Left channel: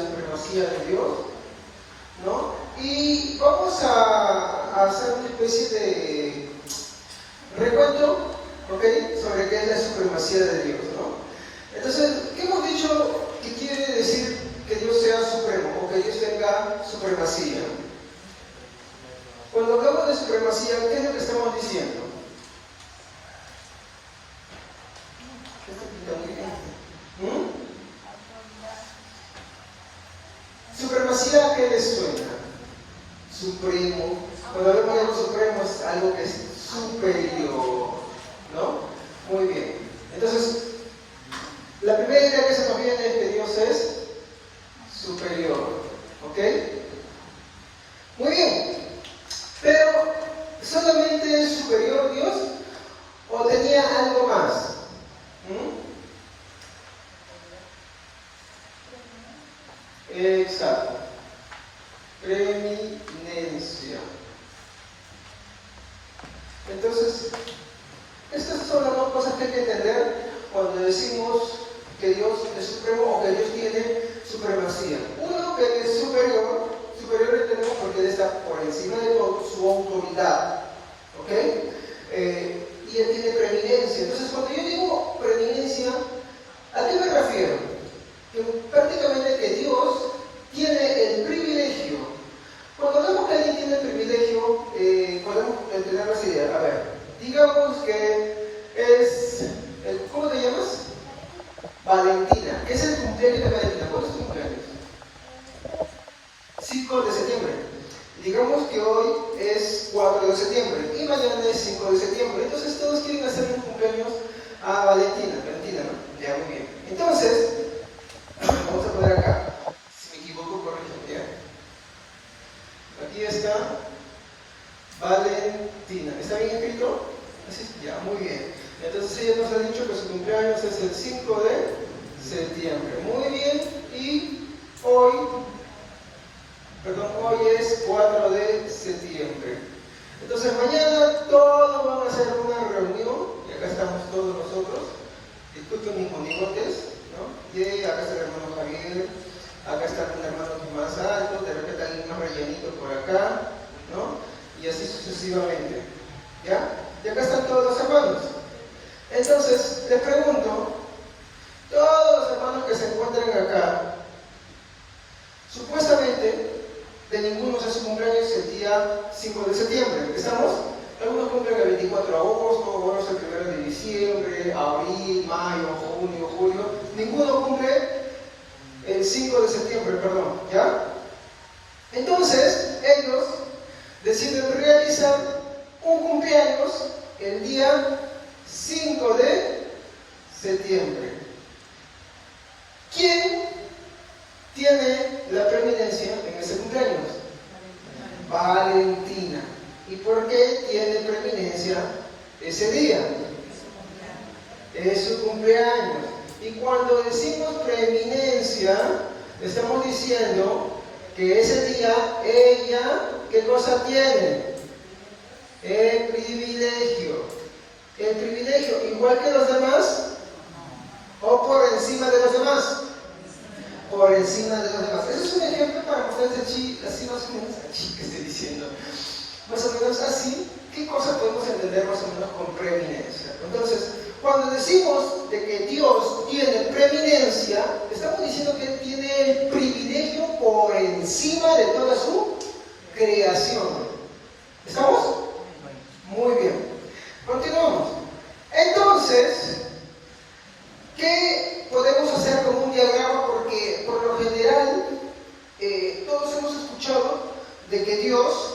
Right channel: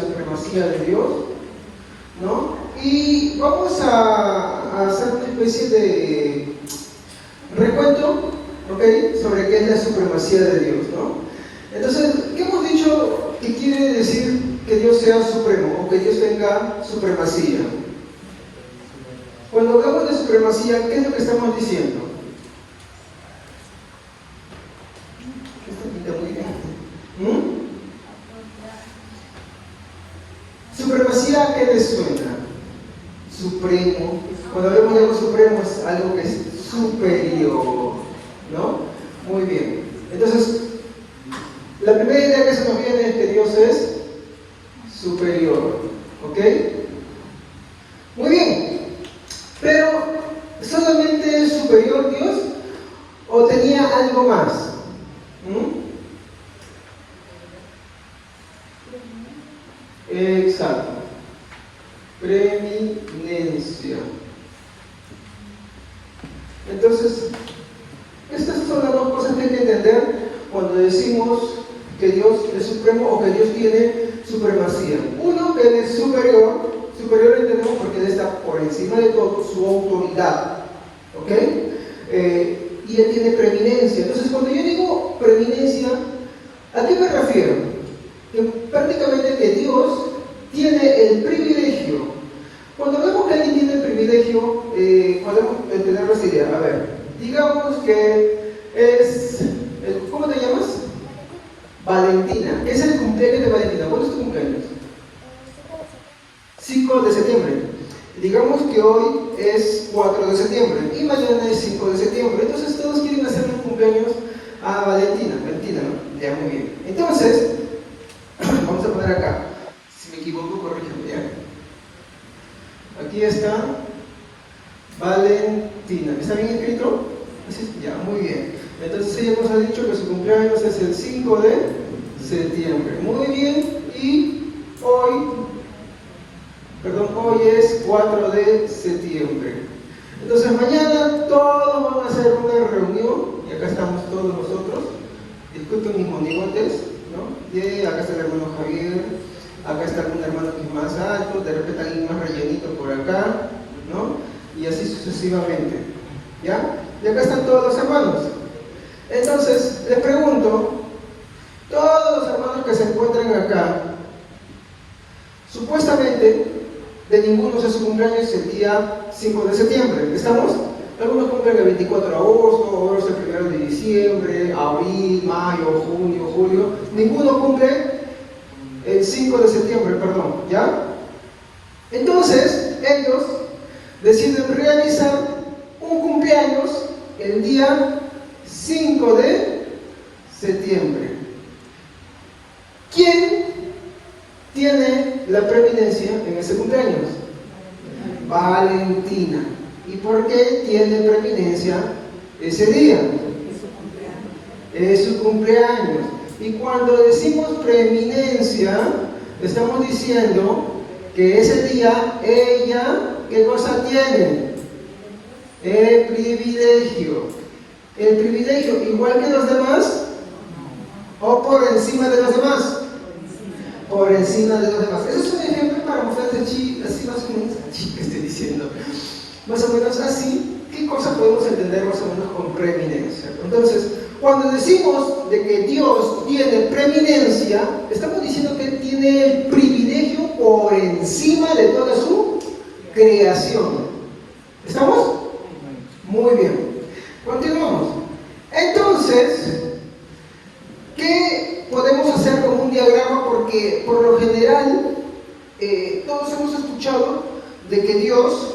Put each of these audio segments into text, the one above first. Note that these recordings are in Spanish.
supremacía de Dios, ¿no? Y vamos a hacer una especie de recuento, ¿ok?, sobre qué es la supremacía de Dios, ¿no? Entonces, ¿qué hemos dicho que quiere decir que Dios sea supremo o que Dios tenga supremacía? Cuando hablamos de supremacía, ¿qué es lo que estamos diciendo? Supremacía, ¿qué les suena? Supremo. Cuando hablamos de algo supremo es algo que es superior, ¿no? Muy bien. Entonces, la primera idea que se nos viene es que Dios es superior, ¿ok? Muy bien. Pero, ¿solamente es superior Dios o tenía algo más? Exacto. Preeminencia. Entonces, estas son las dos cosas que hay que entender cuando decimos que Dios es supremo o que Dios tiene supremacía. Uno, que Él es superior. Superior entendemos porque Él está por encima de todo, su autoridad, ¿ok? Y Él tiene preeminencia. Entonces, cuando yo digo preeminencia, ¿a qué me refiero? Que prácticamente que Dios tiene el privilegio. Cuando vemos que alguien tiene el privilegio, podemos entender esa idea. A ver, digamos que es, ¿cómo te llamas? Valentina. Es el cumpleaños de Valentina. ¿Cuándo es tu cumpleaños? 5 de septiembre. Digamos que hoy es 4 de septiembre y mañana es 5 de septiembre. Entonces todos quieren hacer un cumpleaños a Valentina. Valentina, ¿no? Ya, muy bien. Entonces, vamos a poner acá. Si me equivoco, corrígeme, ¿ya? Aquí está Valentina. ¿Está bien escrito? Así es, ya, muy bien. Entonces ella nos ha dicho que su cumpleaños es el 5 de septiembre. Muy bien. Y hoy es 4 de septiembre. Entonces mañana todos van a hacer una reunión. Y acá estamos todos nosotros. Disculpen mis monigotes, ¿no? Y acá está el hermano Javier. Acá está un hermano que es más alto. De repente alguien más rellenito por acá, ¿no? Y así sucesivamente, ¿ya? Y acá están todos los hermanos. Entonces, les pregunto, todos los hermanos que se encuentran acá, supuestamente, de ninguno de sus cumpleaños el día 5 de septiembre. ¿Estamos? Algunos cumplen el 24 de agosto, otros el 1 de diciembre, abril, mayo, junio, julio. Ninguno cumple el 5 de septiembre, perdón, ¿ya? Entonces, ellos deciden realizar un cumpleaños el día 5 de septiembre. ¿Quién tiene la preeminencia en ese cumpleaños? Valentina. ¿Y por qué tiene preeminencia ese día? Es su cumpleaños. Y cuando decimos preeminencia, estamos diciendo que ese día ella, ¿qué cosa tiene? El privilegio. El privilegio, igual que los demás, o por encima de los demás. Por encima de los demás. Eso es un ejemplo para mostrarte así más o menos, que estoy diciendo. Más o menos así, ¿qué cosa podemos entender más o menos con preeminencia? Entonces, cuando decimos de que Dios tiene preeminencia, estamos diciendo que Él tiene el privilegio por encima de toda su creación. ¿Estamos? Muy bien. Continuamos. Entonces, ¿qué podemos hacer con un diagrama? Porque por lo general todos hemos escuchado de que Dios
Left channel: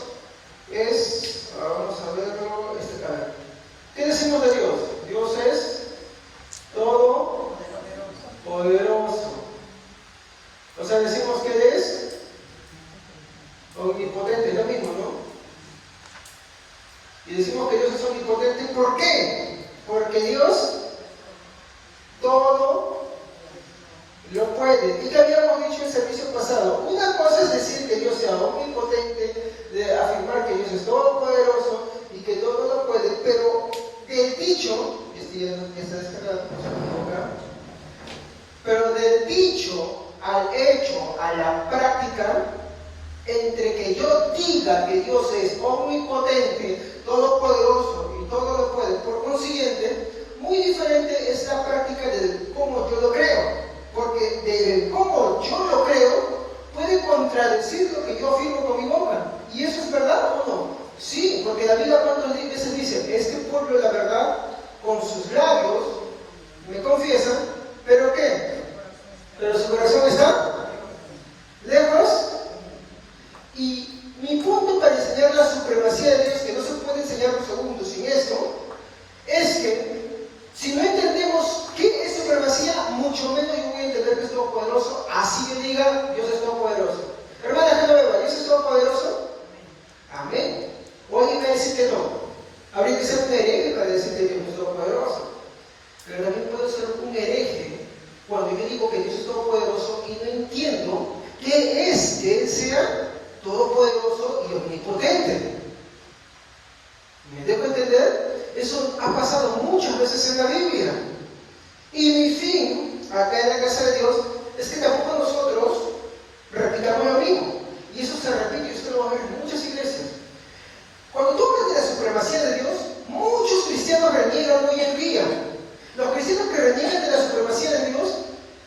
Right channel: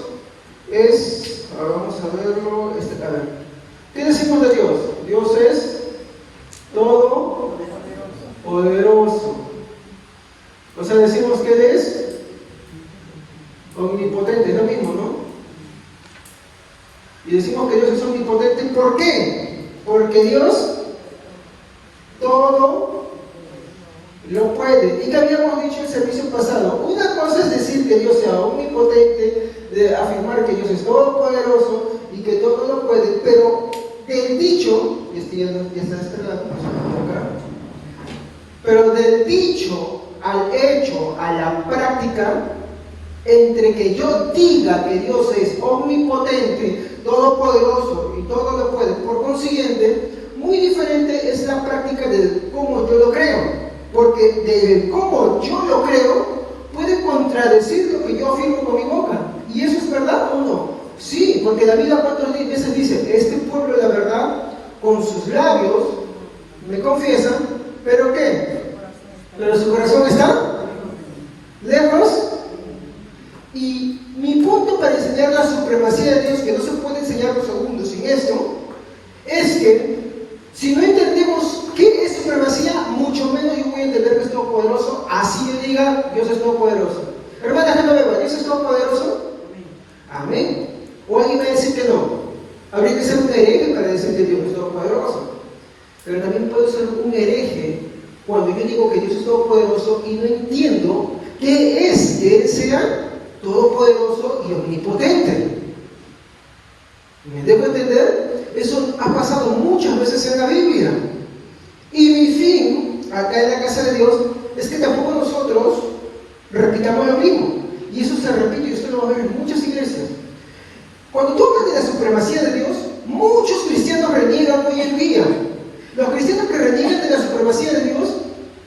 es, vamos a verlo, a ver, ¿qué decimos de Dios? Dios es todopoderoso. O sea, decimos que Él es omnipotente, es lo mismo, ¿no? Y decimos que Dios es omnipotente, ¿por qué? Porque Dios todo lo puede. Y que habíamos dicho en el servicio pasado, una cosa es decir que Dios sea omnipotente, de afirmar que Dios es todopoderoso y que todo lo puede, pero del dicho, y este ya está descargado, pero del dicho al hecho, a la práctica, entre que yo diga que Dios es omnipotente, todopoderoso y todo lo puede, por consiguiente, muy diferente es la práctica de cómo yo lo creo. Porque de cómo yo lo creo puede contradecir lo que yo afirmo con mi boca. ¿Y eso es verdad o no? Sí, porque la Biblia cuántas veces dice que este pueblo de la verdad, con sus labios, me confiesan, ¿pero qué? Pero su corazón está lejos. Y mi punto para enseñar la supremacía de Dios, que no se puede enseñar los segundos sin esto, es que si no entendemos qué es supremacía, mucho menos yo voy a entender que es todopoderoso, así me diga Dios es todopoderoso. Hermana Genoveva, ¿Dios es todopoderoso? Amén. O alguien va a decir que no. Habría que ser un hereje para decir que Dios es todopoderoso. Pero también puedo ser un hereje cuando yo digo que Dios es todopoderoso y no entiendo qué es que Él sea todopoderoso y omnipotente. ¿Me dejo entender? Eso ha pasado muchas veces en la Biblia. Y mi fin, acá en la casa de Dios, es que tampoco nosotros repitamos lo mismo. Y eso se repite, y usted lo va a ver en muchas iglesias. Cuando tú hablas de la supremacía de Dios, muchos cristianos reniegan hoy en día. Los cristianos que reniegan de la supremacía de Dios,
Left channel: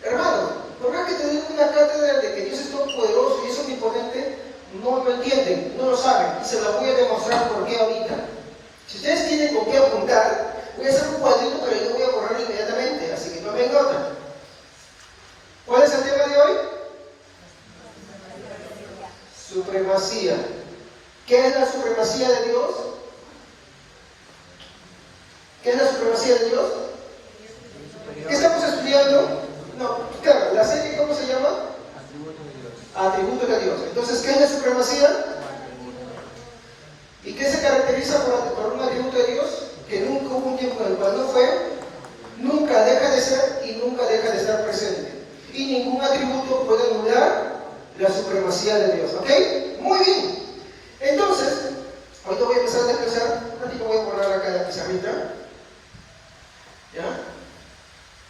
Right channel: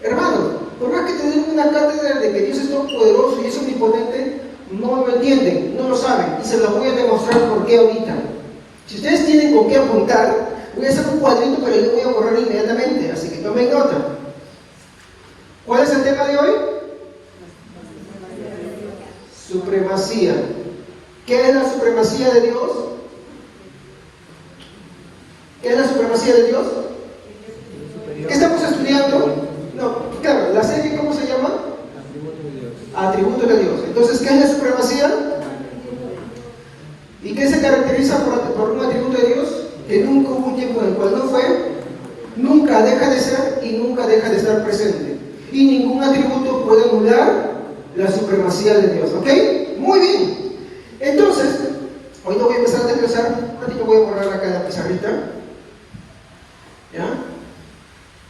hermano, por más que te den una cátedra de que Dios es todopoderoso y es omnipotente, no lo entienden, no lo saben, y se lo voy a demostrar por qué ahorita. Si ustedes tienen con qué apuntar, voy a hacer un cuadrito, pero yo voy a borrar inmediatamente, así que tomen nota. ¿Cuál es el tema de hoy? Supremacía. ¿Qué es la supremacía de Dios? ¿Qué es la supremacía de Dios? ¿Qué estamos estudiando? No, claro, la serie, ¿cómo se llama? Atributos de Dios. Entonces, ¿qué es la supremacía? ¿Y qué se caracteriza por un atributo de Dios? Que nunca hubo un tiempo en el cual no fue, nunca deja de ser y nunca deja de estar presente. Y ningún atributo puede anular la supremacía de Dios. ¿Ok? Muy bien. Entonces, hoy no voy a empezar a desglosar. Ahorita voy a borrar acá la pizarrita. ¿Ya?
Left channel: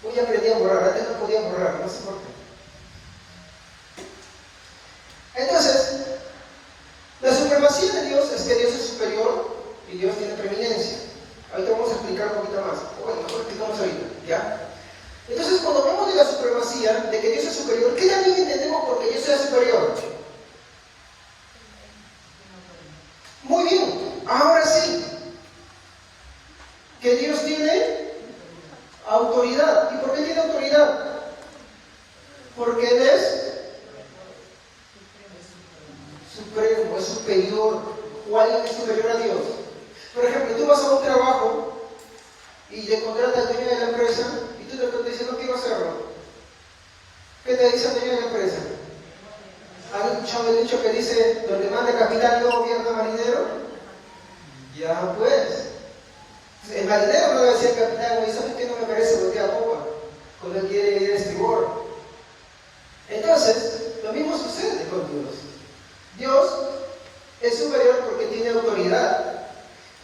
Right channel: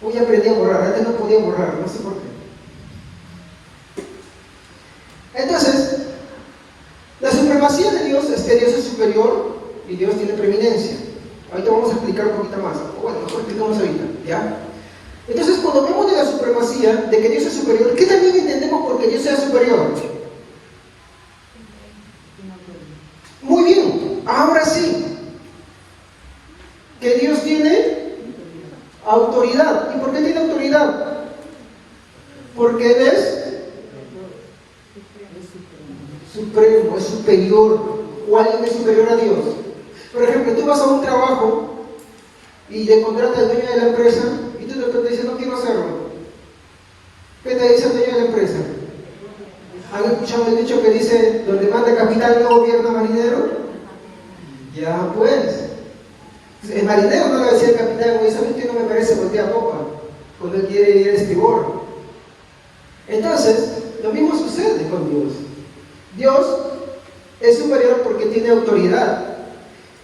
Hoy aprendí a borrar. Antes no podía borrar, no sé por qué. Entonces, la supremacía de Dios es que Dios es superior y Dios tiene preeminencia. Ahorita vamos a explicar un poquito más. Bueno, mejor explicamos ahorita, ¿ya? Entonces, cuando hablamos de la supremacía, de que Dios es superior, ¿qué también entendemos por que Dios sea superior? Muy bien, ahora sí. Que Dios tiene autoridad. ¿Y por qué tiene autoridad? Porque Él es supremo, es superior, o alguien es superior a Dios. Por ejemplo, tú vas a un trabajo y le contratas al dueño de la empresa y tú te dices, no quiero hacerlo. ¿Qué te dice el dueño de la empresa? ¿Han escuchado el dicho que dice, donde manda capitán no gobierna marinero? Ya pues. El marinero no le decía al capitán, oye, ¿sabes qué? No me parece voltear a popa cuando él quiere ir a estribor. Entonces, lo mismo sucede con Dios. Dios es superior porque tiene autoridad.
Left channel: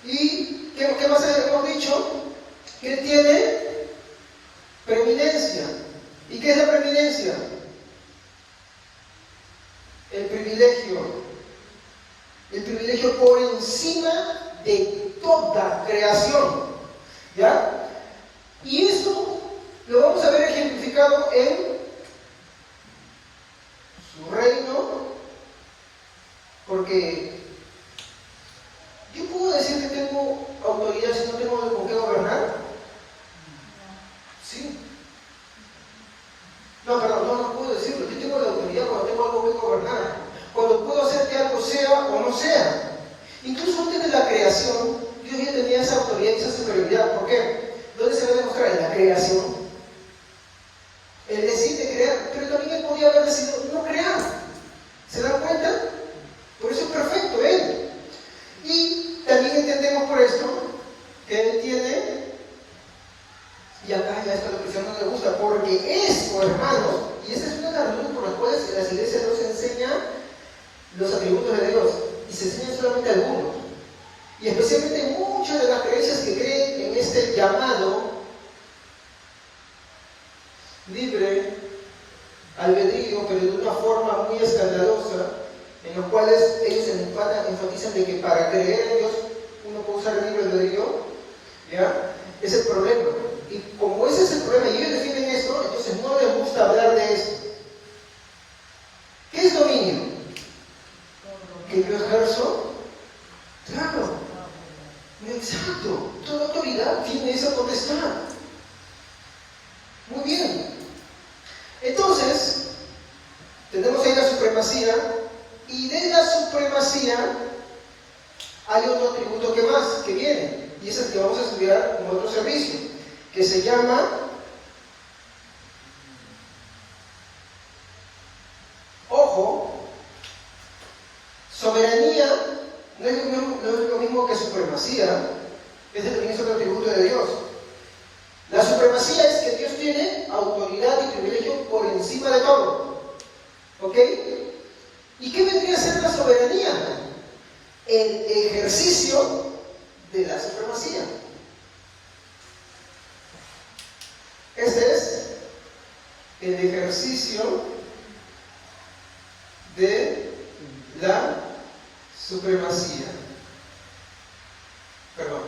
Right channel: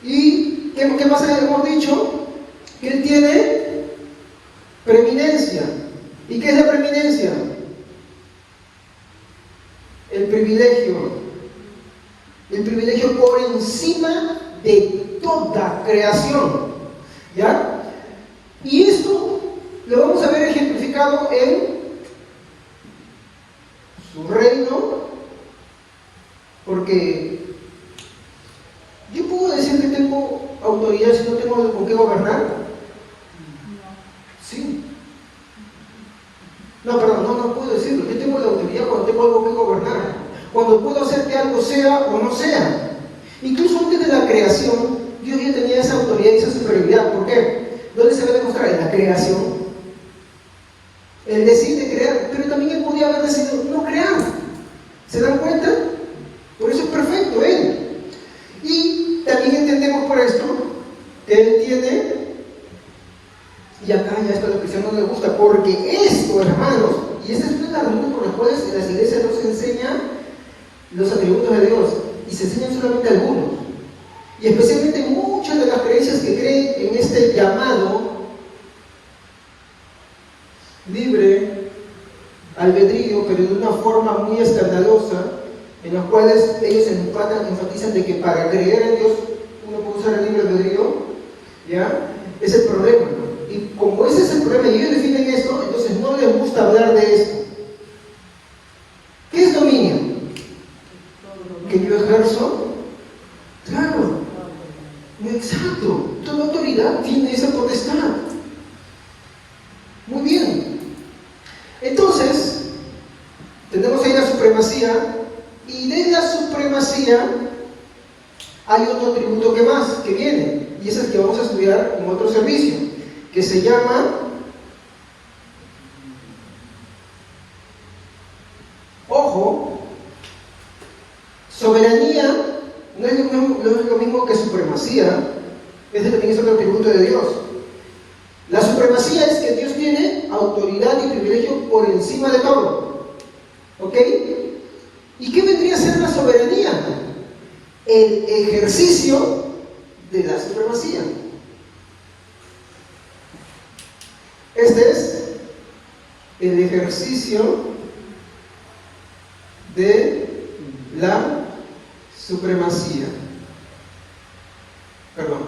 ¿Y qué más hemos dicho? Que Él tiene preeminencia. ¿Y qué es la preeminencia? El privilegio. El privilegio por encima de toda creación. ¿Ya? Y esto lo vamos a ver ejemplificado en su reino. Porque yo puedo decir que tengo autoridad si no tengo con qué gobernar. Sí. No, perdón, no puedo decirlo. Yo tengo la autoridad cuando tengo algo que gobernar. Cuando puedo hacer que algo sea o no sea. Incluso antes de la creación, Dios ya tenía esa autoridad y esa superioridad. ¿Por qué? ¿Dónde se va a demostrar? En la creación. Él decide crear, pero también Él podía haber decidido no crear. ¿Se dan cuenta? Por eso es perfecto Él. Y también entendemos por esto que Él tiene, y acá ya esto a los cristianos no les gusta, porque esto, hermanos, y esa es una de las razones por las cuales en las iglesias no se enseñan los atributos de Dios, y se enseñan solamente algunos. Y especialmente muchas de las creencias que creen en este llamado libre albedrío en los cuales ellos enfatizan de que para creer en Dios uno puede usar el libre albedrío, ¿ya? Es el problema. Y como ese es el problema y ellos definen esto, entonces no les gusta hablar de esto. ¿Qué es dominio? ¿Que yo ejerzo? Claro, exacto. Toda autoridad tiene esa potestad. Muy bien. Entonces, tenemos ahí la supremacía, y de la supremacía hay otro atributo que viene, y es el que vamos a estudiar en otro servicio, que se llama ojo, soberanía. No es lo mismo que supremacía. Ese también es otro atributo de Dios. La supremacía es que Dios tiene autoridad y privilegio por encima de todo. ¿Ok? ¿Y qué vendría a ser la soberanía? El ejercicio de la supremacía. Este es el ejercicio de la supremacía. Perdón.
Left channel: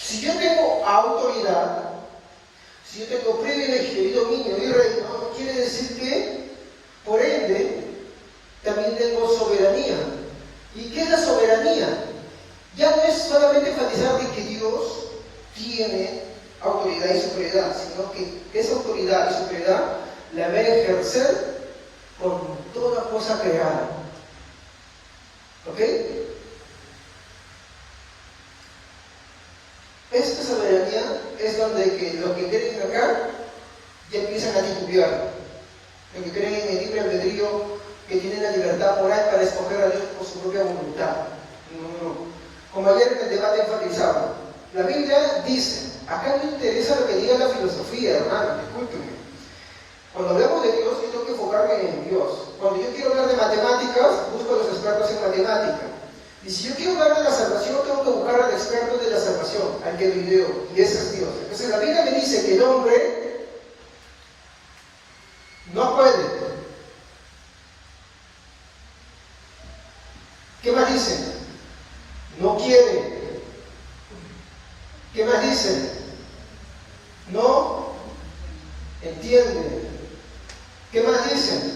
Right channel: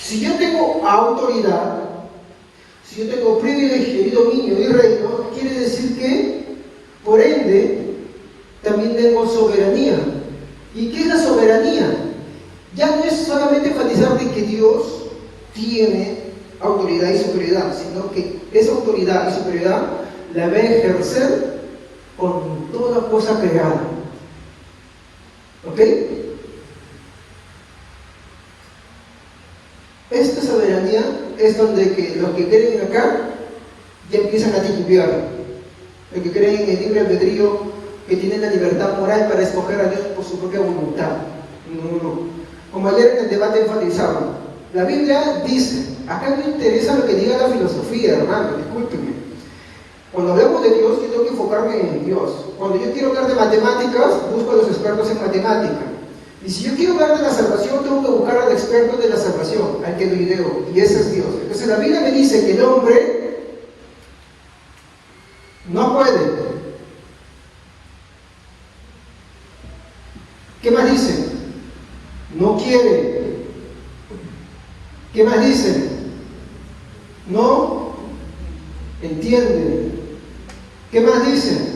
Si yo tengo autoridad, si yo tengo privilegio y dominio y reino, quiere decir que, por ende, también tengo soberanía. ¿Y qué es la soberanía? Ya no es solamente enfatizar de que Dios tiene autoridad y superioridad, sino que esa autoridad y superioridad la va a ejercer con toda cosa creada. ¿Ok? Esta soberanía es donde que los que creen acá ya empiezan a titubear. Los que creen en el libre albedrío, que tienen la libertad moral para escoger a Dios por su propia voluntad. No. Como ayer en el debate enfatizaba, la Biblia dice, acá no interesa lo que diga la filosofía, hermano, discúlpeme. Cuando hablamos de Dios, yo tengo que enfocarme en Dios. Cuando yo quiero hablar de matemáticas, busco a los expertos en matemática. Y si yo quiero hablar de la salvación, tengo que buscar al experto de la salvación, al que lo ideo, y ese es Dios. Entonces la Biblia me dice que el hombre no puede. ¿Qué más dice? No quiere. ¿Qué más dice? No entiende. ¿Qué más dice?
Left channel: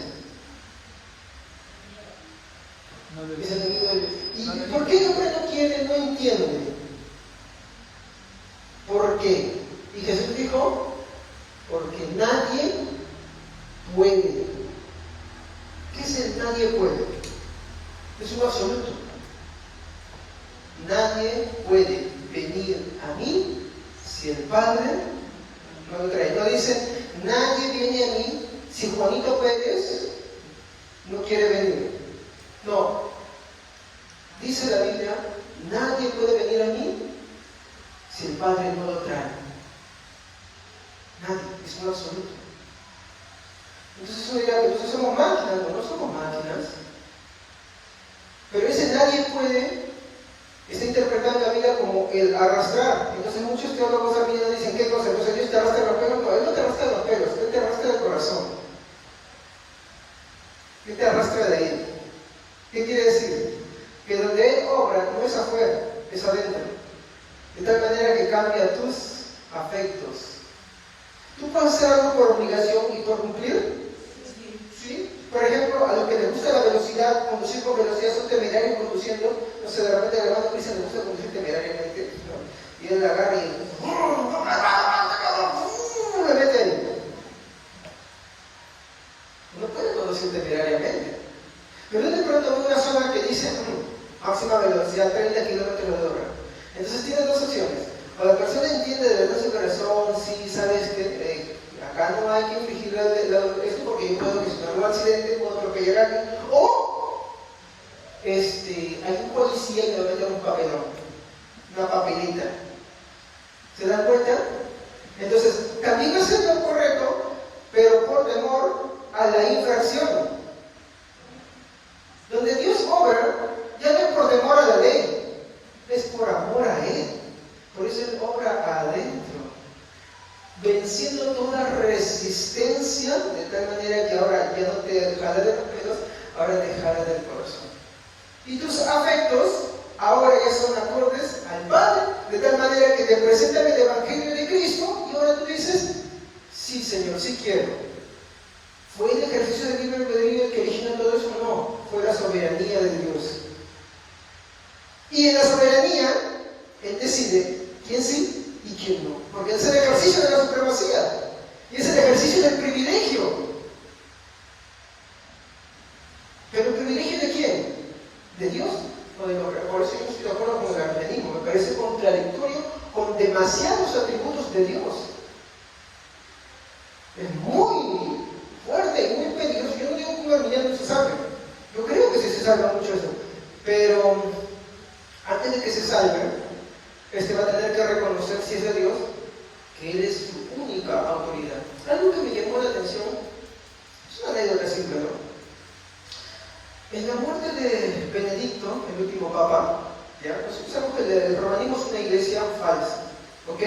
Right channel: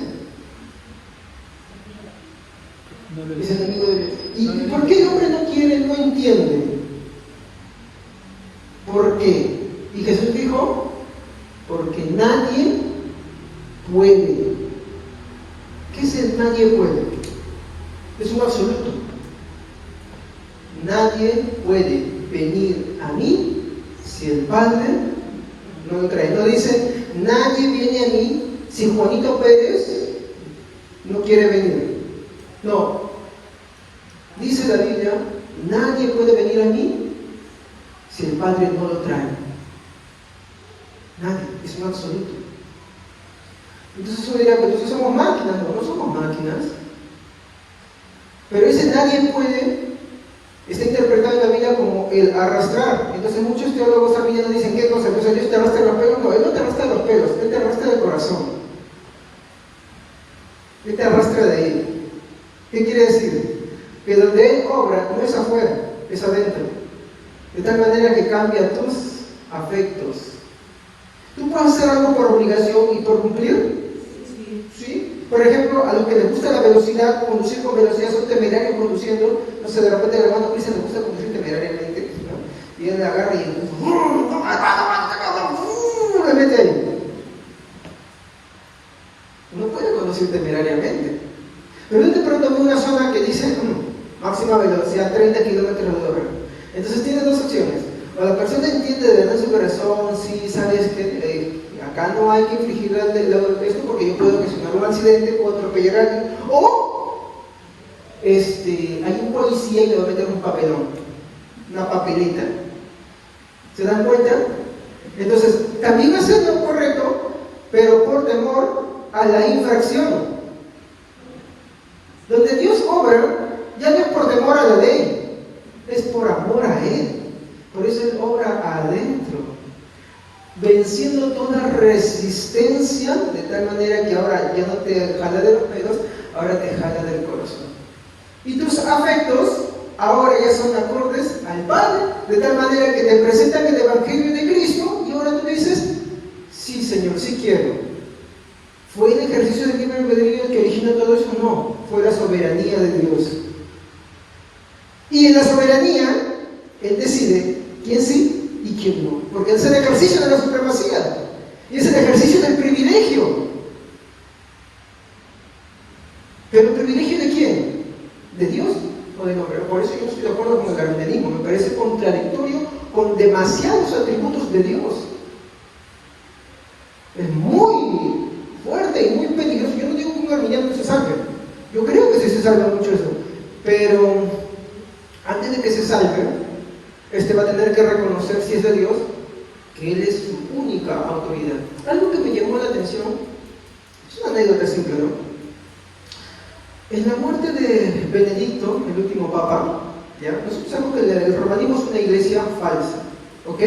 ¿Y por qué el hombre no quiere, no entiende? ¿Por qué? Y Jesús dijo, porque nadie puede. ¿Qué es el nadie puede? Es un absoluto. Nadie puede venir a mí si el Padre no lo trae. No dice, nadie viene a mí si Juanito Pérez no quiere venir. No. Dice la Biblia, nadie puede venir a mí si el Padre no lo trae. Nadie, es un absoluto. Entonces uno dirá, pero nosotros somos máquinas. No somos máquinas. Pero ese nadie puede está interpretado en la Biblia como el arrastrar. Entonces muchos teólogos arminianos dicen, ¿qué cosa? Entonces Dios te arrastra los pelos. No, Él no te arrastra los pelos, Él te arrastra el corazón. Él te arrastra de Él. ¿Qué quiere decir? Que donde Él obra no es afuera, es adentro. De tal manera que cambia tus afectos. ¿Tú puedes hacer algo por obligación y por cumplir? ¿Sí? Por ejemplo, a los que les gusta la velocidad, conducir con velocidad, son temerarios conduciendo. No sé, de repente el hermano Cristian le gusta conducir temerariamente, ¿no? Y él agarra y le mete ahí. No puede conducir temerariamente. Pero él de pronto ve una zona que dice máxima velocidad 30 kilómetros de hora. Entonces tiene dos opciones. O la persona entiende de verdad en su corazón, sí, sabes que acá no hay que infligir esto porque yo puedo ocasionar un accidente, puedo atropellar a alguien. O hay un policía y le va a meter un papelón, una papelita. ¿Se dan cuenta? Entonces, también hacer lo correcto, pero por temor a la infracción. Donde Dios obra, ya no es por temor a la ley, es por amor a Él. Por eso Él obra adentro, venciendo toda resistencia, de tal manera que ahora ya no te jala de los pelos, ahora te jala del corazón. Y tus afectos ahora ya son acordes al Padre, de tal manera que te presentan el Evangelio de Cristo y ahora tú dices, sí Señor, sí quiero. ¿Fue el ejercicio del libre albedrío el que originó todo eso? No, fue la soberanía de Dios. Y en la soberanía, Él decide quién sí y quién no, porque es el ejercicio de la supremacía, y es el ejercicio del privilegio. ¿Pero el privilegio de quién? ¿De Dios o del hombre? Por eso yo no estoy de acuerdo con el arminianismo, me parece contradictorio con demasiados atributos de Dios. Es muy fuerte y muy peligroso. Yo no digo que un arminiano se salve, yo creo que sí se salva mucho eso, pero antes de que se salve, va a tener que reconocer, si es de Dios, que Él es su única autoridad. Algo que me llamó la atención, es una anécdota simple, ¿no? En la muerte de Benedicto, el último papa, ¿ya? Nosotros sabemos que el romanismo es una iglesia falsa, ¿ok?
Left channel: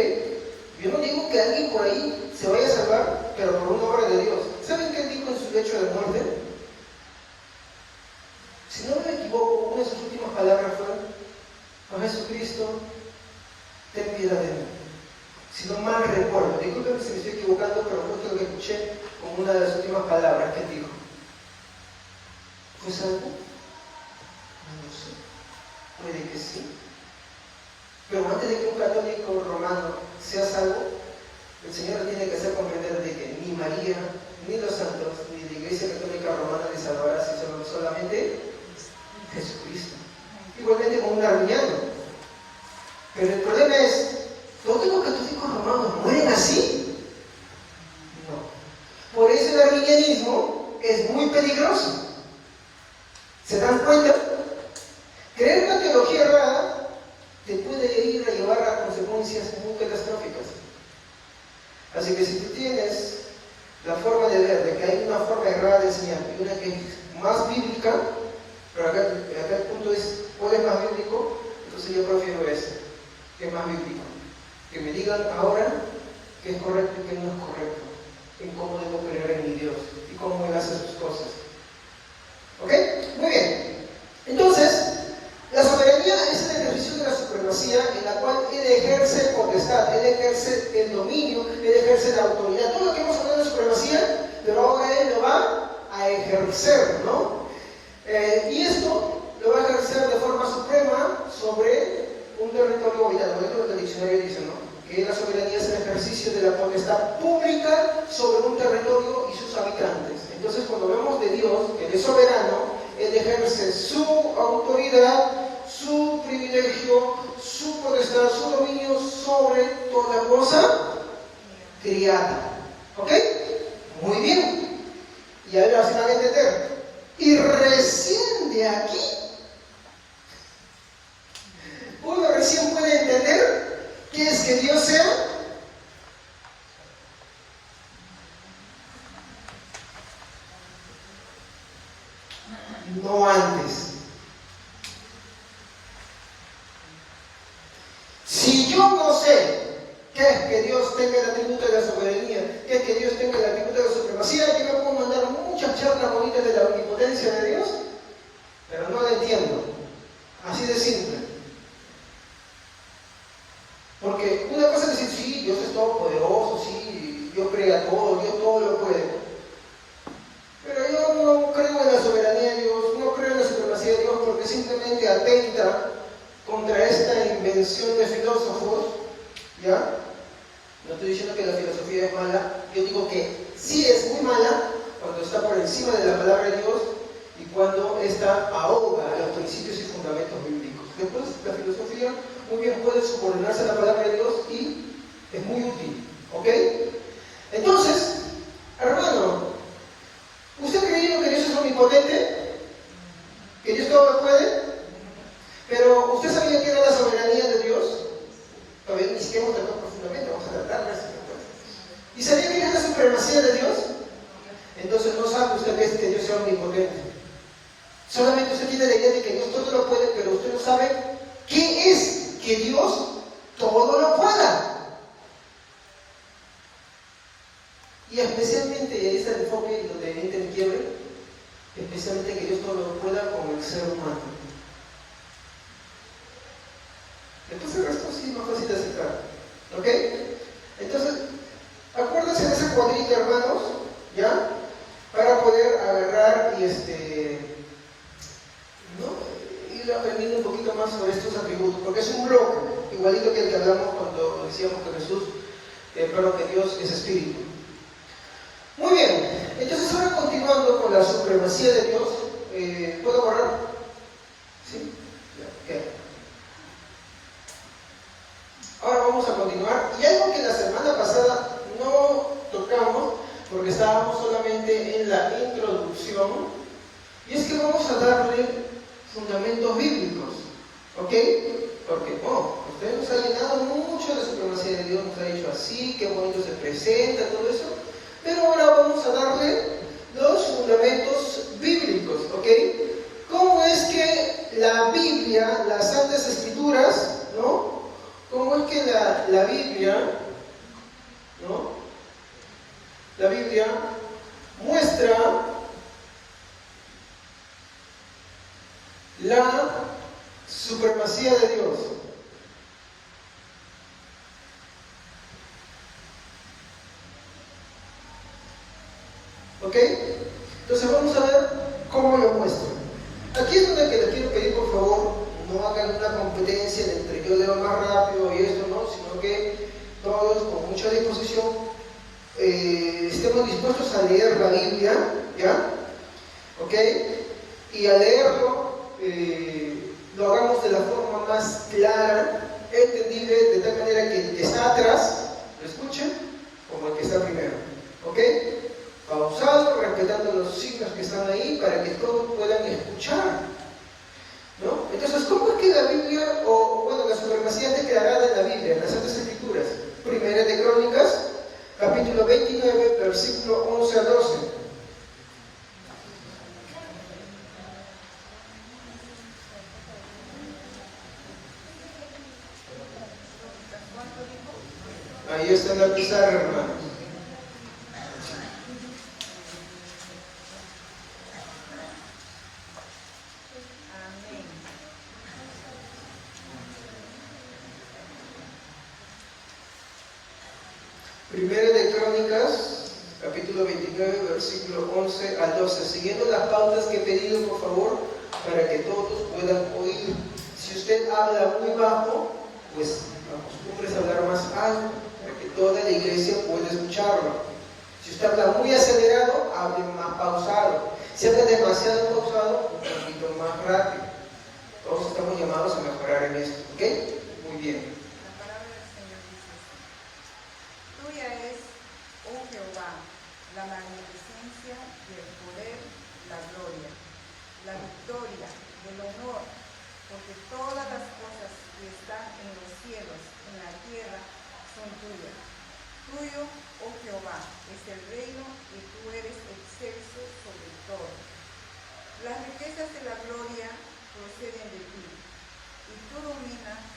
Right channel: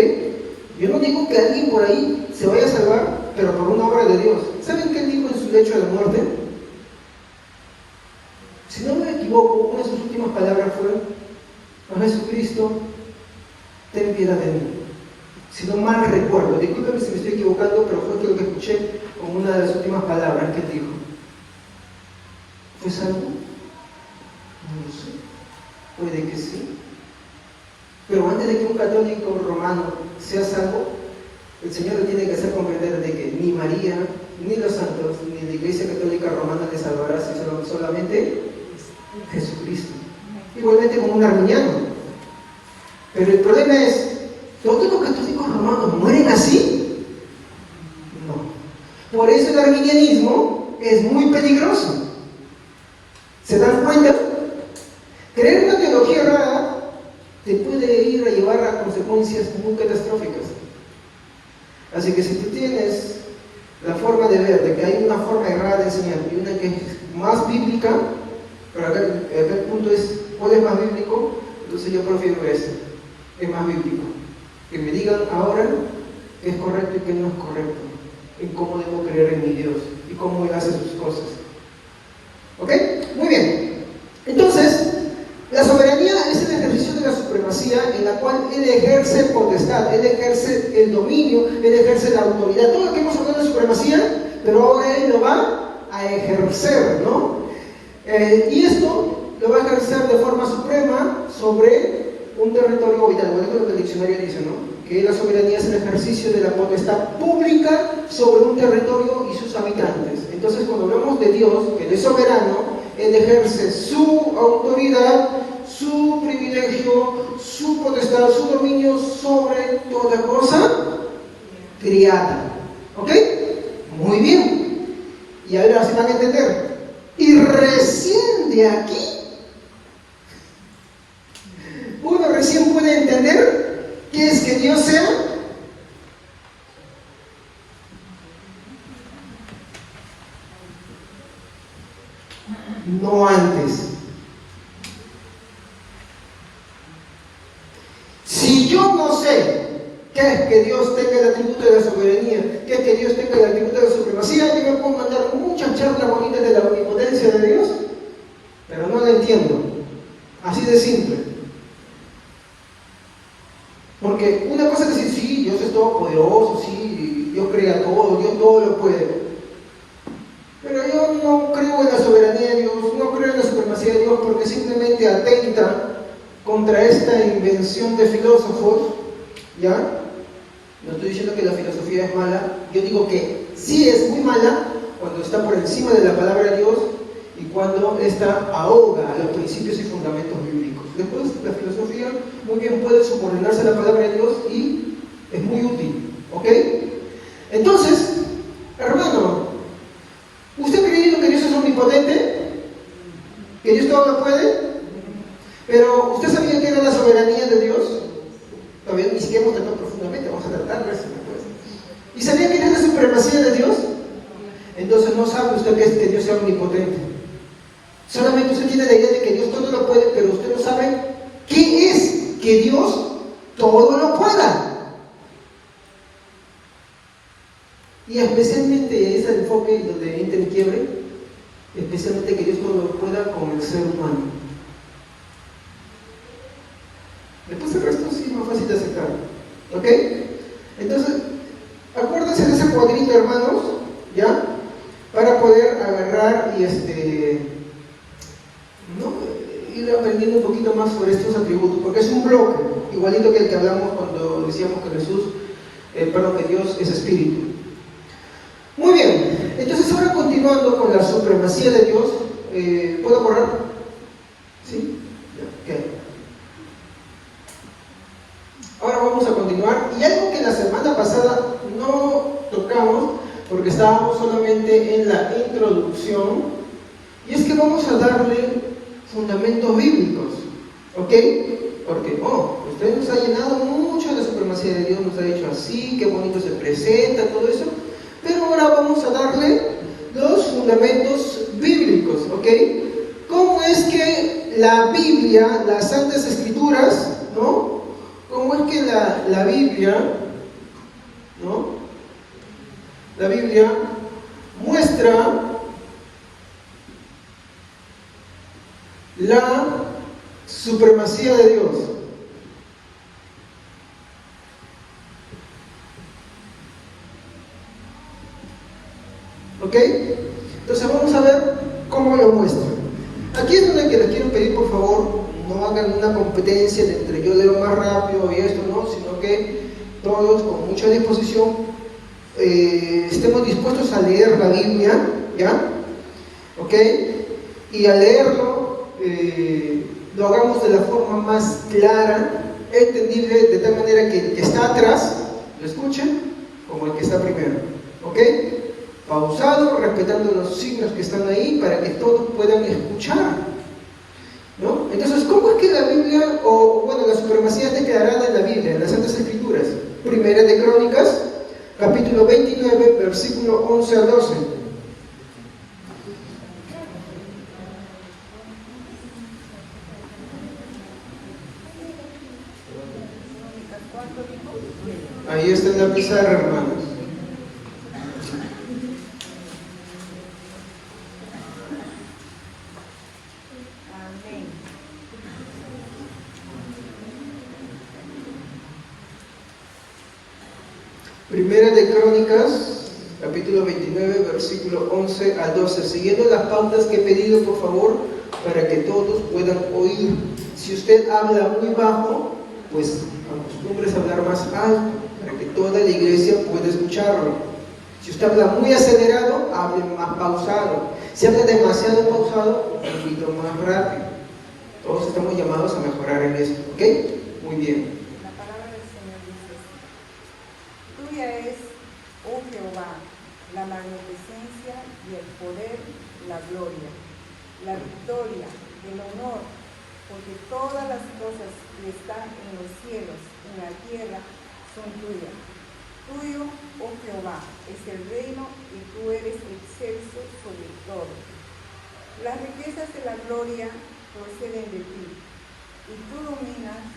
Yo no digo que alguien por ahí se vaya a salvar, pero por una obra de Dios. ¿Saben qué dijo en su lecho de muerte? Si no me equivoco, una de sus últimas palabras fueron: "Oh Jesucristo, ten piedad de mí". Si no mal recuerdo, discúlpeme si me estoy equivocando, pero fue lo que escuché como una de las últimas palabras que dijo. ¿Fue salvo? No lo sé. Puede que sí. Pero antes de que un católico romano sea salvo, el Señor le tiene que hacer comprender de que ni María, ni los santos, ni la Iglesia Católica Romana le salvará, sino solamente Jesucristo. Igualmente como un arminiano. Pero el problema es, ¿todos los católicos romanos mueren así? No. Por eso el arminianismo es muy peligroso. ¿Se dan cuenta? Creer una teología errada te puede ir a llevar a consecuencias muy catastróficas. Así que si tú tienes la forma de ver de que hay una forma errada de enseñar y una que es más bíblica, pero acá el punto es, ¿cuál es más bíblico? Entonces yo prefiero ese, es más bíblico. Que me digan ahora qué es correcto y qué no es correcto, en cómo debo creer en mi Dios y cómo Él hace sus cosas. ¿Ok? Muy bien. Entonces, la soberanía es el ejercicio de la supremacía en la cual Él ejerce potestad, Él ejerce el dominio, Él ejerce la autoridad. Todo lo que hemos hablado de supremacía, pero ahora Él lo va a ejercer, ¿no? Y esto lo va a ejercer de forma suprema sobre un territorio habitado. Bueno, esto es lo que el diccionario dice, ¿no? Que la soberanía es el ejercicio de la potestad pública sobre un territorio y sus habitantes. Entonces, cuando hablamos de Dios, que Él es soberano, Él ejerce su autoridad, su privilegio, su potestad, su dominio sobre toda cosa criada. ¿Ok? Muy bien. Y ahora se van a entender. Y recién de aquí, uno recién puede entender qué es que Dios sea no antes. Si yo no sé qué es que Dios tenga el atributo de la soberanía, qué es que Dios tenga el atributo de la supremacía, yo me puedo mandar muchas charlas bonitas de la omnipotencia de Dios, pero no la entiendo. Así de simple. Porque una cosa es decir, sí, Dios es todopoderoso, sí, Dios crea todo, Dios todo lo puede. Pero yo no creo en la soberanía de Dios, no creo en la supremacía de Dios, porque simplemente atenta contra esta invención de filósofos, ¿ya? No estoy diciendo que la filosofía es mala, yo digo que sí es muy mala cuando está por encima de la palabra de Dios y cuando esta ahoga a los principios y fundamentos bíblicos. Después, la filosofía muy bien puede subordinarse a la palabra de Dios y es muy útil, ¿ok? Entonces, hermano, ¿usted ha creído que Dios es omnipotente? ¿Que Dios todo lo puede? Pero, ¿usted sabía que era la soberanía de Dios? Todavía ni siquiera hemos tratado profundamente, vamos a tratarla. ¿Y sabía que era la supremacía de Dios? Entonces no sabe usted que Dios sea omnipotente. Solamente usted tiene la idea de que Dios todo lo puede, pero usted no sabe qué es que Dios todo lo pueda. Y especialmente ese enfoque donde entra el quiebre, especialmente que Dios no lo pueda con el ser humano. Después el resto sí es más fácil de aceptar. ¿Ok? Entonces, acuérdense de ese cuadrito, hermanos, ¿ya? Para poder agarrar y ir aprendiendo un poquito más sobre estos atributos, porque es un bloque, igualito que el que hablamos cuando decíamos que Jesús, que Dios es espíritu. Muy bien, entonces ahora continuando con la supremacía de Dios, ¿puedo correr? ¿Sí? Okay. Ahora vamos a continuar, y algo que la semana pasada no tocamos, porque estábamos solamente en la introducción, y es que vamos a darle fundamentos bíblicos, ¿ok? Porque, usted nos ha llenado mucho de la supremacía de Dios, nos ha dicho así, qué bonito se presenta, todo eso, pero ahora vamos a darle los fundamentos bíblicos, ¿ok? ¿Cómo es que la Biblia, las Santas Escrituras, ¿no? ¿Cómo es que la Biblia, ¿no? La Biblia muestra la supremacía de Dios? ¿Ok? Entonces vamos a ver cómo lo muestra. Aquí es donde les quiero pedir, por favor, no hagan una competencia entre yo leo más rápido y esto, ¿no? Sino que todos con mucha disposición estemos dispuestos a leer la Biblia, ¿ya? ¿Ok? Y al leerlo, lo hagamos de la forma más clara, entendible, de tal manera que el que está atrás lo escuche como el que está primero. ¿Ok? Pausado, respetando los signos que están ahí para que todos puedan escuchar, ¿no? Entonces, ¿cómo es que la Biblia, la supremacía está declarada en la Biblia, en las Santas Escrituras? Primera de Crónicas, capítulo 29, versículo 11 al 12. Ahí está en la pizarra, hermanos. Primera de Crónicas, capítulo 29, versículo 11 al 12. Siguiendo las pautas que he pedido, por favor, para que todos puedan oír. Si usted habla muy bajo, pues acostúmbrese a hablar más alto, para que toda la iglesia pueda escucharlo. Si usted habla muy acelerado, hable más pausado. Si habla demasiado pausado, un poquito más rápido. Todos estamos llamados a mejorar en eso, ¿ok? Muy bien. Tuya es, oh Jehová, la magnificencia y el poder, la gloria, la victoria, el honor, porque todas las cosas que están en los cielos y en la tierra son tuyas. Tuyo, oh Jehová, es el reino y tú eres excelso sobre todo. Las riquezas de la gloria proceden de ti, y tú dominas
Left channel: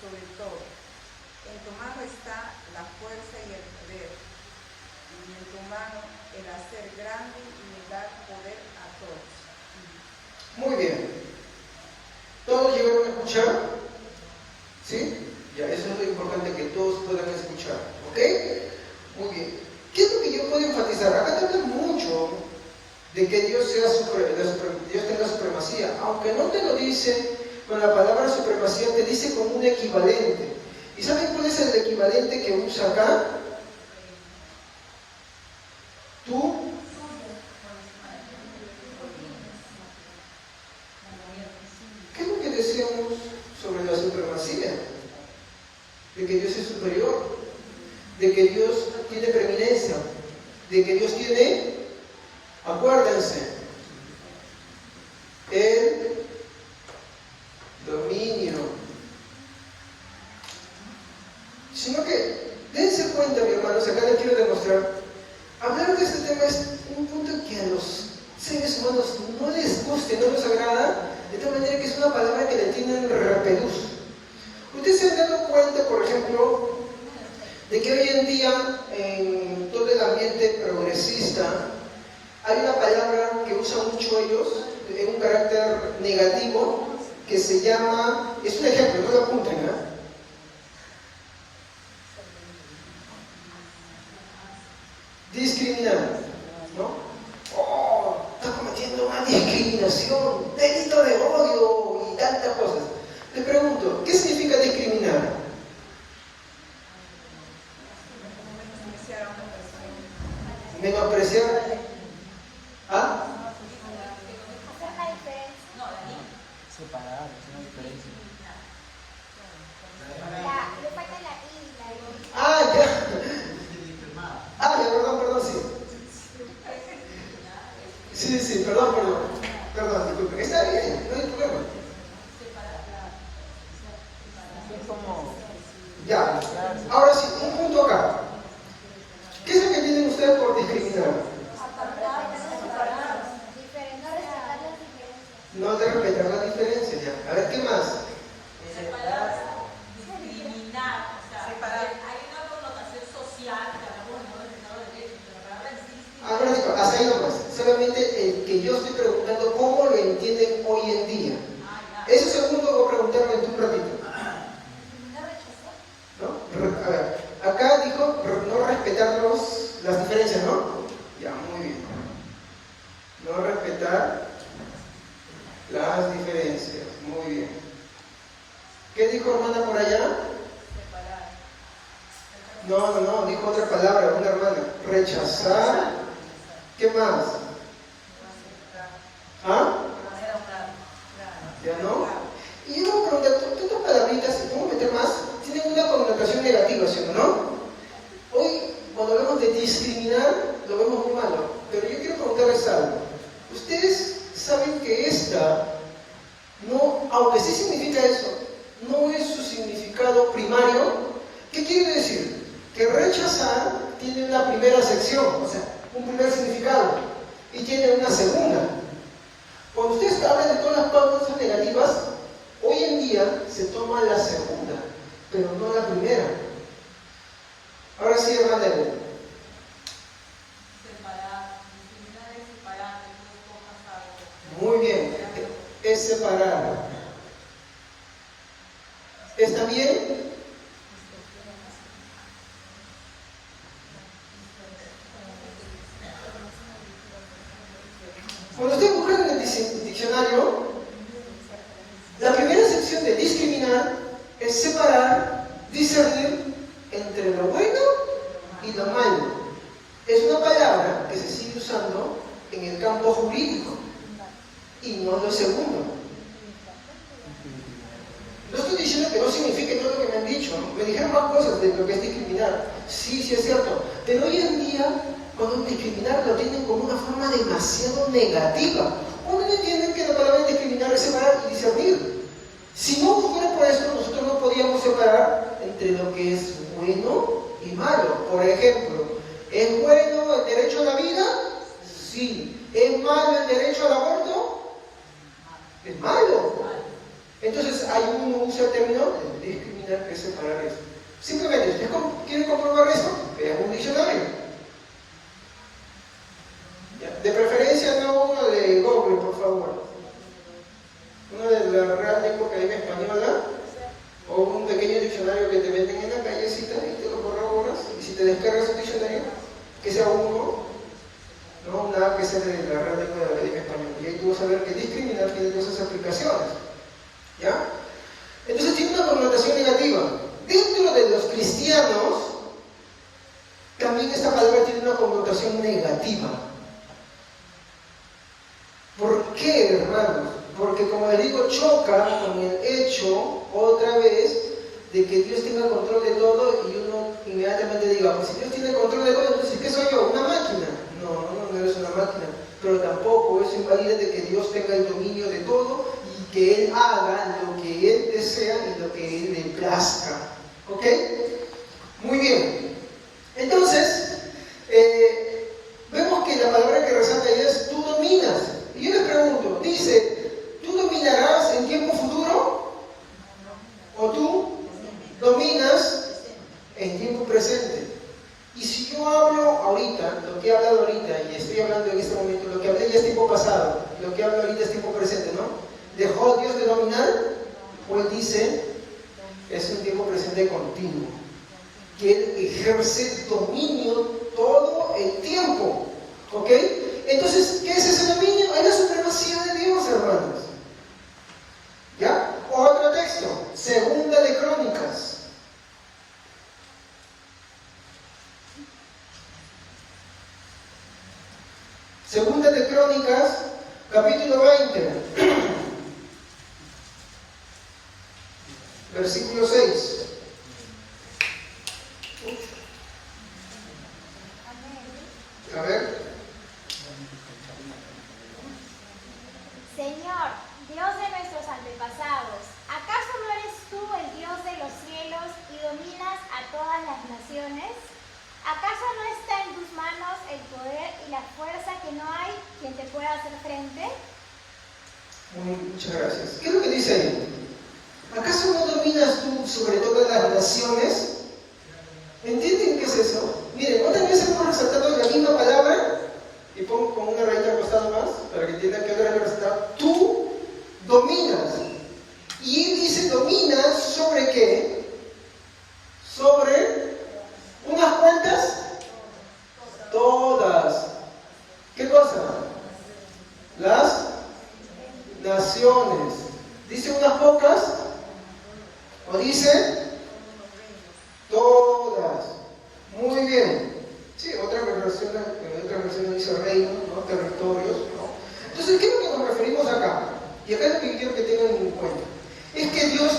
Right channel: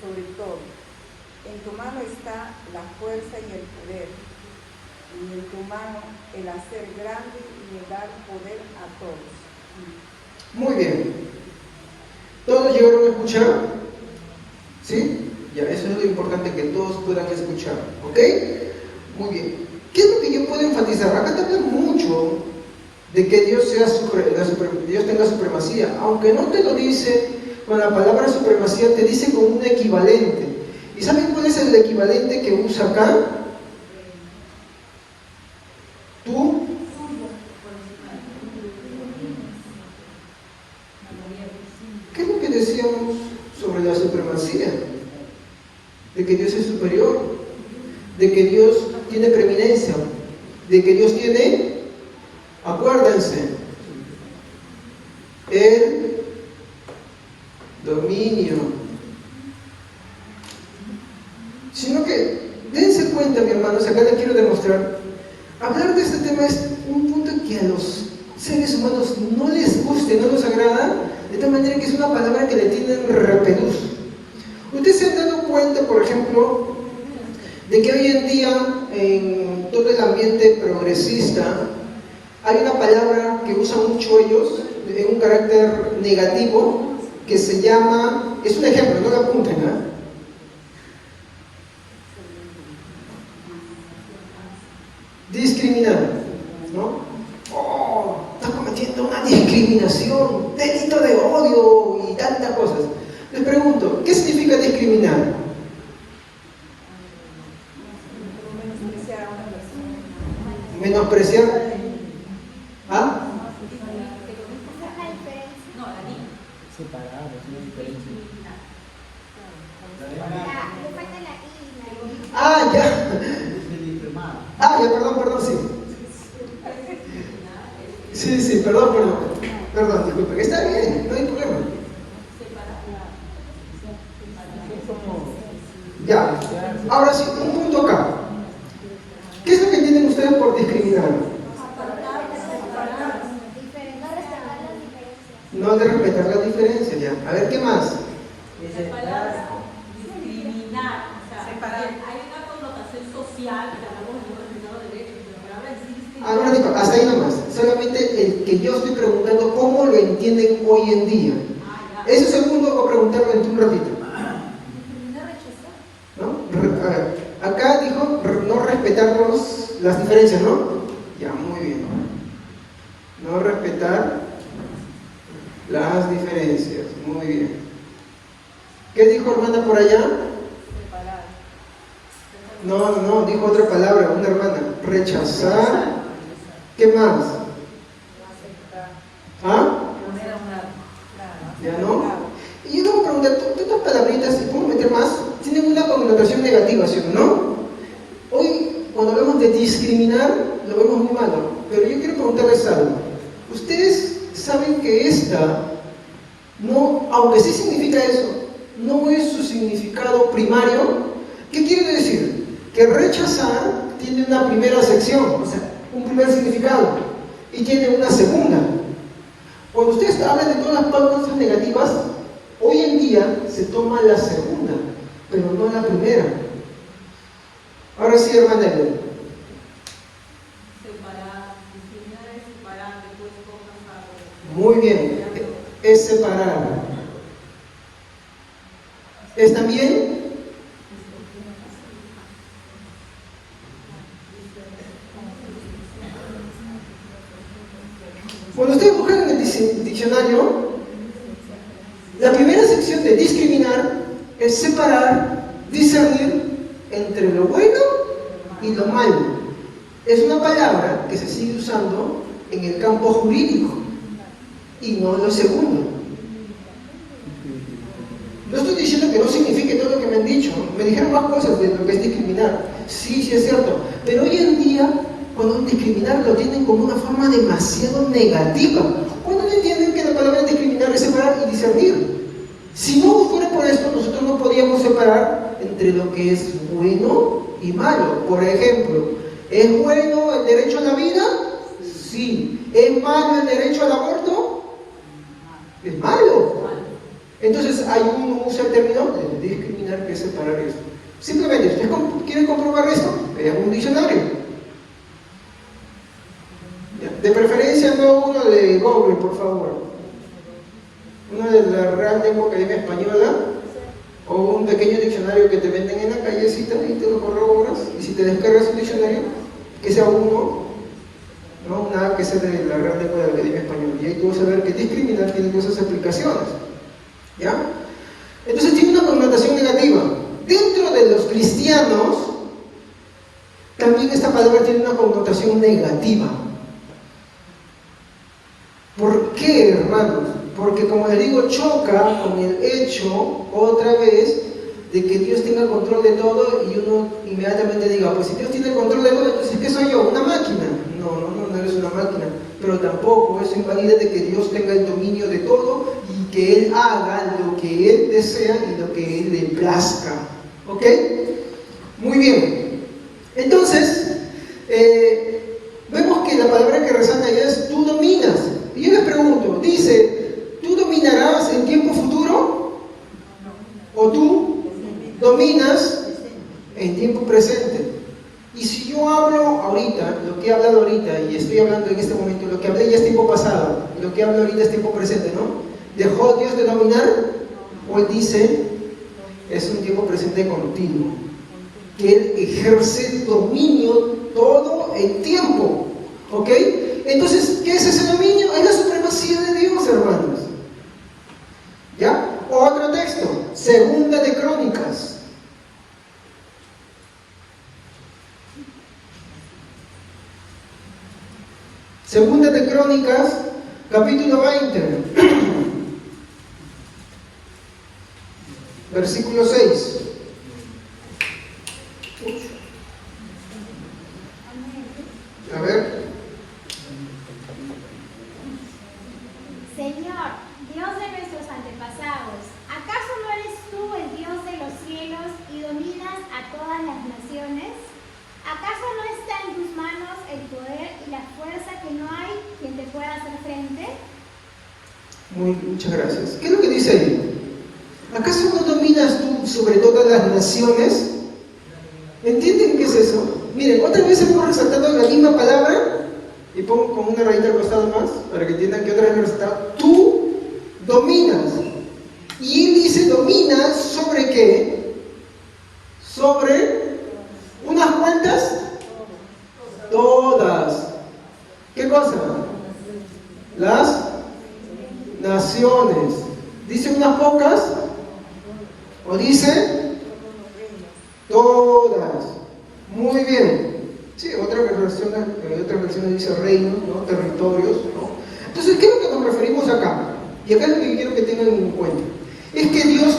sobre todo. En tu mano está la fuerza y el poder, y en tu mano el hacer grande y el dar poder a todos. Muy bien. ¿Todos llegaron a escuchar? ¿Sí? Ya, eso es lo importante, que todos puedan escuchar. ¿Ok? Muy bien. ¿Qué es lo que yo puedo enfatizar? Acá te habla mucho de que Dios Dios tenga supremacía. Aunque no te lo dice con la palabra supremacía, te dice con un equivalente. ¿Y saben cuál es el equivalente que usa acá? Tú. ¿Qué es lo que decíamos sobre la supremacía? De que Dios es superior, de que Dios tiene preeminencia, de que Dios tiene, acuérdense, el dominio. Sino que, dense cuenta, mis hermanos, acá les quiero demostrar, hablar de este tema es un punto que a los seres humanos no les gusta, no les agrada, de tal manera que es una palabra que le tienen repelús. Ustedes se han dado cuenta, por ejemplo, de que hoy en día, en todo el ambiente progresista, hay una palabra que usan mucho ellos, en un carácter negativo, que se llama, es un ejemplo, no lo apunten, ¿eh? Discriminar, ¿no? Oh, está cometiendo una discriminación, delito de odio y tantas cosas. Les pregunto, ¿qué significa discriminar? Menospreciar. ¿Ah? Ah, ya. Ah, ya, perdón, sí. Sí, perdón, disculpe. Está bien, no hay problema. Ya. Ahora sí, un punto acá. ¿Qué es lo que entienden ustedes por discriminar? No de respetar la diferencia, ya. A ver, ¿qué más? La palabra discriminar, o sea, separar. Hay una connotación social, que hablamos de los derechos, pero la palabra discriminar. Ah, no, digo, hasta ahí nomás. Solamente el que yo estoy preguntando cómo lo entienden hoy en día. Eso segundo voy a preguntarlo en un ratito. ¿No? A ver, acá dijo no respetar las diferencias, ¿no? Ya, muy bien. No respetar las diferencias, muy bien. ¿Qué dijo hermana por allá? No, dijo otra palabra, una hermana. Rechazar. ¿Qué más? ¿Ah? ¿Ya no? Y yo tengo que preguntar, ¿estas palabritas, si puedo meter más, tienen una connotación negativa, ¿sí o no? Hoy, cuando hablamos de discriminar, lo vemos muy malo. Pero yo quiero preguntarles algo. Ustedes saben que esta, no, aunque sí significa eso, no es su significado primario. ¿Qué quiere decir? Que rechazar tiene una primera acepción, o sea, un primer significado, y tiene una segunda. Cuando ustedes hablan de todas las pautas negativas, hoy en día se toma la segunda, pero no la primera. Ahora sí, hermana Elena. Separar, discriminar es separar después cosas algo. Muy bien, es separar. ¿Está bien? Cuando ustedes buscan en el diccionario, la primera sección de discriminar es separar, discernir entre lo bueno y lo malo. Es una palabra que se sigue usando en el campo jurídico y no en lo segundo. No estoy diciendo que no signifique todo lo que me han dicho. Me dijeron más cosas de lo que es discriminar. Sí, es cierto. Pero hoy en día, cuando discriminar lo tienen como una forma demasiado negativa. ¿Cuándo entienden que la palabra discriminar es separar y discernir? Si no fuera por esto, nosotros no podíamos separar entre lo que es bueno y malo. Por ejemplo, ¿es bueno el derecho a la vida? Sí. ¿Es malo el derecho al aborto? Es malo. Entonces hay uno usa el término de discriminar, que es separar eso. Simplemente, ¿ustedes quieren comprobar esto? Vean un diccionario. De preferencia no uno de Google, por favor. Uno de la Real Lengua Academia Española, o un pequeño diccionario que te venden en la callecita y te lo corroboras. Y si te descargas un diccionario, que sea uno, no nada que sea de la Real Lengua de la Academia Española. Y ahí tú vas a ver que discriminar tiene esas aplicaciones. ¿Ya? Entonces tiene una connotación negativa. Dentro de los cristianos, también esta palabra tiene una connotación negativa. ¿Por qué, hermanos? Porque, como les digo, choca con el hecho, otra vez, de que Dios tenga control de todo y uno inmediatamente diga, pues si Dios tiene control de todo, pues ¿qué soy yo? ¿Una máquina? No eres una máquina. Pero tampoco eso invalida de que Dios tenga el dominio de todo y que Él haga lo que Él desea y lo que Él le plazca. ¿Ok? Muy bien. Entonces, vemos que la palabra que resalta ahí es tú dominas. Y yo les pregunto, dice, ¿tú dominarás en tiempo futuro? ¿O tú dominas en tiempo presente? estoy hablando en este momento, lo que hablé ya es tiempo pasado, lo que hablo ahorita es tiempo presente, ¿no? ¿Dejó Dios de dominar? Hoy dice, es un tiempo presente continuo, que Él ejerce dominio todo el tiempo, ¿ok? Entonces, ¿qué es ese dominio? Es la supremacía de Dios, hermanos. ¿Ya? Otro texto, Segunda de Crónicas. Segunda de Crónicas, capítulo 20, versículo 6. A ver. Señor, Dios de nuestros antepasados, ¿acaso no eres tú el Dios de los cielos y dominas a todas las naciones? ¿Acaso no está en tus manos el poder y la fuerza que no hay quien te pueda hacer frente? Muchas gracias. ¿Qué es lo que dice ahí? ¿Acaso no dominas tú sobre todas las naciones? ¿Entienden qué es eso? Miren, otra vez hemos resaltado la misma palabra y pongo con una rayita al costado más para que entiendan que otra vez resaltado. Tú dominas. Y él dice dominas sobre qué? Sobre unas cuantas, todas. ¿Qué cosa? Las naciones. ¿Dice unas pocas? ¿O dice todas? Muy bien. Sí, en otras versiones dice reinos, ¿no? Territorios, ¿no? Entonces, ¿qué es lo que nos referimos acá? Y acá es lo que quiero que tengan en cuenta. Es que Dios,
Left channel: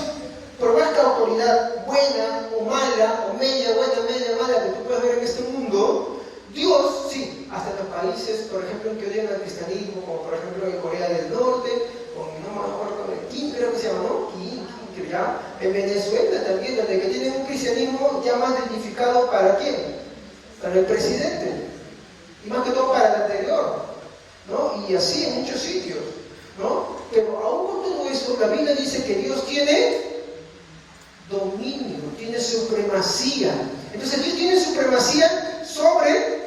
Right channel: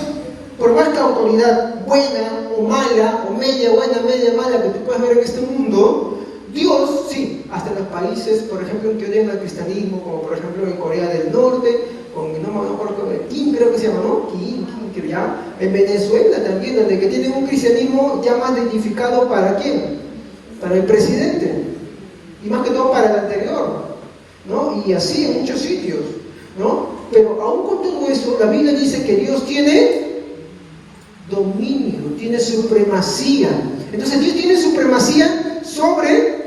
por más que autoridad buena o mala, o media buena, media mala que tú puedas ver en este mundo, Dios, sí, hasta los países, por ejemplo, que odian al cristianismo, como por ejemplo en Corea del Norte, no me acuerdo, Kim creo que se llama, ¿no? Kim, que ya, en Venezuela también, donde que tienen un cristianismo ya más identificado para quién, para el presidente, y más que todo para el anterior, ¿no? Y así en muchos sitios, ¿no? Pero aún con todo eso, la Biblia dice que Dios tiene dominio, tiene supremacía. Entonces Dios tiene supremacía sobre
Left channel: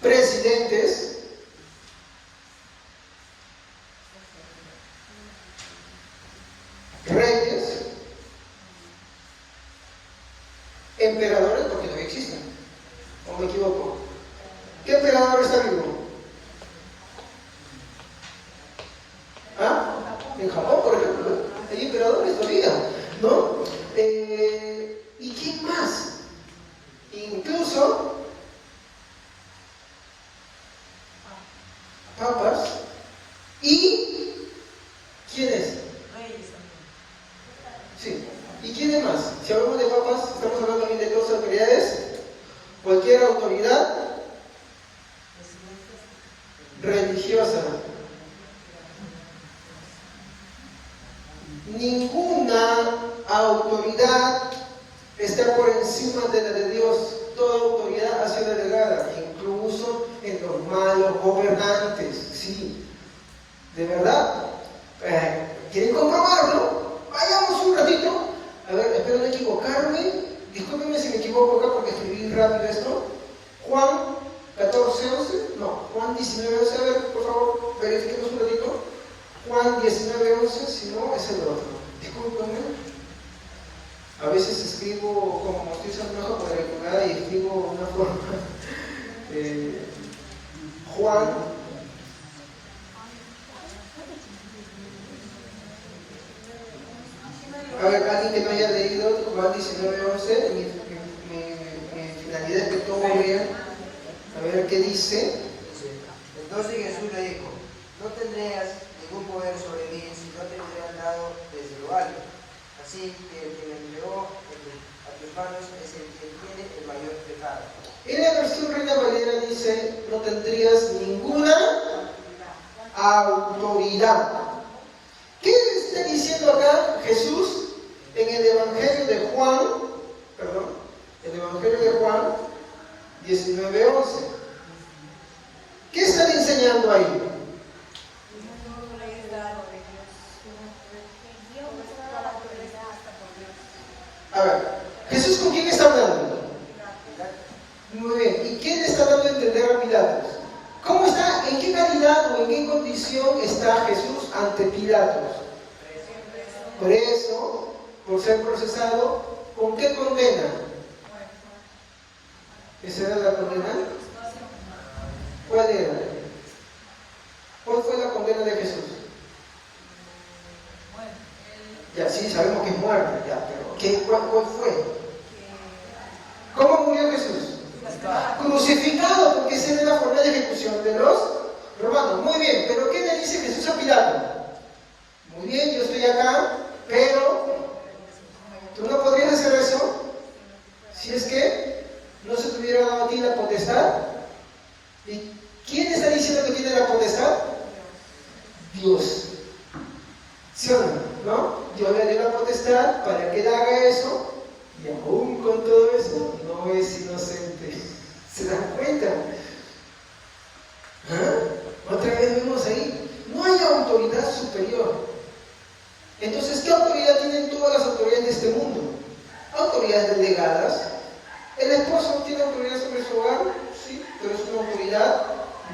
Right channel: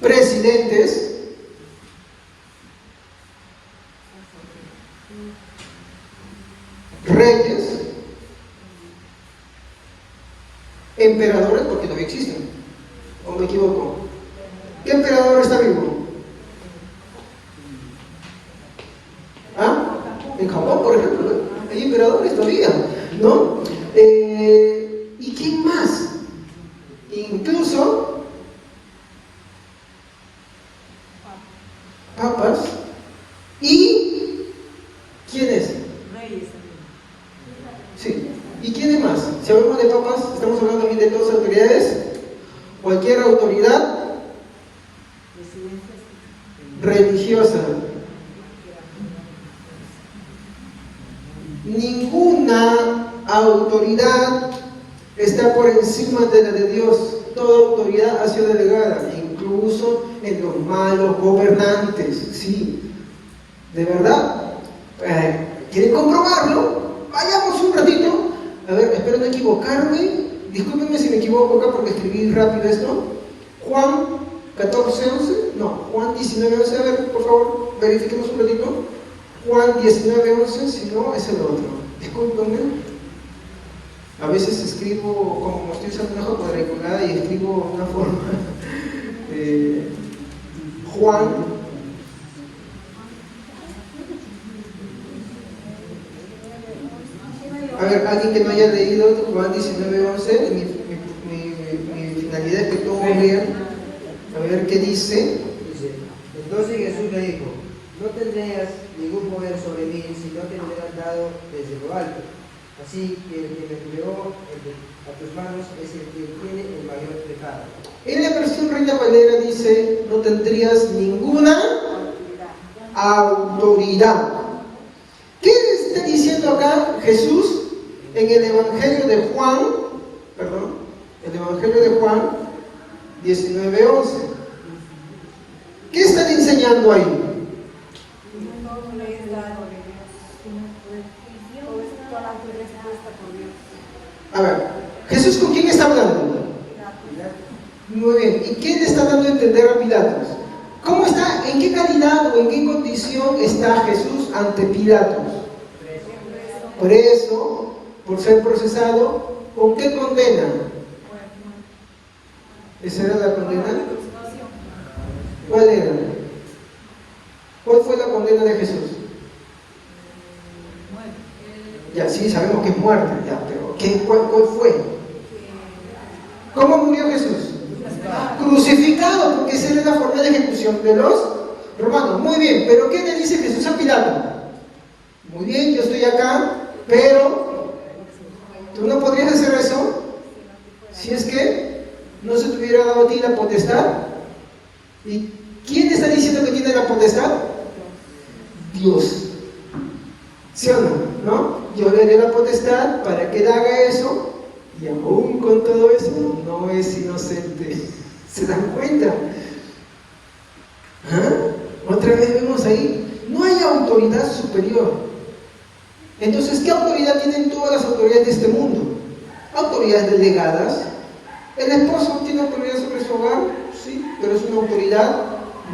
presidentes, reyes, emperadores, porque todavía existen, ¿o me equivoco? ¿Qué emperador está vivo? ¿Ah? En Japón, por ejemplo, hay emperadores todavía, ¿no? ¿Y quién más? Incluso papas. ¿Y quién es? Reyes también. Sí. ¿Y quién es más? Si hablamos de papas, estamos hablando aquí de dos autoridades. Cualquier autoridad religiosa. Ninguna autoridad está por encima de la de Dios. Toda autoridad ha sido delegada, incluso en los malos gobernantes. Sí, de verdad. ¿Quieren comprobarlo? Vayamos un ratito. A ver, espero no equivocarme. Discúlpenme si me equivoco acá porque escribí rápido esto. Juan 14:11. No, Juan 19:11. A ver, por favor, verifiquemos un ratito. Juan 19:11, si no, es el otro. Discúlpenme. A veces escribo como estoy usando una hoja cuadriculada y escribo de una forma. Juan. A ver, alguien que no haya leído Juan 19:11, mi finalidad es que todos lean. A ver qué dice. Entonces Jesús le dijo: no tendrías ningún poder sobre mí si no te hubieran dado desde lo alto. Así que el que me entregó a tus manos es el que tiene el mayor pecado. En la versión Reina Valera dice: no tendrías ninguna autoridad. ¿Qué está diciendo acá Jesús en el Evangelio de Juan? Perdón, el Evangelio de Juan 19:11. ¿Qué están enseñando ahí? A ver, ¿Jesús con quién está hablando? Muy bien, ¿y qué le está dando a entender a Pilatos. ¿Cómo está? ¿En qué calidad o en qué condición está Jesús ante Pilatos? Por eso, por ser procesado, ¿con qué condena? ¿Esa era la condena? ¿Cuál era? ¿Cuál fue la condena de Jesús? Ya sí, sabemos que es muerte, ya, pero ¿cuál fue? ¿Cómo murió Jesús? Crucificado, porque esa era la forma de ejecución de los romanos. Muy bien, pero ¿qué le dice Jesús a Pilato? Muy bien, yo estoy acá, pero ¿tú no podrías hacer eso? Si es que no se te hubiera dado a ti la potestad. ¿Y quién está diciendo que tiene la potestad? Dios. ¿Sí o no? Yo le doy la potestad para que él haga eso, y aún con todo eso no es inocente. ¿Se dan cuenta? Otra vez vemos ahí, no hay autoridad superior. Entonces, ¿qué autoridad tienen todas las autoridades de este mundo? Autoridades delegadas. ¿El esposo tiene autoridad sobre su hogar? Sí, pero es una autoridad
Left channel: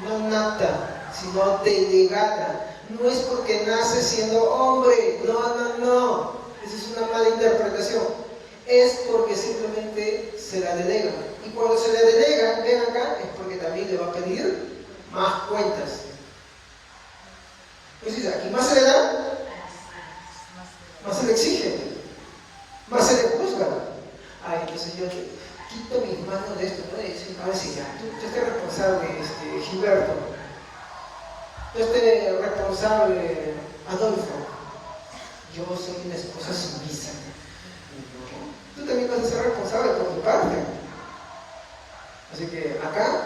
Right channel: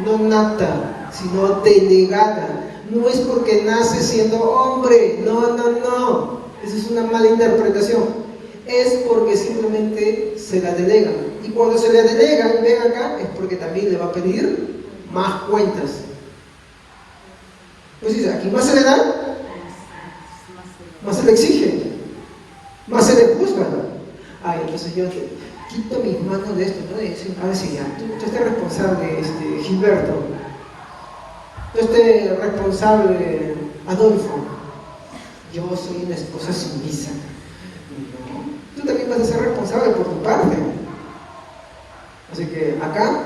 no nata, sino delegada. No es porque nace siendo hombre, no. Esa es una mala interpretación. Es porque simplemente se la delegan. Y cuando se la delegan, ven acá, es porque también le va a pedir más cuentas. Pues aquí más se le da, más se le exige, más se le juzga. Ay, entonces yo quito mis manos de esto, ¿no? Y decir, a ver si ya, tú estás responsable, Gilberto. Yo estoy responsable, Adolfo. Yo soy una esposa sumisa. No, tú también vas a ser responsable por tu parte. Así que acá,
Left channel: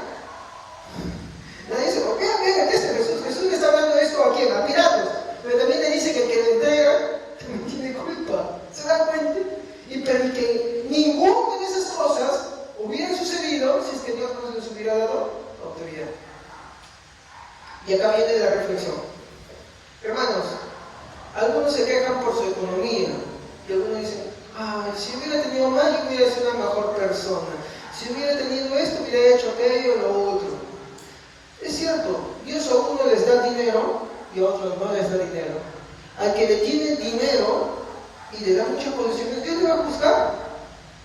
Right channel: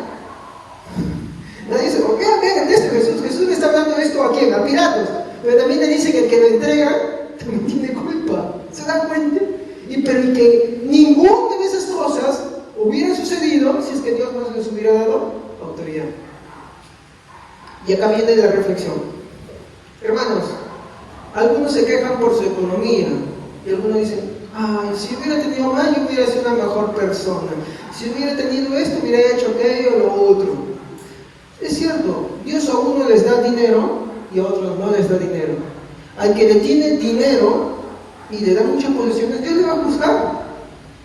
nadie dice, ok, vean, Jesús le está hablando esto a quién, a Pilatos. Pero también le dice que el que lo entrega también tiene culpa. ¿Se dan cuenta? Pero que ninguna de esas cosas hubiera sucedido si es que Dios no les hubiera dado autoridad. Y acá viene la reflexión. Hermanos, algunos se quejan por su economía y algunos dicen, si hubiera tenido más, yo hubiera sido una mejor persona. Si hubiera tenido esto, hubiera hecho aquello o lo otro. Es cierto, Dios a uno les da dinero y a otros no les da dinero. Al que le tiene dinero y le da muchas posesiones, Dios le va a juzgar.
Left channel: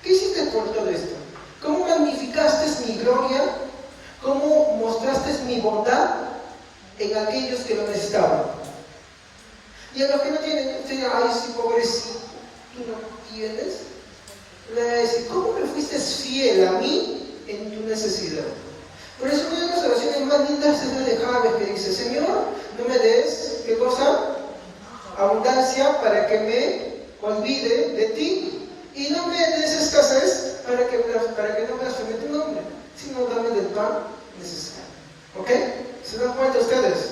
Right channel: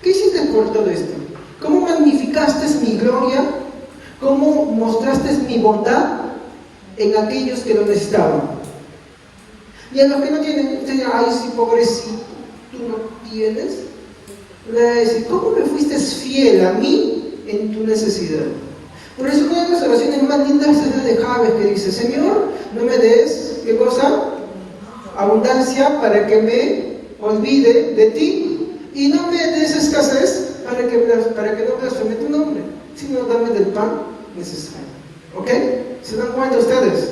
¿Qué hiciste por todo esto? ¿Cómo magnificaste mi gloria? ¿Cómo mostraste mi bondad en aquellos que lo necesitaban? Y a los que no tienen, dicen, ay, sí, pobrecito, tú no tienes. Le va a decir, ¿cómo me fuiste fiel a mí en tu necesidad? Por eso una de las oraciones más lindas es la de Javes, que dice, Señor, no me des, ¿qué cosa? Abundancia para que me olvide de ti, y no me des escasez para que no blasfeme tu nombre, sino dame del pan necesario. ¿Ok? ¿Se dan cuenta ustedes?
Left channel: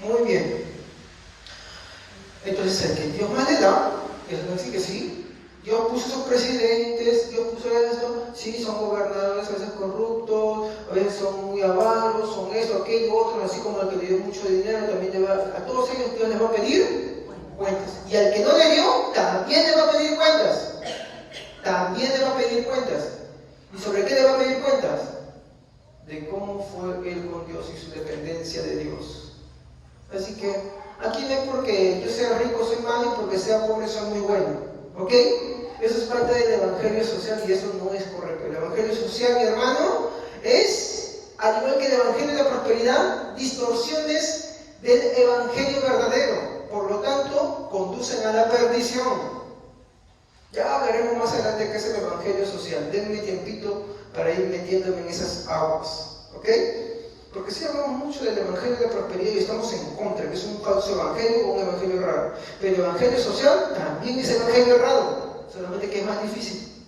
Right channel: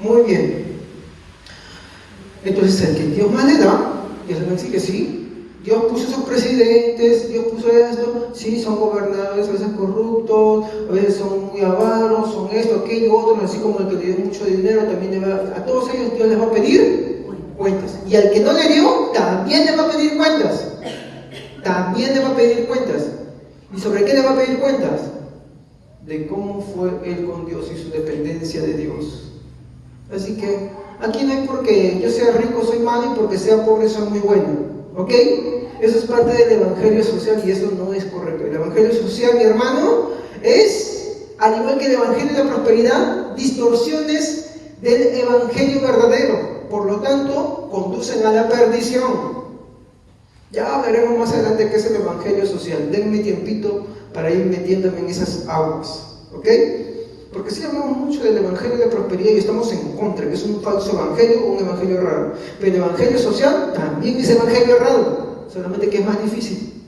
Muy bien. Entonces, el que Dios más le da, eso no dice que sí. Dios puso sus presidentes, Dios puso esto, sí, son gobernadores a veces corruptos, a veces son muy avaros, son esto, aquello, otro, así como el que le dio mucho dinero, también le va, a todos ellos Dios les va a pedir cuentas. Y al que no le dio, también le va a pedir cuentas. También le va a pedir cuentas. ¿Y sobre qué le va a pedir cuentas? De cómo fue él con Dios y su dependencia de Dios. Así que aquí no hay porque yo sea rico soy malo y porque sea pobre soy muy bueno. ¿Ok? Eso es parte del evangelio social y eso no es correcto. El evangelio social, mi hermano, es, al igual que el evangelio de la prosperidad, distorsiones del evangelio verdadero. Por lo tanto, conducen a la perdición. Ya veremos más adelante qué es el evangelio social. Denme tiempito para ir metiéndome en esas aguas. ¿Ok? Porque sí hablamos mucho del evangelio de prosperidad y estamos en contra, que es un falso evangelio o un evangelio raro. Pero el evangelio social también es evangelio raro, solamente que es más difícil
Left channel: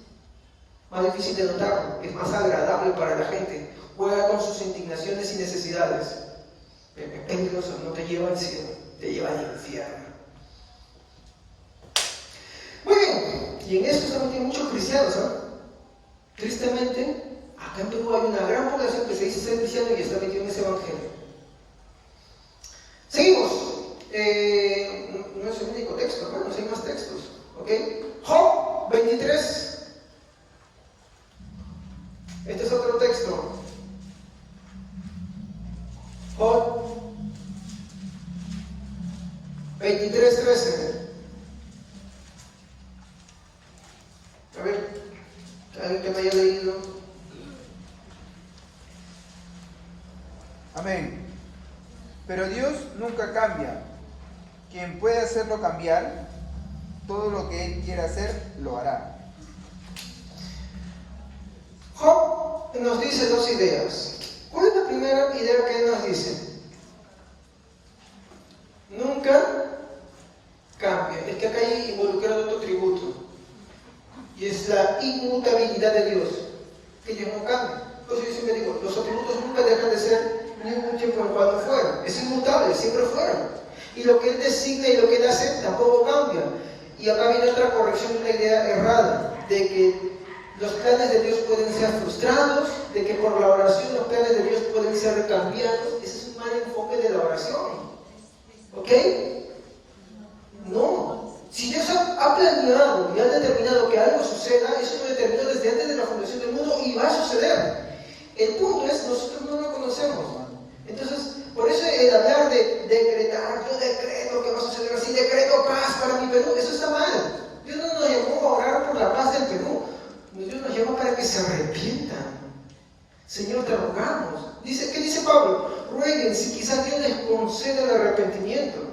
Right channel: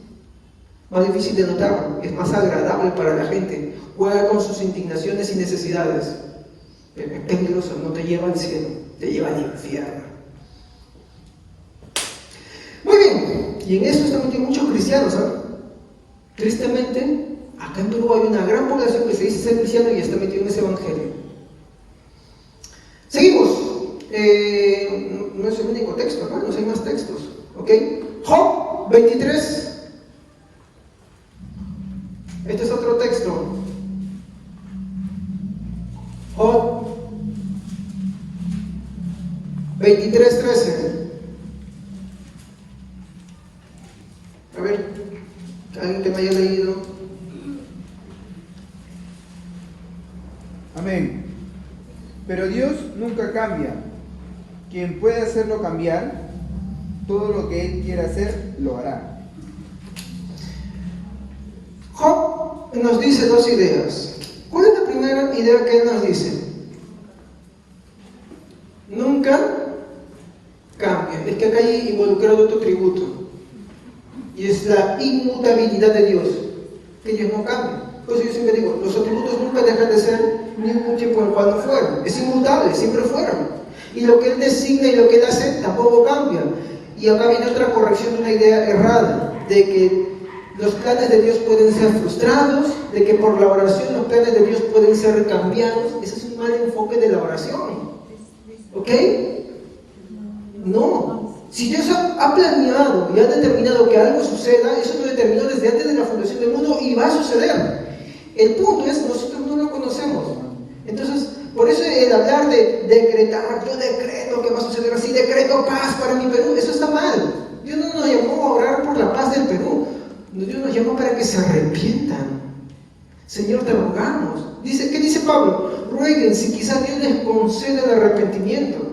de notarlo, es más agradable para la gente, juega con sus indignaciones y necesidades. Pero es peligroso, no te lleva al cielo, te lleva al infierno. Muy bien, y en eso estamos metidos muchos cristianos, ¿sabes? Tristemente, acá en Perú hay una gran población que se dice ser cristiana y está metida en ese evangelio. Seguimos. No es el único texto, hermanos, hay más textos. ¿Ok? Job 23. Este es otro texto. Job 23:13. A ver, alguien que me haya leído. Amén. Pero Dios nunca cambia. Quien puede hacerlo cambiar, todo lo que Él quiera hacer, lo hará. Job nos dice dos ideas. ¿Cuál es la primera idea que él nos dice? Nunca cambia. Es que acá hay involucrado otro tributo. Y es la inmutabilidad de Dios. Que Dios no cambia. Por eso yo siempre digo, los atributos nunca dejan de ser ningún tiempo en el cual fueron. Es inmutable, siempre fueron. Y lo que Él designa y lo que Él hace tampoco cambia. Y acá viene otra corrección de una idea errada, de que los planes de Dios pueden ser frustrados, de que por la oración los planes de Dios pueden ser cambiados. Ese es un mal enfoque de la oración. ¿Ok? No. Si Dios ha planeado y ha determinado que algo suceda, eso lo determinó desde antes de la fundación del mundo y va a suceder. El punto es, nosotros no lo conocemos. Entonces, por eso el hablar de decretar, yo decreto que va a suceder así, decreto paz para mi Perú, eso está mal. Dios no nos llamó a orar por la paz del Perú. Dios nos llama para que se arrepientan. Señor, te rogamos. ¿Qué dice Pablo? Rueguen si quizás Dios les conceda el arrepentimiento.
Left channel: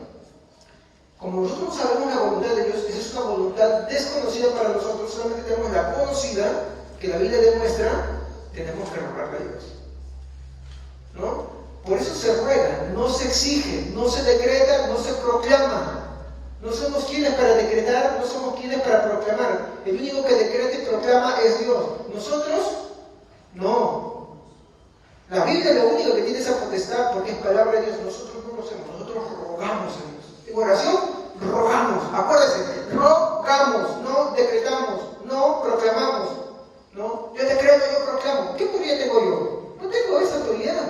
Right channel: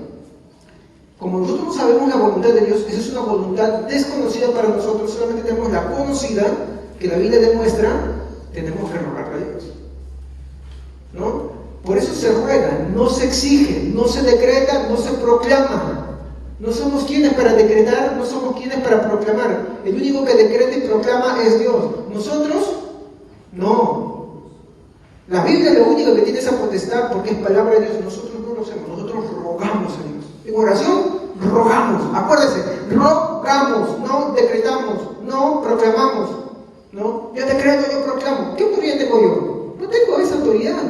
Como nosotros no sabemos la voluntad de Dios, esa es una voluntad desconocida para nosotros, solamente tenemos la conocida, que la Biblia demuestra, tenemos que rogarle a Dios. ¿No? Por eso se ruega, no se exige, no se decreta, no se proclama. No somos quienes para decretar, no somos quienes para proclamar. El único que decreta y proclama es Dios. Nosotros, no. La Biblia es lo único que tiene esa potestad porque es palabra de Dios. Nosotros no lo hacemos, nosotros rogamos a Dios. En oración, rogamos. Acuérdense, rogamos, no decretamos, no proclamamos. ¿No? Yo decreto, yo proclamo. ¿Qué autoridad tengo yo? No tengo esa autoridad.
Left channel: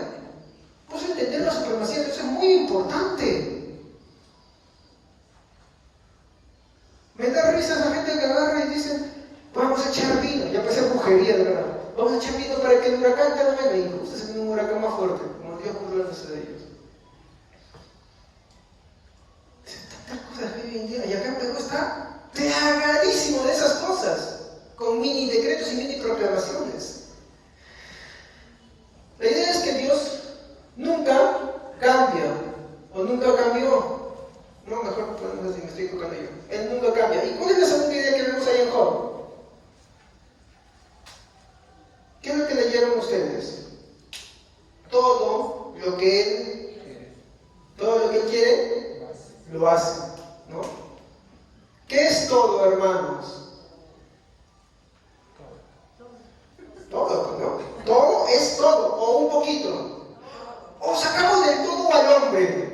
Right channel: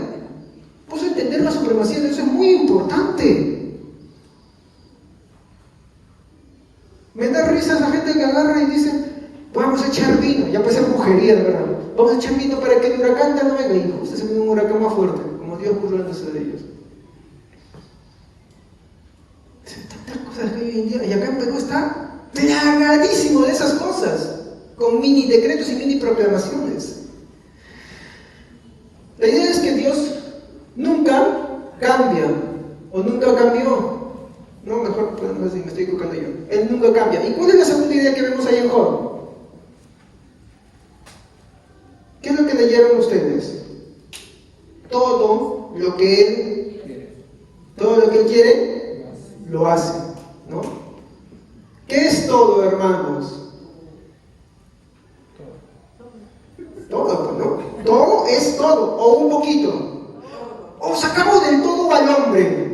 Por eso entender la supremacía de Dios es muy importante. Me da risa esa gente que agarra y dice, vamos a echar vino, ya puede ser brujería, de verdad. Vamos a echar vino para que el huracán ya no venga. Y justo se viene un huracán más fuerte, como Dios puso en los de ellos. Tantas cosas que hoy en día, y acá en Perú está plagadísimo de esas cosas, con mini decretos y mini proclamaciones. La idea es que Dios nunca cambia, o nunca cambió. No, mejor, no sé si me estoy equivocando yo. Él nunca cambia. ¿Y cuál es la segunda idea que vemos ahí en Job? ¿Qué es lo que leyeron ustedes? Todo lo que Él quiere, lo hace, ¿no? ¿Qué es todo, hermanos? Todo, ¿no? Todo es todo, o un poquito. O sacamos del todo al hombre.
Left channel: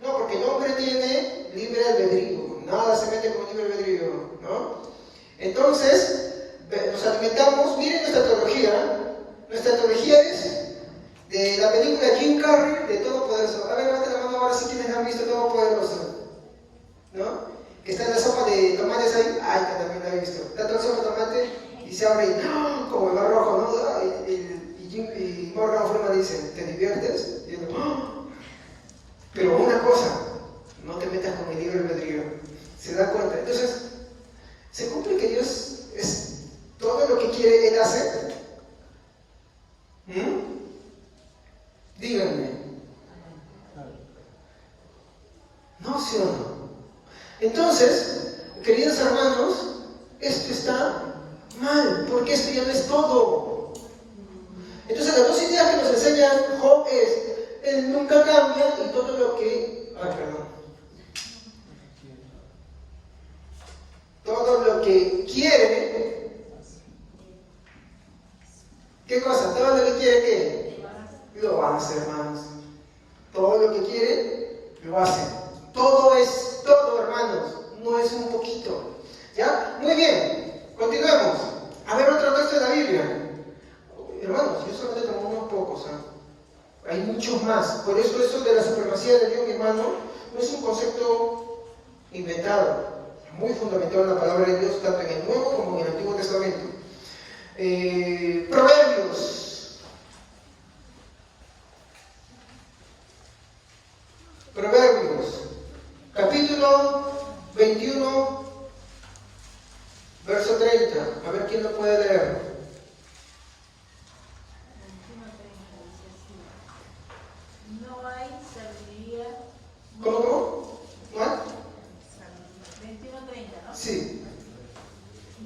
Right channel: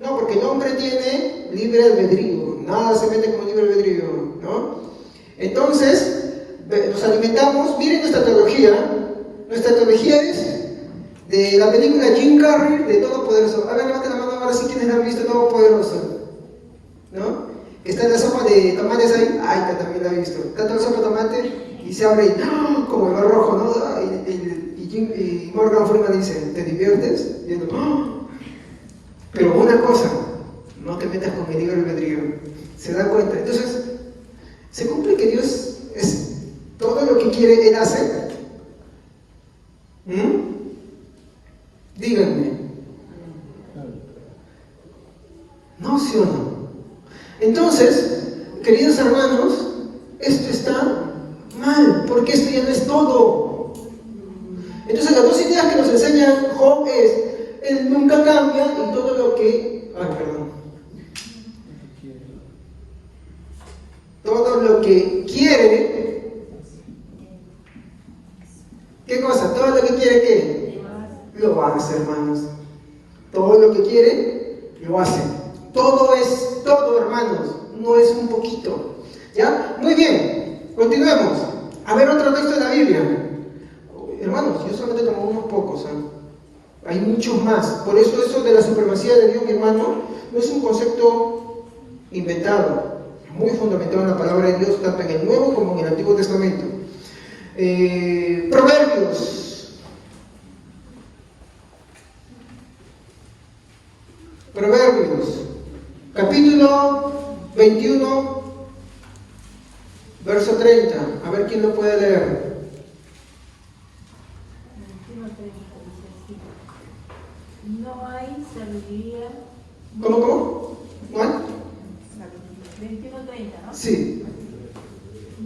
No, porque el hombre tiene libre albedrío, nada se mete como libre albedrío, ¿no? Entonces, nos alimentamos, miren nuestra teología es de la película Jim Carrey de Todopoderoso. A ver, levante la mano ahora si quienes han visto Todopoderoso, ¿no? Está en la sopa de tomates ahí, ay, que también la he visto. Está en la sopa de tomate y se abre y, ¡oh!, como el mar rojo, ¿no? Y Morgan Freeman dice, ¿te diviertes? Y yo, ¡oh! Pero una cosa, no te metas con el libre albedrío. ¿Se da cuenta? Entonces, se cumple que Dios es todo lo que quiere, Él hace. Díganme. ¿No, sí o no? Entonces, queridos hermanos, esto está mal, porque esto ya no es todo. Entonces, las dos ideas que nos enseña Job es, Él nunca cambia y todo lo que... todo lo que quiere... ¿Qué cosa? Todo lo que quiere, ¿qué? Lo hace, hermanos. Todo lo que quiere, lo hace. Todo es todo, hermanos. No es un poquito. ¿Ya? Muy bien. Continuemos. A ver otro texto de la Biblia. Hermanos, yo solamente tomo unos pocos, ¿eh? Hay muchos más. Por eso de la supremacía de Dios, mi hermano, no es un concepto inventado. Es muy fundamentado en la palabra de Dios, tanto en el Nuevo como en el Antiguo Testamento. Proverbios Proverbios, capítulo 21, verso 30. A ver quién lo puede leer. No hay sabiduría. ¿Cómo? ¿Cuál? 21:30, ¿no? Sí.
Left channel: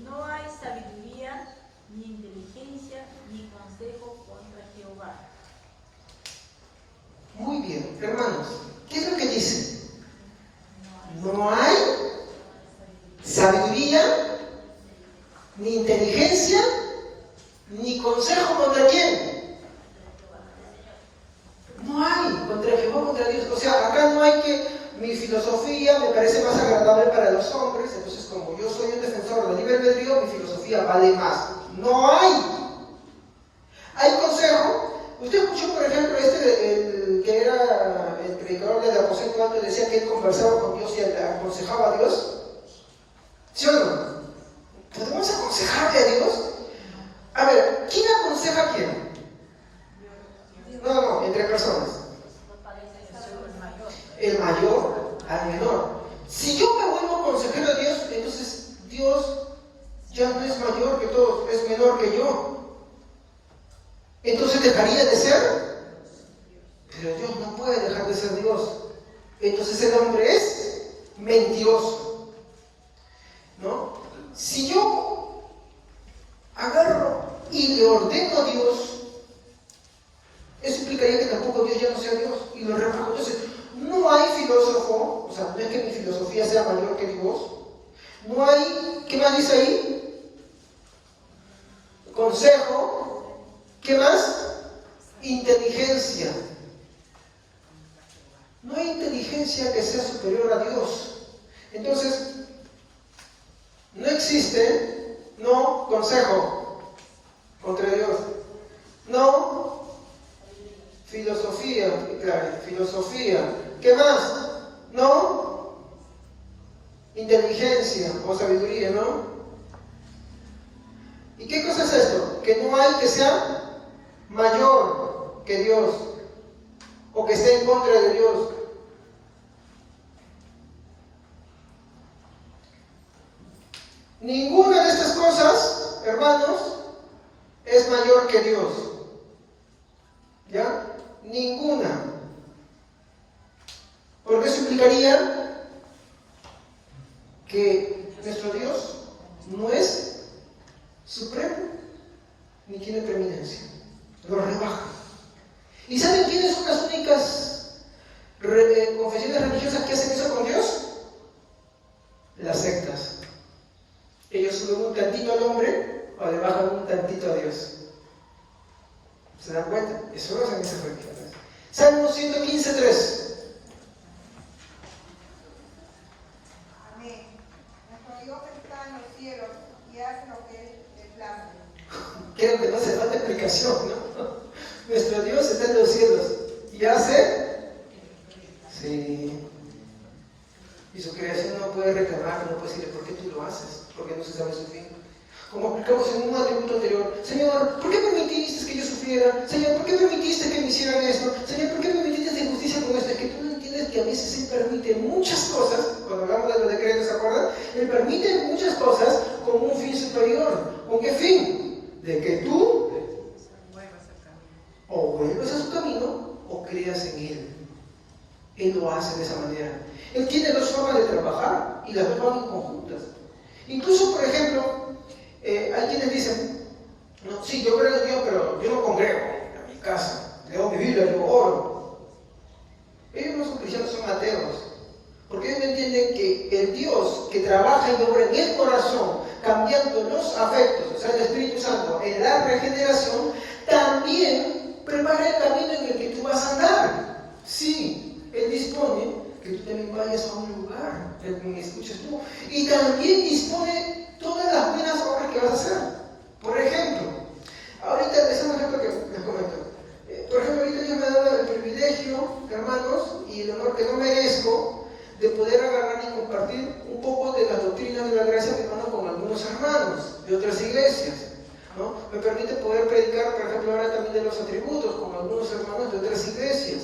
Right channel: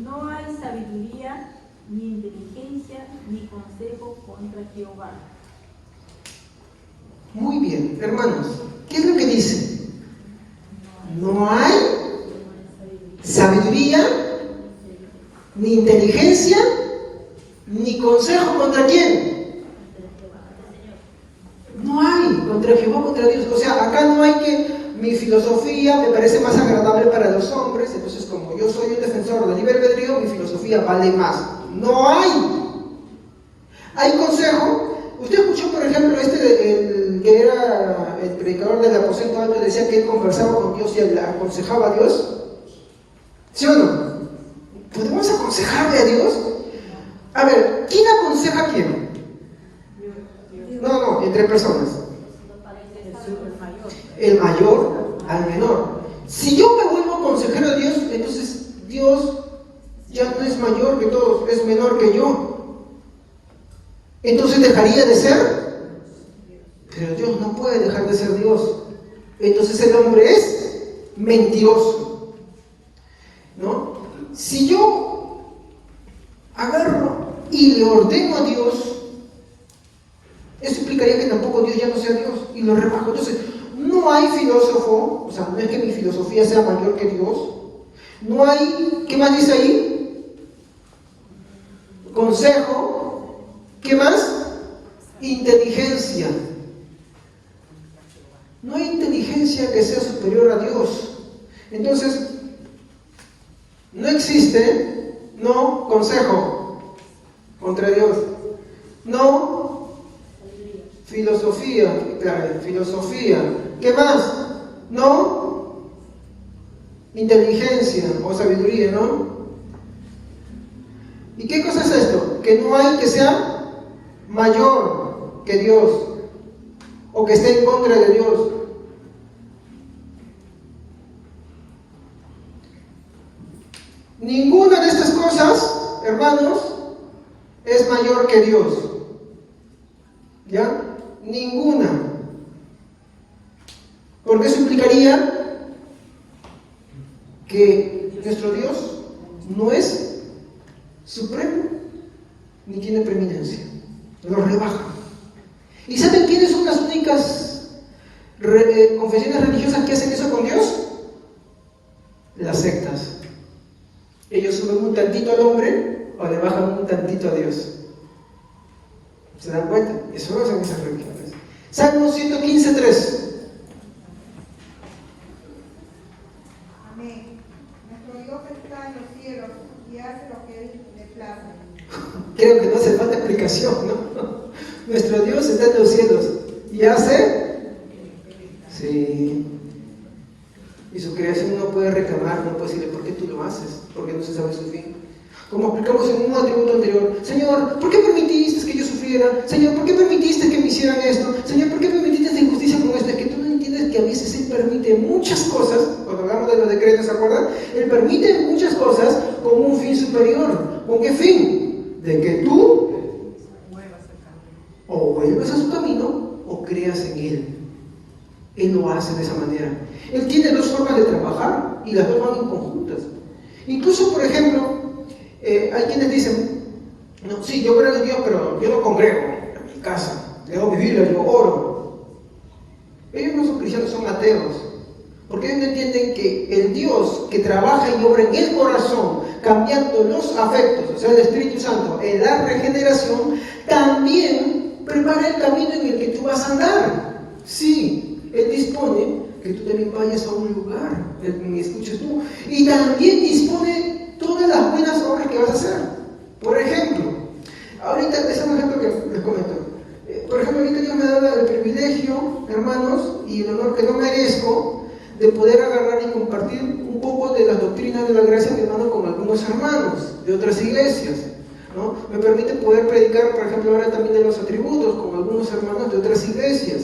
No hay sabiduría, ni inteligencia, ni consejo contra Jehová. Muy bien, hermanos. ¿Qué es lo que dice? No hay sabiduría, ni inteligencia, ni consejo contra quién. No hay contra Jehová, contra Dios. O sea, acá no hay que mi filosofía me parece más agradable para los hombres, entonces como yo soy un defensor del libre albedrío, mi filosofía vale más. No hay. Hay consejo. Usted escuchó, por ejemplo, el que era el predicador del aposento alto, decía que él conversaba con Dios y le aconsejaba a Dios. ¿Sí o no? ¿Podemos aconsejarle a Dios? A ver, ¿quién aconseja a quién? No, entre personas. El mayor al menor. Si yo me vuelvo consejero de Dios, entonces Dios ya no es mayor que todos, es menor que yo. Entonces dejaría de ser. Pero Dios no puede dejar de ser Dios. Entonces el hombre es mentiroso, ¿no? Si yo agarro y le ordeno a Dios, eso implicaría que tampoco Dios ya no sea Dios y lo rebajo. Entonces, no hay filósofo, o sea, no es que mi filosofía sea mayor que Dios. No hay, ¿qué más dice ahí? Consejo. ¿Qué más? Inteligencia. No hay inteligencia que sea superior a Dios. Entonces, no existe, no consejo contra Dios. No filosofía, filosofía. ¿Qué más? No inteligencia o sabiduría, ¿no? ¿Y qué cosa es esto? Que no hay que sea mayor que Dios o que esté en contra de Dios. Ninguna de estas cosas, hermanos, es mayor que Dios. ¿Ya? Ninguna. Porque eso implicaría que nuestro Dios no es supremo ni tiene preeminencia. Lo rebaja. ¿Y saben quiénes son las únicas confesiones religiosas que hacen eso con Dios? Las sectas. Ellos suben un tantito al hombre o le bajan un tantito a Dios. ¿Se dan cuenta? Eso no hacen esas religiones. Salmo 115:3. Amén. Nuestro Dios está en los cielos y hace lo que Él le place. Creo que no hace falta explicación, ¿no? Nuestro Dios está en los cielos y hace. Sí. Y su creación no puede reclamar, no puede decirle, ¿por qué tú lo haces? Porque no se sabe su fin. Como aplicamos en un atributo anterior, Señor, ¿por qué permitiste que yo sufriera? Señor, ¿por qué permitiste que me hicieran esto? Señor, ¿por qué permitiste esta injusticia con esto? Es que tú no entiendes que a veces Él permite muchas cosas, cuando hablamos de los decretos, ¿se acuerdan? Él permite muchas cosas con un fin superior. ¿Con qué fin? De que tú o vuelvas a su camino o creas en Él. Él lo hace de esa manera. Él tiene dos formas de trabajar y las dos van en conjuntas. Incluso, por ejemplo, hay quienes dicen, no, sí, yo creo en Dios, pero yo no congrego en mi casa, leo mi Biblia, yo oro. Ellos no son cristianos, son ateos, porque ellos no entienden que el Dios que trabaja y obra en el corazón, cambiando los afectos, o sea, el Espíritu Santo, en la regeneración, también prepara el camino en el que tú vas a andar. Sí, Él dispone que tú también vayas a un lugar, me escuches tú, y también dispone todas las buenas obras que vas a hacer. Por ejemplo, ahorita, es un ejemplo que les comento. Por ejemplo, ahorita Dios me ha dado el privilegio, hermanos, y el honor que no merezco, de poder agarrar y compartir un poco de las doctrinas de la gracia, hermano, con algunos hermanos de otras iglesias, ¿no? Me permite poder predicar, por ejemplo, ahora también de los atributos, con algunos hermanos de otras iglesias.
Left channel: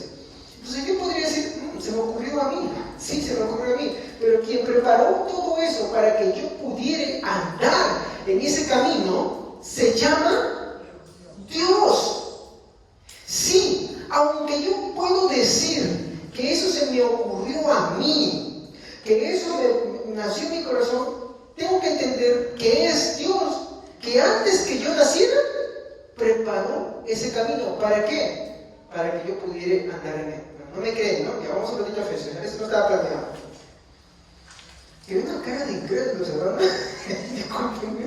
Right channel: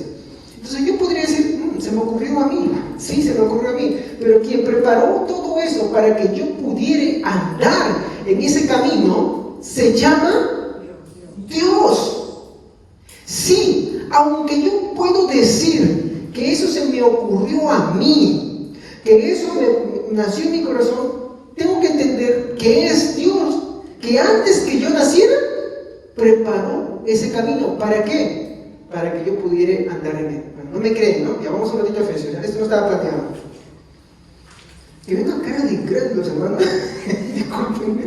Entonces yo podría decir, se me ocurrió ocurrió a mí. Sí, se me ocurrió a mí. Pero quien preparó todo eso para que yo pudiera andar en ese camino se llama Dios. Sí, aunque yo puedo decir que eso se me ocurrió a mí, que eso nació en mi corazón, tengo que entender que es Dios, que antes que yo naciera, preparó ese camino. ¿Para qué? Para que yo pudiera andar en él. No me creen, ¿no? Ya vamos a ver en Efesios. Esto no estaba planeado. Y ven una cara de incrédulos, hermano. Discúlpenme.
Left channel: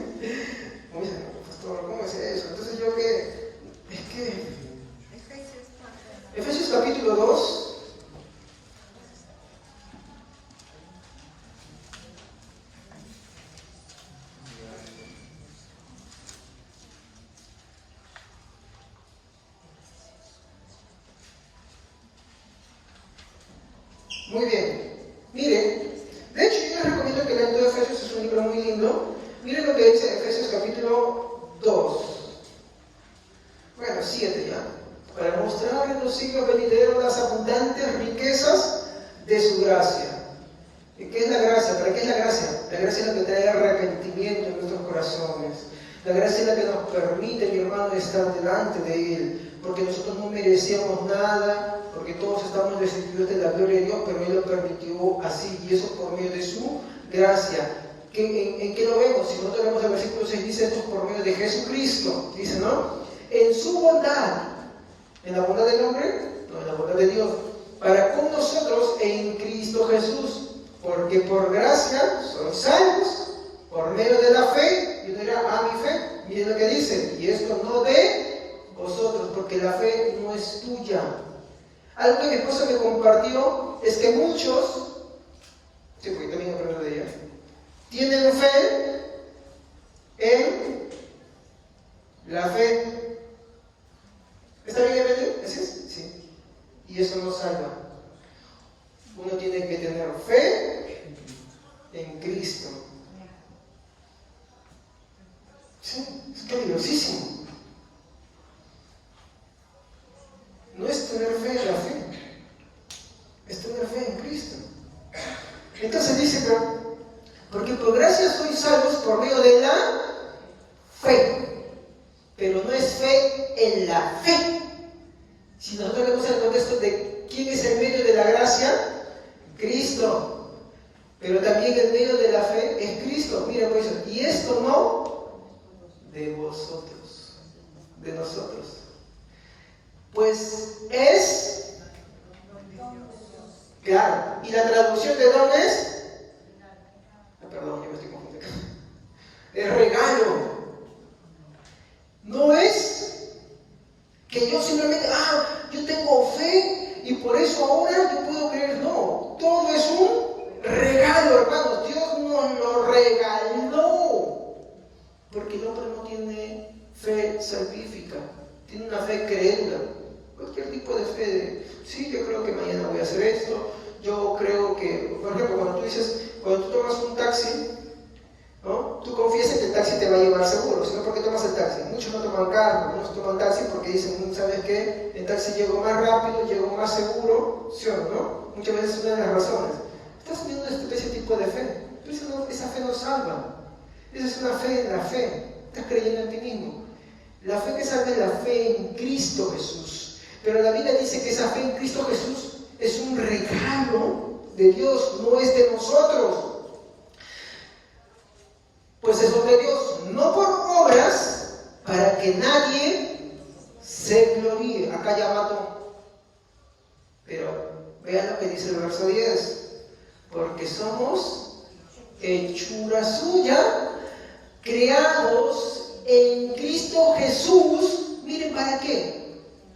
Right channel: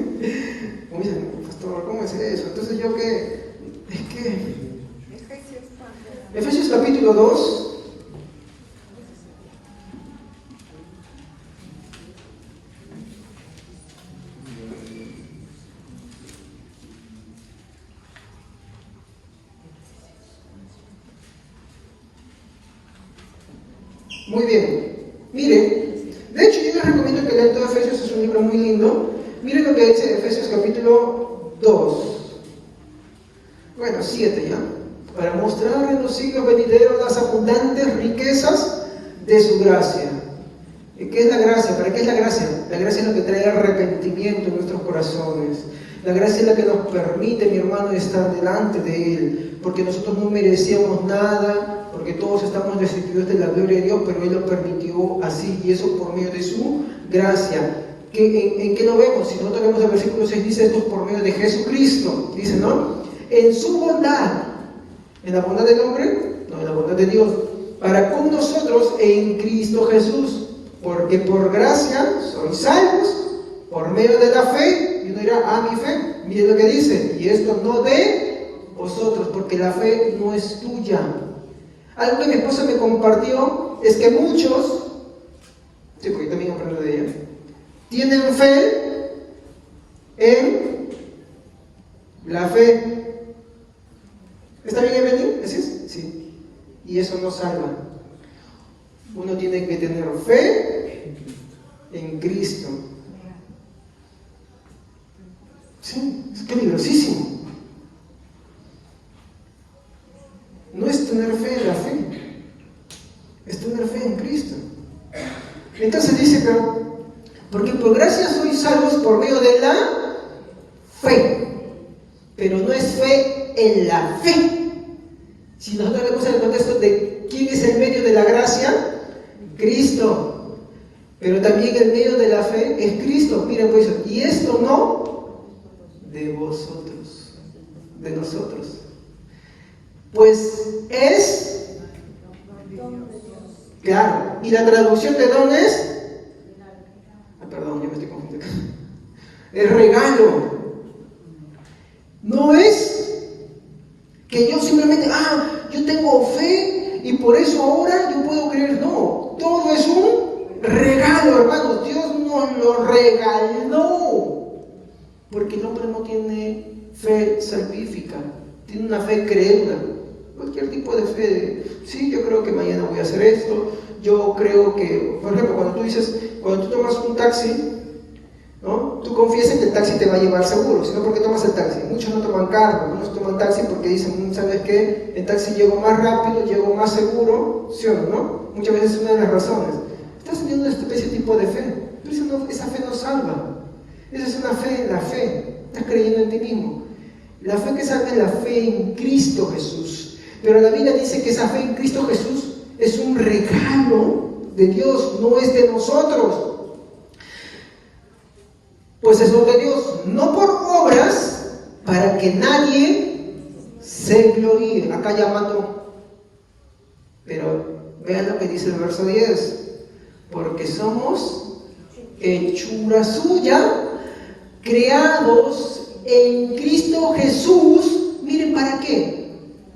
Como dicen, pastor, ¿cómo es eso? Entonces yo que... Es que... Efesios capítulo 2. Muy bien. Miren, de hecho yo les recomiendo que lean todo Efesios, es un libro muy lindo. Miren lo que dice Efesios capítulo 2. Bueno, 7 ya. Para mostrar en los siglos venideros las abundantes riquezas de su gracia. ¿Y qué es la gracia? ¿Para qué es la gracia? La gracia es lo que trae arrepentimiento en nuestros corazones. La gracia es la que nos permite, mi hermano, estar delante de Él. Porque nosotros no merecíamos nada, porque todos estamos destituidos de la gloria de Dios, pero Él lo permitió así, y eso por medio de su gracia. ¿En qué lo vemos? Si nosotros vemos el versículo 6, dice esto por medio de Jesucristo. Dice, ¿no? En su bondad. ¿En la bondad del hombre? No, en la bondad de Dios. Para con nosotros en Cristo Jesús. Porque por gracia son salvos por medio de la fe. Y uno dirá, mi fe. Miren lo que dice. Y esto no de vosotros, porque la fe no es tuya. Algo que mi esposa me compartió es que muchos, sí, porque también aprendo de ella, tienen fe en la fe. ¿Está bien, Evelyn? ¿Sí? Sí. Y eso no salva. Uno tiene que tener fe en Cristo. Sí, es peligrosísimo. No es tener fe en la fe, es tener fe en Cristo. Entonces dice, porque por gracia sois salvos por medio de la fe, pero no es fe en la fe. Si nosotros vemos el contexto de quién es el medio de la gracia, Cristo. Pero también el medio de la fe es Cristo. Miren pues, y esto no de vosotros, de nosotros. Pues es, claro, y la traducción de don es, perdón, yo me estoy confundiendo, es regalo. No es que yo simplemente, yo tengo fe y por eso ahora yo puedo creer. No, todo es un regalo, hermanos. Dios nos lo regaló. Porque el hombre no tiene fe salvífica, tiene una fe crédula. Cualquier tipo de fe, sí, yo creo que mañana voy a hacer esto, yo creo que, por ejemplo, cuando tú tomas un taxi, ¿no? Tú confías en que el taxi te va a llevar seguro, sino porque tomas el taxi. Muchos no toman carro, muchos toman taxi porque dicen, ¿sabes qué? El taxi llegó más rápido, llegó más seguro, ¿sí o no? Muchas veces es una de las razones. Estás teniendo ese tipo de fe, pero esa fe no salva. Esa es una fe en la fe, estás creyendo en ti mismo. La fe que salva es la fe en Cristo Jesús. Pero la Biblia dice que esa fe en Cristo Jesús es un regalo de Dios, no es de nosotros. Pues es lo de Dios, no por obras, para que nadie se gloríe. Acá ya mató. Pero vean lo que dice el verso 10. Porque somos hechura suya, creados en Cristo Jesús. Miren, ¿para qué?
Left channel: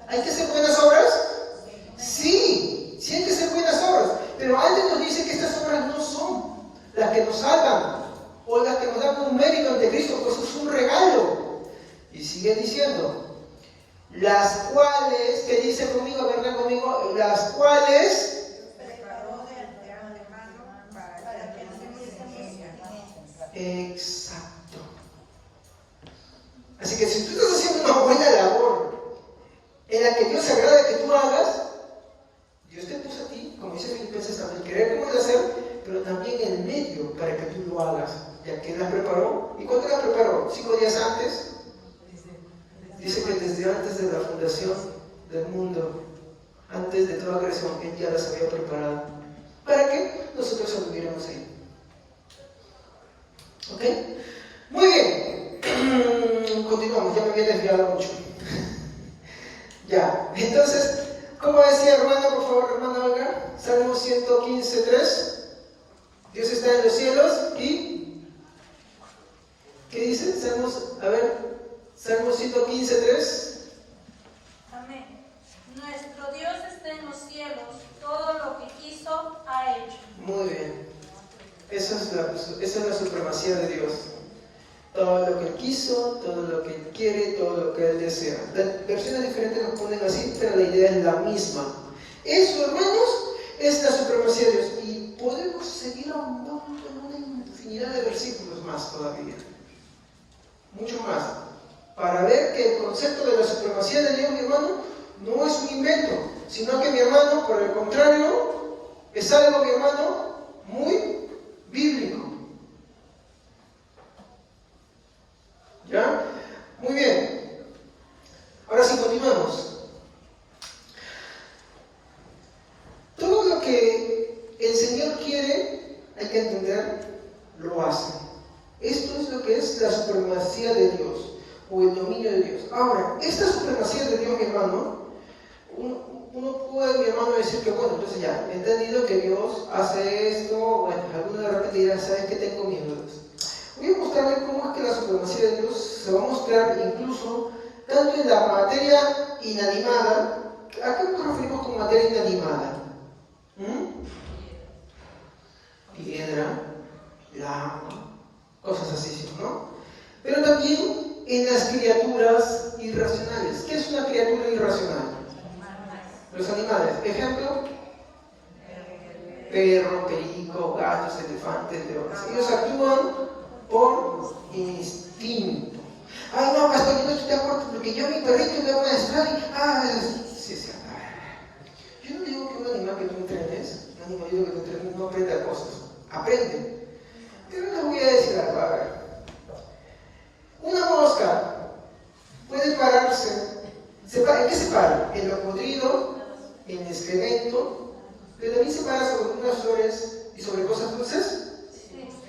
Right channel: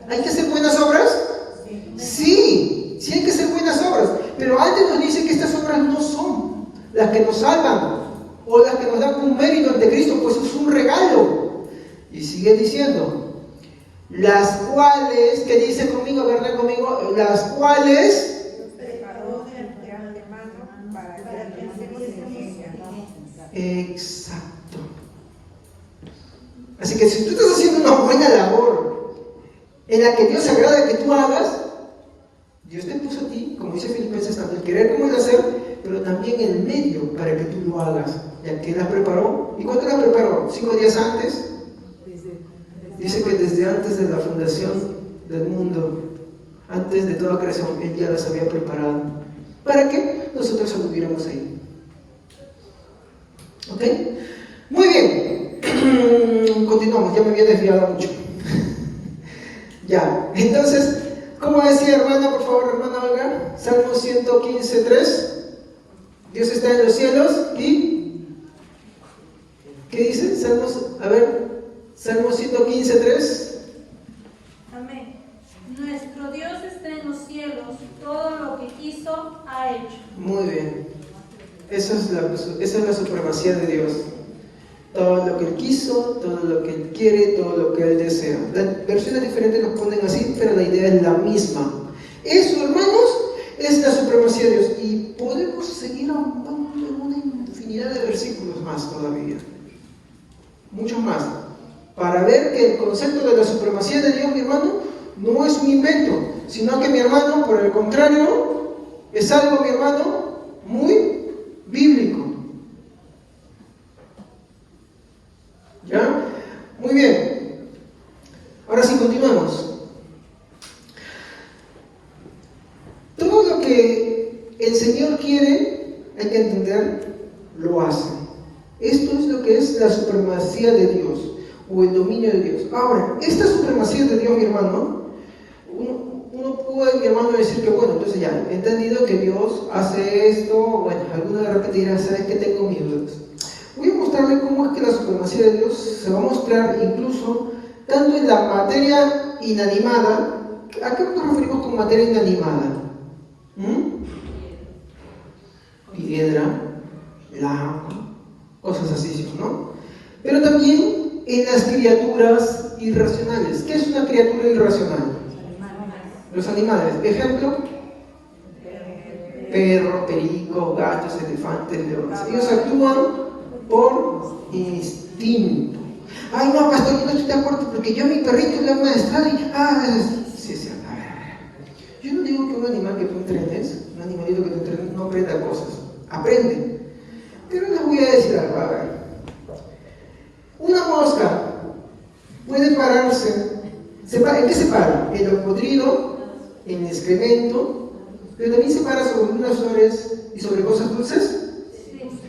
¿Hay que hacer buenas obras? Sí, sí hay que hacer buenas obras. Pero antes nos dice que estas obras no son las que nos salvan o las que nos dan un mérito ante Cristo, pues es un regalo. Y sigue diciendo, las cuales, que dice conmigo, ¿verdad? Conmigo, las cuales exacto. Así que si tú estás haciendo una buena labor en la que Dios se agrada que tú hagas, Dios te puso a ti, como dice Filipenses, tanto el querer como el hacer, pero también el medio para que tú lo hagas. ¿Y a quién las preparó? ¿Y cuándo las preparó? 5 días antes. Dice que desde antes de la fundación del mundo, antes de toda la creación, Él ya las había preparado para que nosotros estuviéramos ahí. ¿Ok? Muy bien. Continuamos, ya me había desviado mucho. Ya, entonces, ¿cómo decía hermana? Por favor, hermana Olga. Salmo 115:3. Dios está en los cielos y... ¿qué dice? Salmo 115:3. Amén. Nuestro Dios está en los cielos, todo lo que quiso ha hecho. Muy bien. Esa es la supremacía de Dios. Todo lo que Él quiso, todo lo que Él quiere, todo lo que Él desea. Las versiones diferentes nos ponen así, pero la idea es la misma. Eso, hermanos, es la supremacía de Dios. Y podemos seguir ahondando en una infinidad de versículos más todavía. Mucho más. Para ver que el concepto de la supremacía de Dios, mi hermano, no es un invento, sino que, mi hermano, por el contrario, es algo, mi hermano, muy bíblico. ¿Ya? Muy bien. Ahora sí, continuamos. Todo lo que el Señor quiere, hay que entender, lo hace. Esto es lo que es la supremacía de Dios, o el dominio de Dios. Ahora, esta supremacía de Dios, mi hermano, uno puede, mi hermano, decir que, bueno, entonces ya, he entendido que Dios hace esto, bueno, alguno de repente dirá, ¿sabes qué? Tengo mis dudas. Voy a mostrarle cómo es que la supremacía de Dios se va a mostrar incluso tanto en la materia inanimada. ¿A qué nos referimos con materia inanimada? Piedra, lava, cosas así, ¿no? Pero también en las criaturas irracionales. ¿Qué es una criatura irracional? Los animales. Ejemplo: perro, perico, gatos, elefantes, leones. Ellos actúan por instinto. Ay, no, pastor, yo no estoy de acuerdo porque yo a mi perrito le hago una desplada y... sí, a ver. Yo no digo que un animal que tú entrenes, un animalito que tú entrenes, no aprenda cosas. Aprende. Pero les voy a decir algo. A ver. Una mosca puede pararse. ¿En qué se para? En lo podrido, en el excremento, pero también se para sobre unas flores y sobre cosas dulces.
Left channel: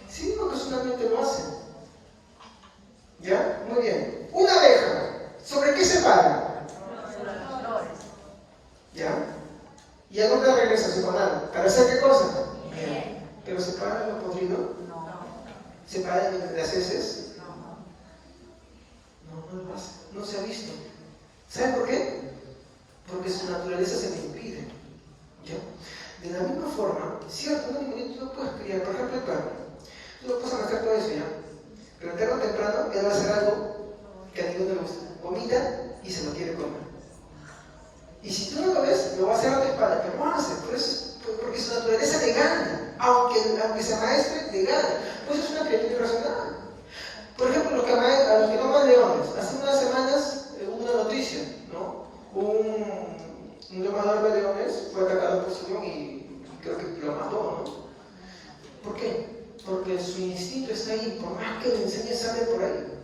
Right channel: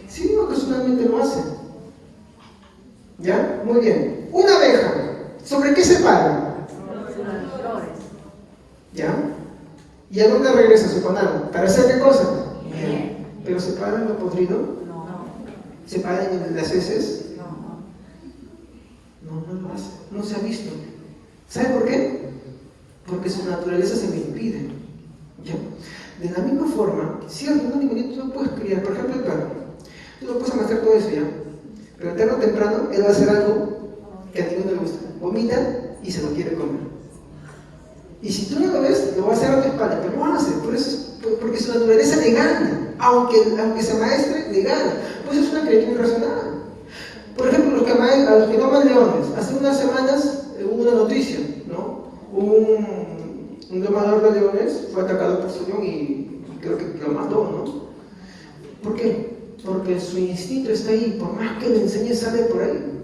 Sí, ocasionalmente lo hace. ¿Ya? Muy bien. Una abeja, ¿sobre qué se para? ¿Ya? ¿Y a dónde regresa? ¿Se para? ¿Para hacer qué cosa? Bien. ¿Pero se para en lo podrido? No. ¿Se para en las heces? No lo hace. No se ha visto. ¿Sabe por qué? Porque su naturaleza se le impide. ¿Ya? De la misma forma, cierto, un animalito tú lo puedes criar, por ejemplo el perro. Tú lo puedes arrastrar todo eso, ¿ya? Pero tarde o temprano él va a hacer algo que a ti no le gusta. Vomita y se lo quiere comer. Y si tú no lo ves, lo va a hacer a tu espalda, pero no lo hace, porque su naturaleza le gana. Aunque se maestre, le gana. Pues es una criatura irracional. Por ejemplo, a los que no aman leones. Hace unas semanas hubo una noticia, ¿no? Un domador de leones fue atacado por su león y creo que lo mató, ¿no? ¿Por qué? Porque su instinto está ahí, por más que le enseñe, sale por ahí.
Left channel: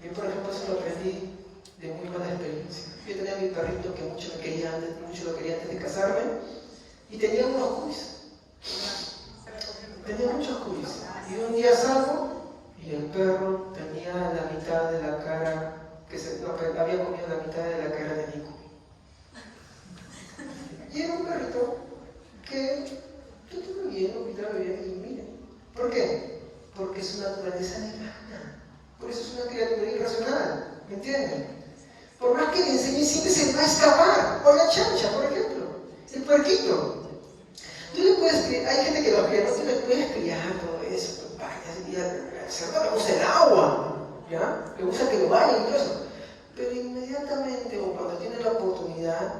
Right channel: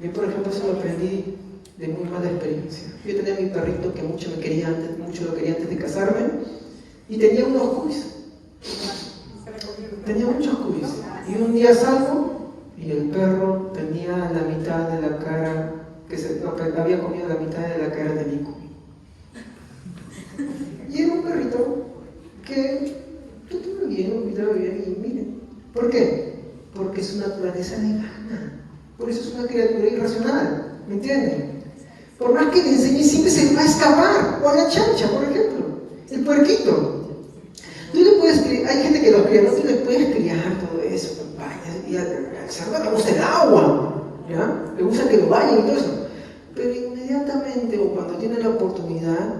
Yo, por ejemplo, eso lo aprendí de muy mala experiencia. Yo tenía a mi perrito que mucho lo quería antes de casarme, y tenía unos curis. Tenía muchos curis. Y un día salgo y el perro tenía la mitad de la cara, que había comido la mitad de la cara de Nico. Y era un perrito que todo bien, cuidaba bien, y miren. ¿Por qué? Porque su naturaleza le gana. Por eso es una criatura irracional. ¿Me entienden? Por más que le enseñe, siempre se va a escapar. O la chancha, por ejemplo. El puerquito. Tú le puedes criar, hay gente que lo cría, ¿no? Tú le puedes criar todo eso, y al cerdo le gusta el agua, ¿ya? Le gusta que lo bañen y todo eso. Pero inmediatamente, o cuando tiene la oportunidad,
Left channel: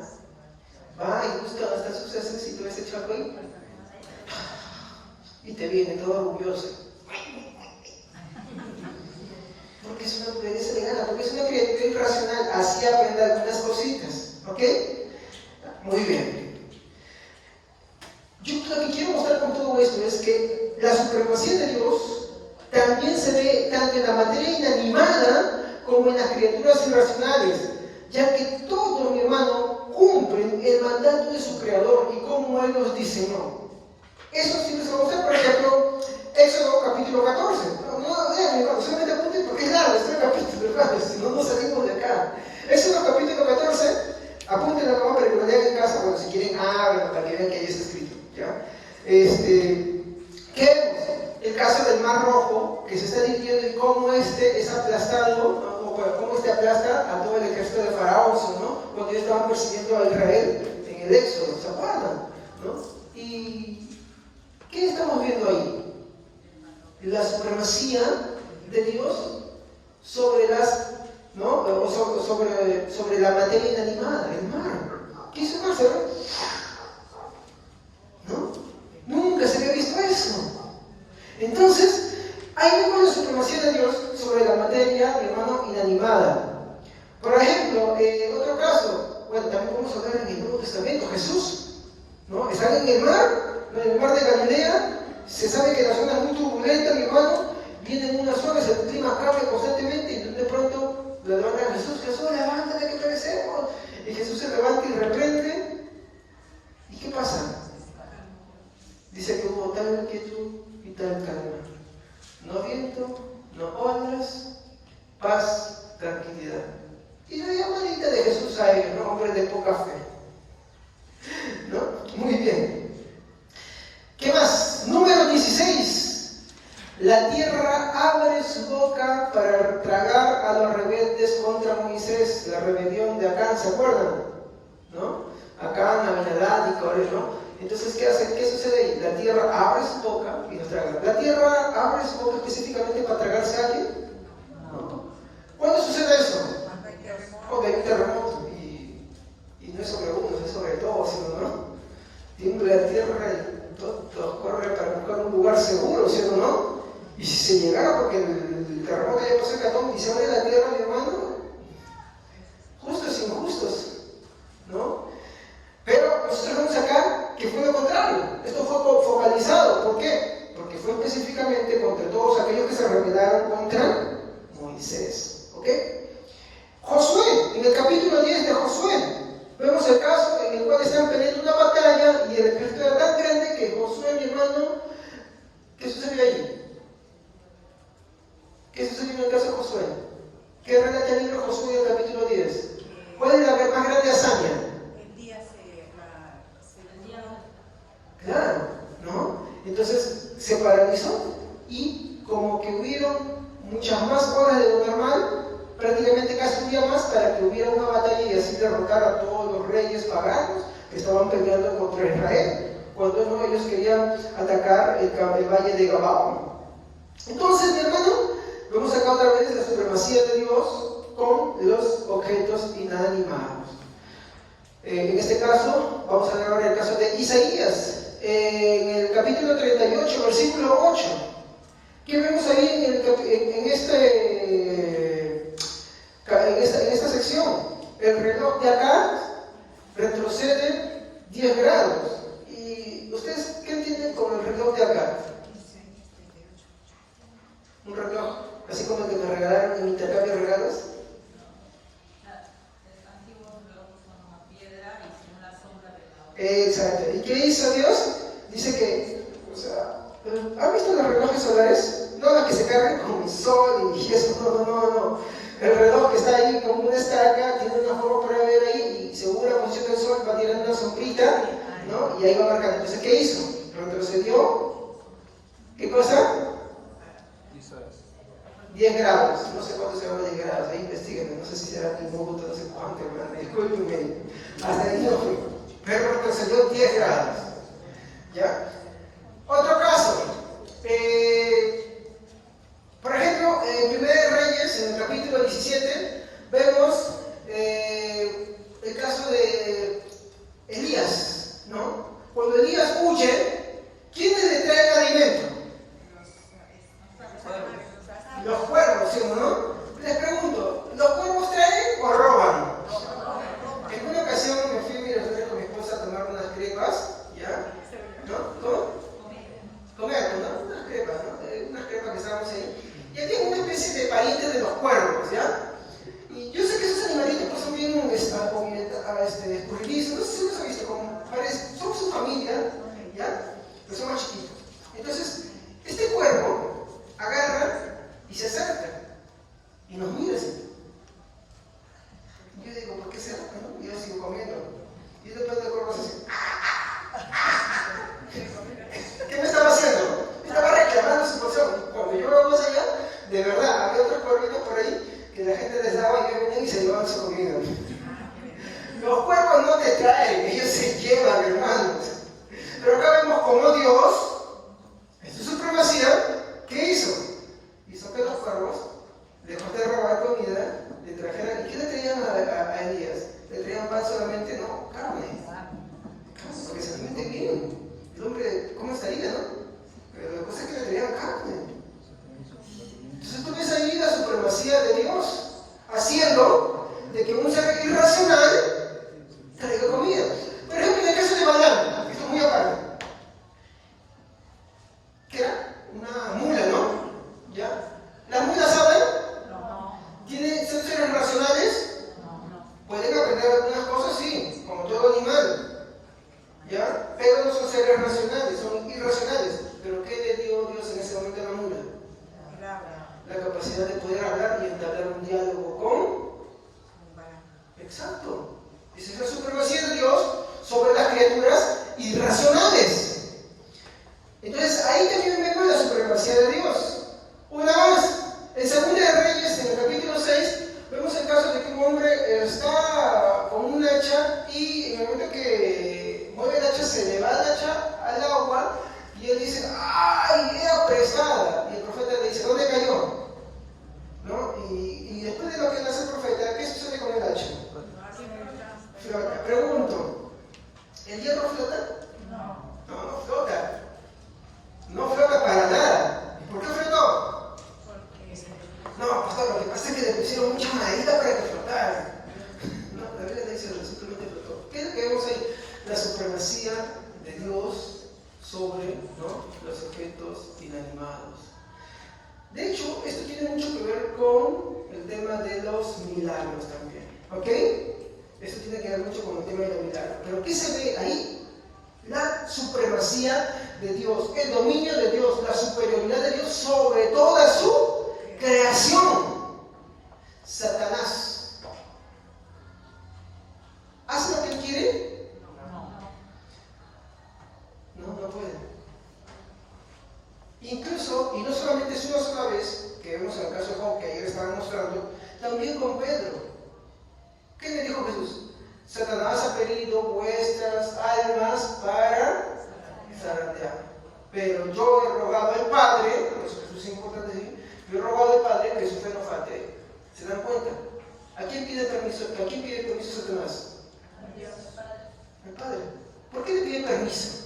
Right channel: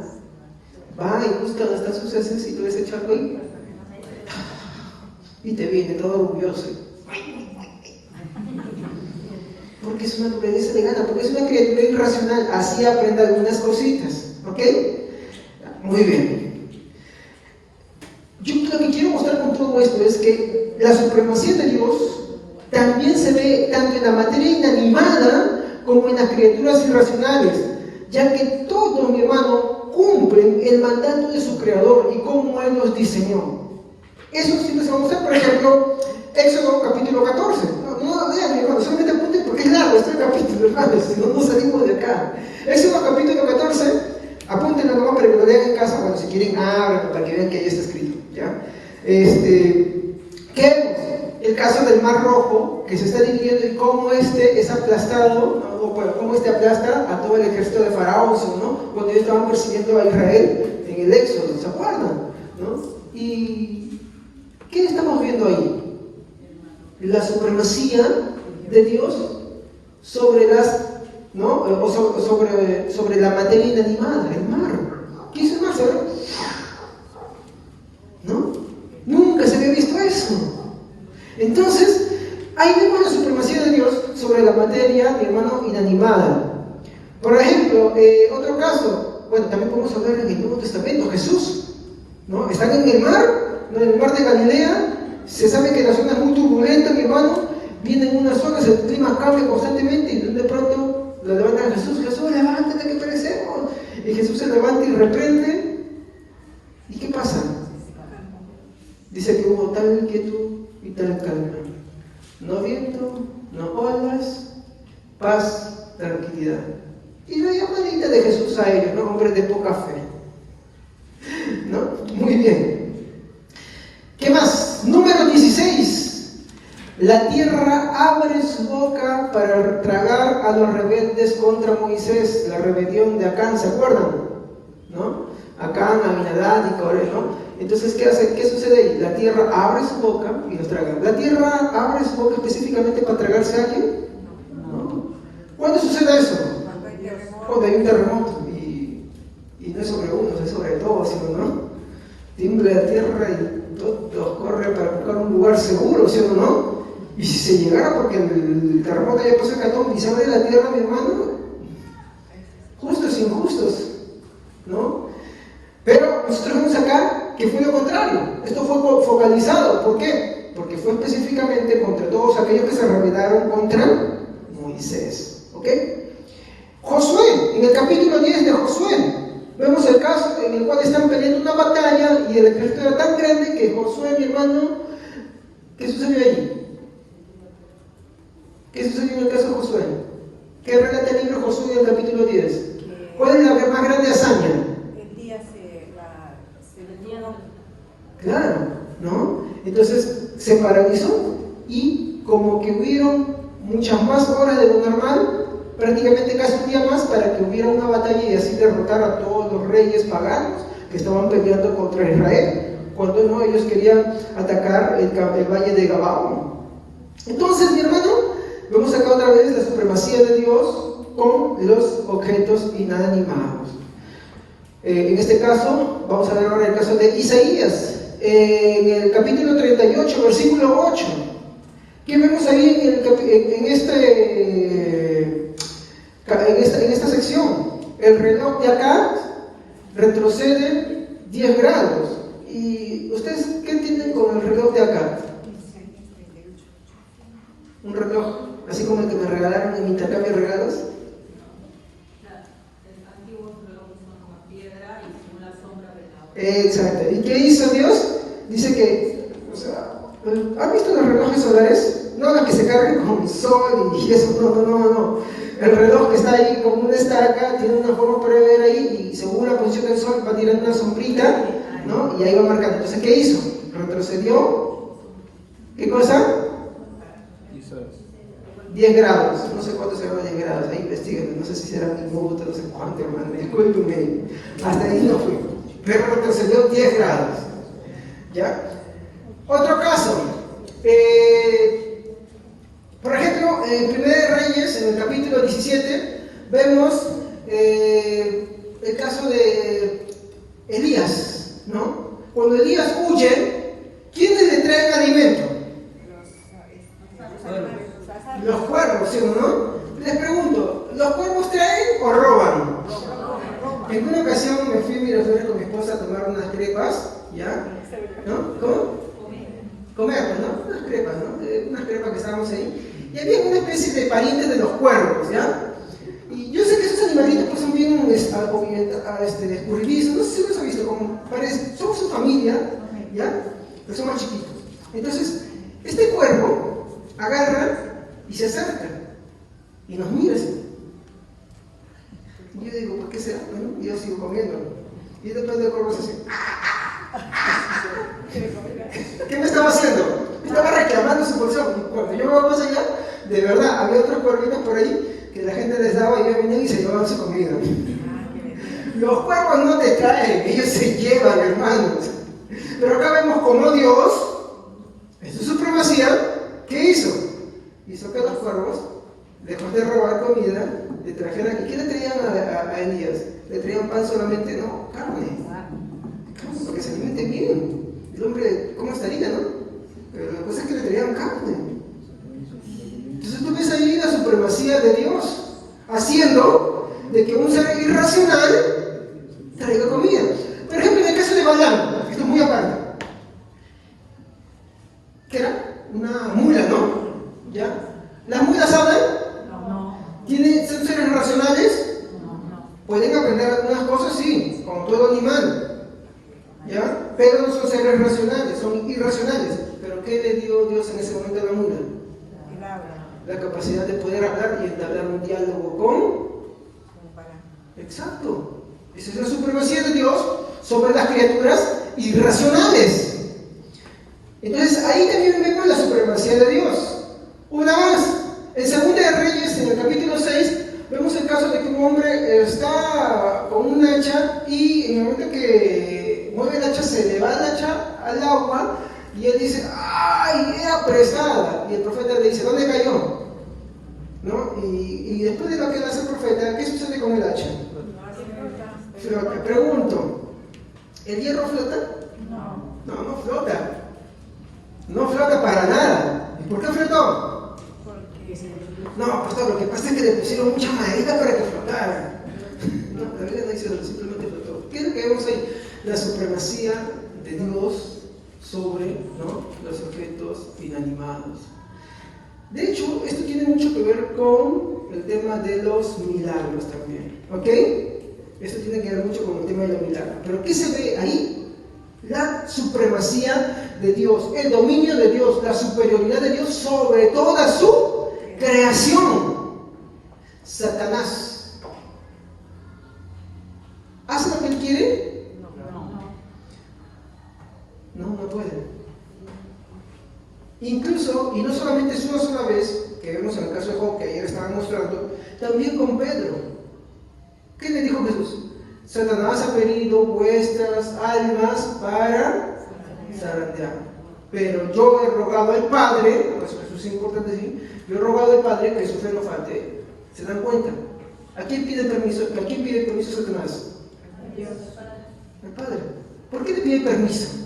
va y busca donde están sus heces y tú les echas algo ahí. Y te viene todo orgulloso. Porque es una naturaleza de gana, porque es una criatura irracional. Así aprende algunas cositas. ¿Ok? Muy bien. lo que quiero mostrar con todo esto es que la supremacía de Dios también se ve tanto en la materia inanimada como en las criaturas irracionales, ya que todos, mi hermano, cumplen el mandato de su Creador y cómo Él los diseñó. Eso sí les vamos a mostrar, por ejemplo, Éxodo capítulo 14. No, vean, mi hermano, solamente apunten porque es largo este capítulo, hermanos, si no, no salimos de acá. Éxodo capítulo 14, apunten a mamá para que lo lean en casa, bueno, si quieren, para que vean que ahí está escrito, ¿ya? ¿Qué vemos? El caso del Mar Rojo, que se está dividiendo y cómo este es aplastado, ¿no? O cómo este aplasta a todo el ejército de Faraón, ¿no? Cuando ellos estaban persiguiendo a Israel en el Éxodo, ¿se acuerdan? ¿No? ¿Y qué estamos viendo ahí? La supremacía de Dios sobre las, ¿no? O sobre la materia inanimada, el mar. ¿Qué es el mar? ¿Saben? ¿No? Nunca se había visto eso. Entonces, ahí vemos la supremacía de Dios sobre la materia, mi hermano, inanimada. Por ejemplo, otro caso, bueno, también podemos hablar en el Nuevo Testamento, Jesús, ¿no? Están en el mar, ¿no? En el mar de Galilea, se sabe que la zona es muy turbulenta, mi hermano, vienen unas olas, el clima cambia constantemente y de pronto lo levantan a Jesús, Jesús, levántate que perecemos. Y Jesús se levanta y reprende. ¿Y qué pasa? Dice que hubo tal inquietud y tal calma. No viento, no olas, paz, tranquilidad. Y la llamadita de Jesús a ellos, ¿no? Hombres de poca fe. ¿No? Muy bien. ¿Qué más? Número 16. La tierra abre su boca para tragar a los rebeldes contra Moisés. La rebelión de Acán, ¿se acuerdan? ¿No? Acán, Aminadab y Coré, ¿no? Entonces, ¿qué hace? ¿Qué sucede ahí? La tierra abre su boca y los traga. ¿La tierra abre su boca específicamente para tragarse a alguien? No. ¿Cuándo sucede eso? Cuando hay un terremoto. Y no es sobre uno, es sobre todos, ¿no? Tiembla la tierra y todos corren para buscar un lugar seguro, ¿sí o no? Y si se llegara, porque el terremoto ya pasó Catón y se abre la tierra, mi hermano, justos e injustos, ¿no? Pero nosotros vemos acá que fue lo contrario. Esto fue focalizado. ¿Por qué? Porque fue específicamente contra todos aquellos que se rebelaron contra Moisés. ¿Ok? Josué, en el capítulo 10 de Josué, vemos el caso en el cual están peleando una batalla y el ejército era tan grande que Josué, mi hermano, ¿qué sucedió ahí? ¿Qué sucedió en el caso de Josué? ¿Qué relata el libro de Josué en el capítulo 10? ¿Cuál es la más grande hazaña? Claro, ¿no? Entonces se paralizó y como que hubieron muchas más horas de lo normal, prácticamente casi un día más para que hubiera una batalla y así derrotar a todos los reyes paganos que estaban peleando contra Israel, cuando no ellos querían atacar el valle de Gabaón. Entonces, mi hermano, vemos acá otra vez la supremacía de Dios con los objetos inanimados. En este caso, vamos a ver ahora el caso de Isaías. En el capítulo 38, versículo 8, ¿qué vemos ahí en esta sección? El reloj de acá retrocede 10 grados. ¿Y ustedes qué entienden con el reloj de acá? Un reloj, así como el que me regalaron en intercambio de regalos. Exacto. ¿Y qué hizo Dios? Dice que, o sea, ¿han visto los relojes solares? No los que se cargan con sol y eso, no. El reloj está ahí como una estaca, tiene una forma para ver ahí y según la posición del sol va tirando una sombrita, ¿no? Y ahí va marcando. Entonces, ¿qué hizo? Retrocedió. ¿Qué cosa? 10 grados. No sé cuánto se llama 10 grados. Ahí investiguen. No sé si será minuto, no sé cuánto, hermano. Discúlpenme. Hasta ahí no fui. Pero retrocedió 10 grados. ¿Ya? Otro caso. Por ejemplo, en Primera de Reyes, en el capítulo 17, vemos el caso de Elías, ¿no? Cuando Elías huye, ¿quiénes le traen alimento? Los cuervos, ¿sí o no? Les pregunto, ¿los cuervos traen o roban? En una ocasión me fui, los viernes con mi esposa a tomar unas crepas, ¿ya? ¿No? ¿Cómo? Comer, pues, ¿no? Unas crepas, ¿no? Unas crepas que estábamos ahí. Y había una especie de parientes de los cuervos, ¿ya? Y yo sé que esos animalitos pues, son bien escurridizos, no sé si los has visto, como parece, son su familia, ¿ya? Pero son más chiquitos. Entonces, este cuervo agarra y se acerca y nos mira así. Y yo digo, ¿por qué será? Bueno, y yo sigo comiendo. Y después del cuervo se hace. ¿Qué me estaba haciendo? Estaba reclamando su porción. Cuando yo me voy allá, de verdad, había otros cuervitos por ahí que la gente les daba y ellos venían y se llevaban su comida. Los cuervos no te traen, ellos se llevan, hermanos. Pero acá vemos cómo Dios, en su supremacía, ¿qué hizo? Hizo que los cuervos, lejos de robar comida, le trajeran. ¿Y qué le traían a Elías? ¿Le traían pan solamente? No, carne. Carne, para que se alimente bien. El hombre, ¿cómo estaría, no? Pero la cosa es que le traían carne. Entonces tú ves ahí la supremacía de Dios, haciendo de que un ser irracional traiga comida. Por ejemplo, en el caso de Balaam, esto es muy aparte, que era una mula, ¿no? ¿Ya? ¿Las mulas hablan? No. ¿Son seres racionales? No. Pueden aprender algunas cosas, sí, como todo animal, ¿ya? Pero no son seres racionales, son irracionales. ¿Pero qué le dio Dios en ese momento a la mula? La capacidad de poder hablar y entablar un diálogo con... Exacto. Esa es la supremacía de Dios sobre las criaturas irracionales. Entonces ahí también vemos la supremacía de Dios. Una más, en Segunda de Reyes, en el capítulo 6, vemos el caso de que un hombre está con un hacha y en el momento que mueve el hacha se le va el hacha al agua y él dice, ¡ay, era pesada! Y el profeta le dice, ¿dónde cayó? ¿No? Y después de lo que le hace el profeta, ¿qué sucede con el hacha? Flota. Pregunto, ¿el hierro flota? No flota. No flota para nada. ¿Y por qué flotó? No, pastor, lo que pasa es que le pusieron mucha madera para que flotara. No, la Biblia no dice eso, simplemente flotó. ¿Qué es lo que vemos ahí? La supremacía de Dios sobre, ¿no?, los objetos inanimados. De hecho, esto tiene mucho que ver con el tema de los milagros también, ¿ok? Esto tiene que ver mucho con el tema de los milagros. Pero ¿qué se ve ahí? La supremacía de Dios, el dominio de Dios, la superioridad de Dios sobre toda su creación. Satanás ¿hace lo que él quiere? No puede. Incluso, y no solamente es una sola vez, que vemos en el caso de Job, que ayer estaba mostrando, también con Pedro. ¿Qué le dijo Jesús? Satanás ha pedido vuestras almas para zarandear. Pero yo he rogado al Padre, eso es importante decir, yo he rogado al Padre que su fe no falte. ¿Se dan cuenta? ¿A quién pide permiso Satanás? Al Padre. ¿Por qué le pide permiso?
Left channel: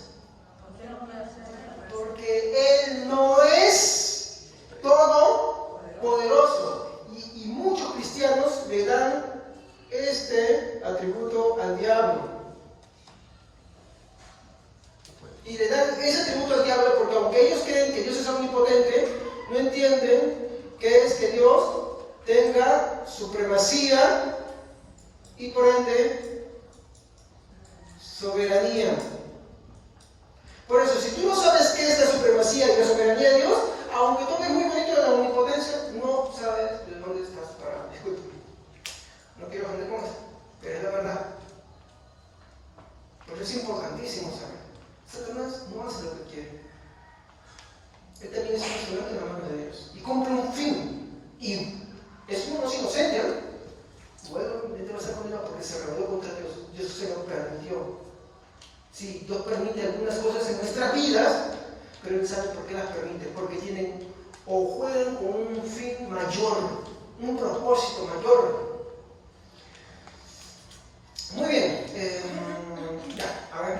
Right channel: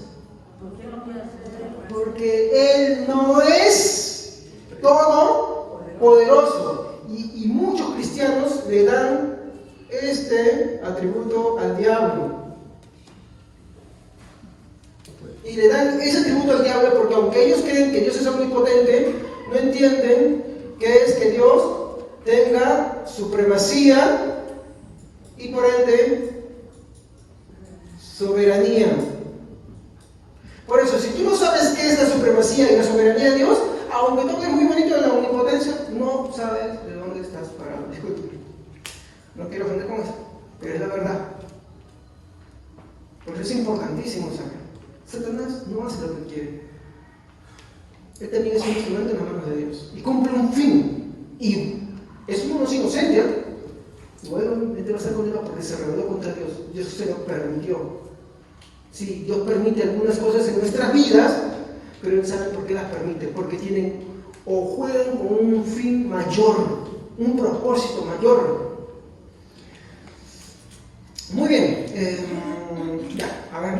Porque Él no es todopoderoso. Y muchos cristianos le dan este atributo al diablo. Y le dan ese atributo al diablo porque aunque ellos creen que Dios es omnipotente, no entienden que es que Dios tenga supremacía y por ende soberanía. Por eso, si tú no sabes qué es la supremacía y la soberanía de Dios, aunque toques muy bonito de la omnipotencia, no sabes de dónde estás parado. Disculpe. No quiero ofender con eso, pero es la verdad. Por eso es importantísimo saber. Satanás no hace lo que quiere. Él también es un instrumento en la mano de Dios. Y cumple un fin. Y es uno no inocente. Luego él va a ser condenado porque se rebeló contra Dios. Dios se lo permitió. Sí, Dios permite algunas cosas en nuestras vidas, pero Él sabe por qué las permite. Porque tienen o juegan con un fin mayor, un propósito mayor. Muy bien. Ya, a ver.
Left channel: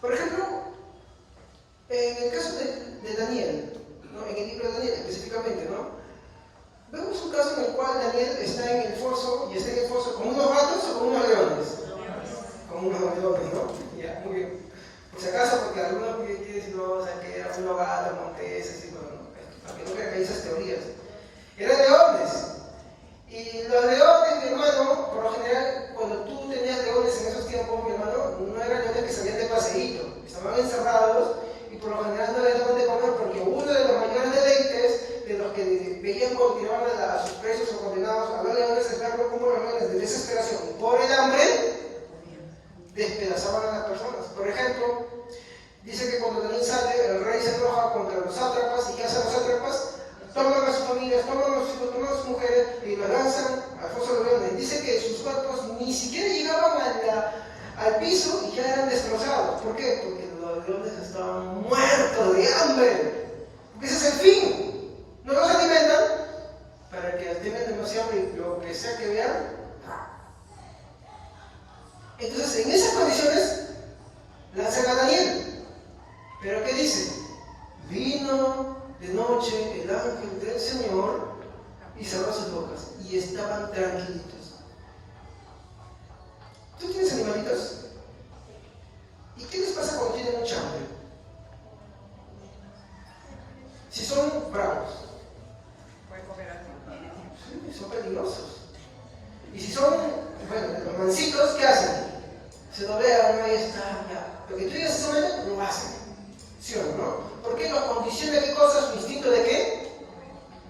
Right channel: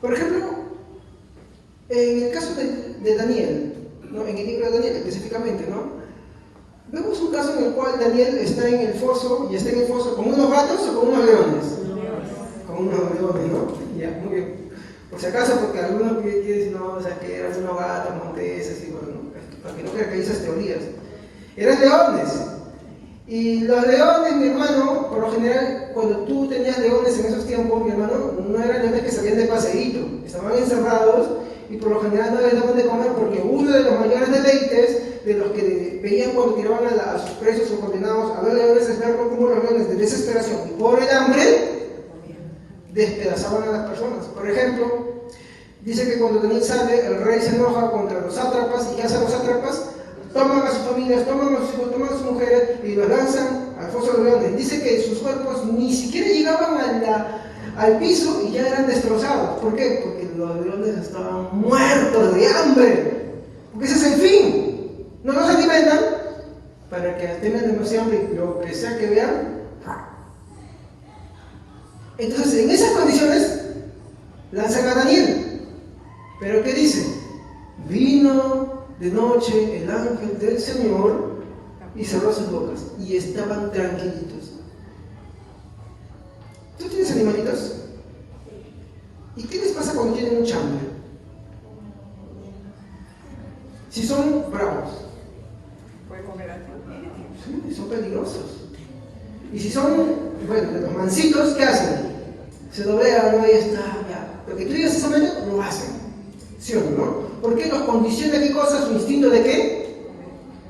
Por ejemplo, en el caso de Daniel, ¿no?, en el libro de Daniel específicamente, ¿no?, Vemos un caso en el cual Daniel está en el foso, y está en el foso con unos gatos o con unos leones. Con unos leones, ¿no? Ya, muy bien. Por si acaso, porque algunos quieren decir, no, o sea, que eran unos gatos, monteses, y bueno, para que no crean que hay esas teorías. Eran leones. Y los leones, mi hermano, por lo general, cuando tú tenías leones en esos tiempos, mi hermano, no eran leones que salían de paseíto, estaban encerrados y por lo general no les daban de comer porque uno de los mayores deleites de los que veían cuando tiraban a sus presos o condenados a los leones es ver cómo los leones de desesperación y por el hambre despedazaban a las personas. Por ejemplo, dice que cuando Daniel sale, el rey se enoja contra los sátrapas. ¿Y qué hacen los sátrapas? Toman a sus familias, toman a sus hijos, toman a sus mujeres y los lanzan al foso de los leones. Dice que sus cuerpos ni siquiera llegaban al piso y ya eran destrozados. ¿Por qué? Porque los leones estaban muertos de hambre. Porque ese es el fin. No los alimentan para que tengan demasiado hambre y lo que sea que vean. Entonces, en esas condiciones, lanzan a Daniel. ¿Pero qué dice? Vino de noche el ángel del Señor y cerró sus bocas y estaban tranquilitos. ¿Tú tienes animalitos? ¿Y qué les pasa cuando tienen mucha hambre? Si son bravos, sí, son peligrosos. Y si son, bueno, los mansitos, ¿qué hacen? Se doblegan, ¿no? Y está, ya. Lo que tú digas ese momento, lo hacen. ¿Sí o no? ¿Por qué los condiciona qué cosa? Su instinto de qué?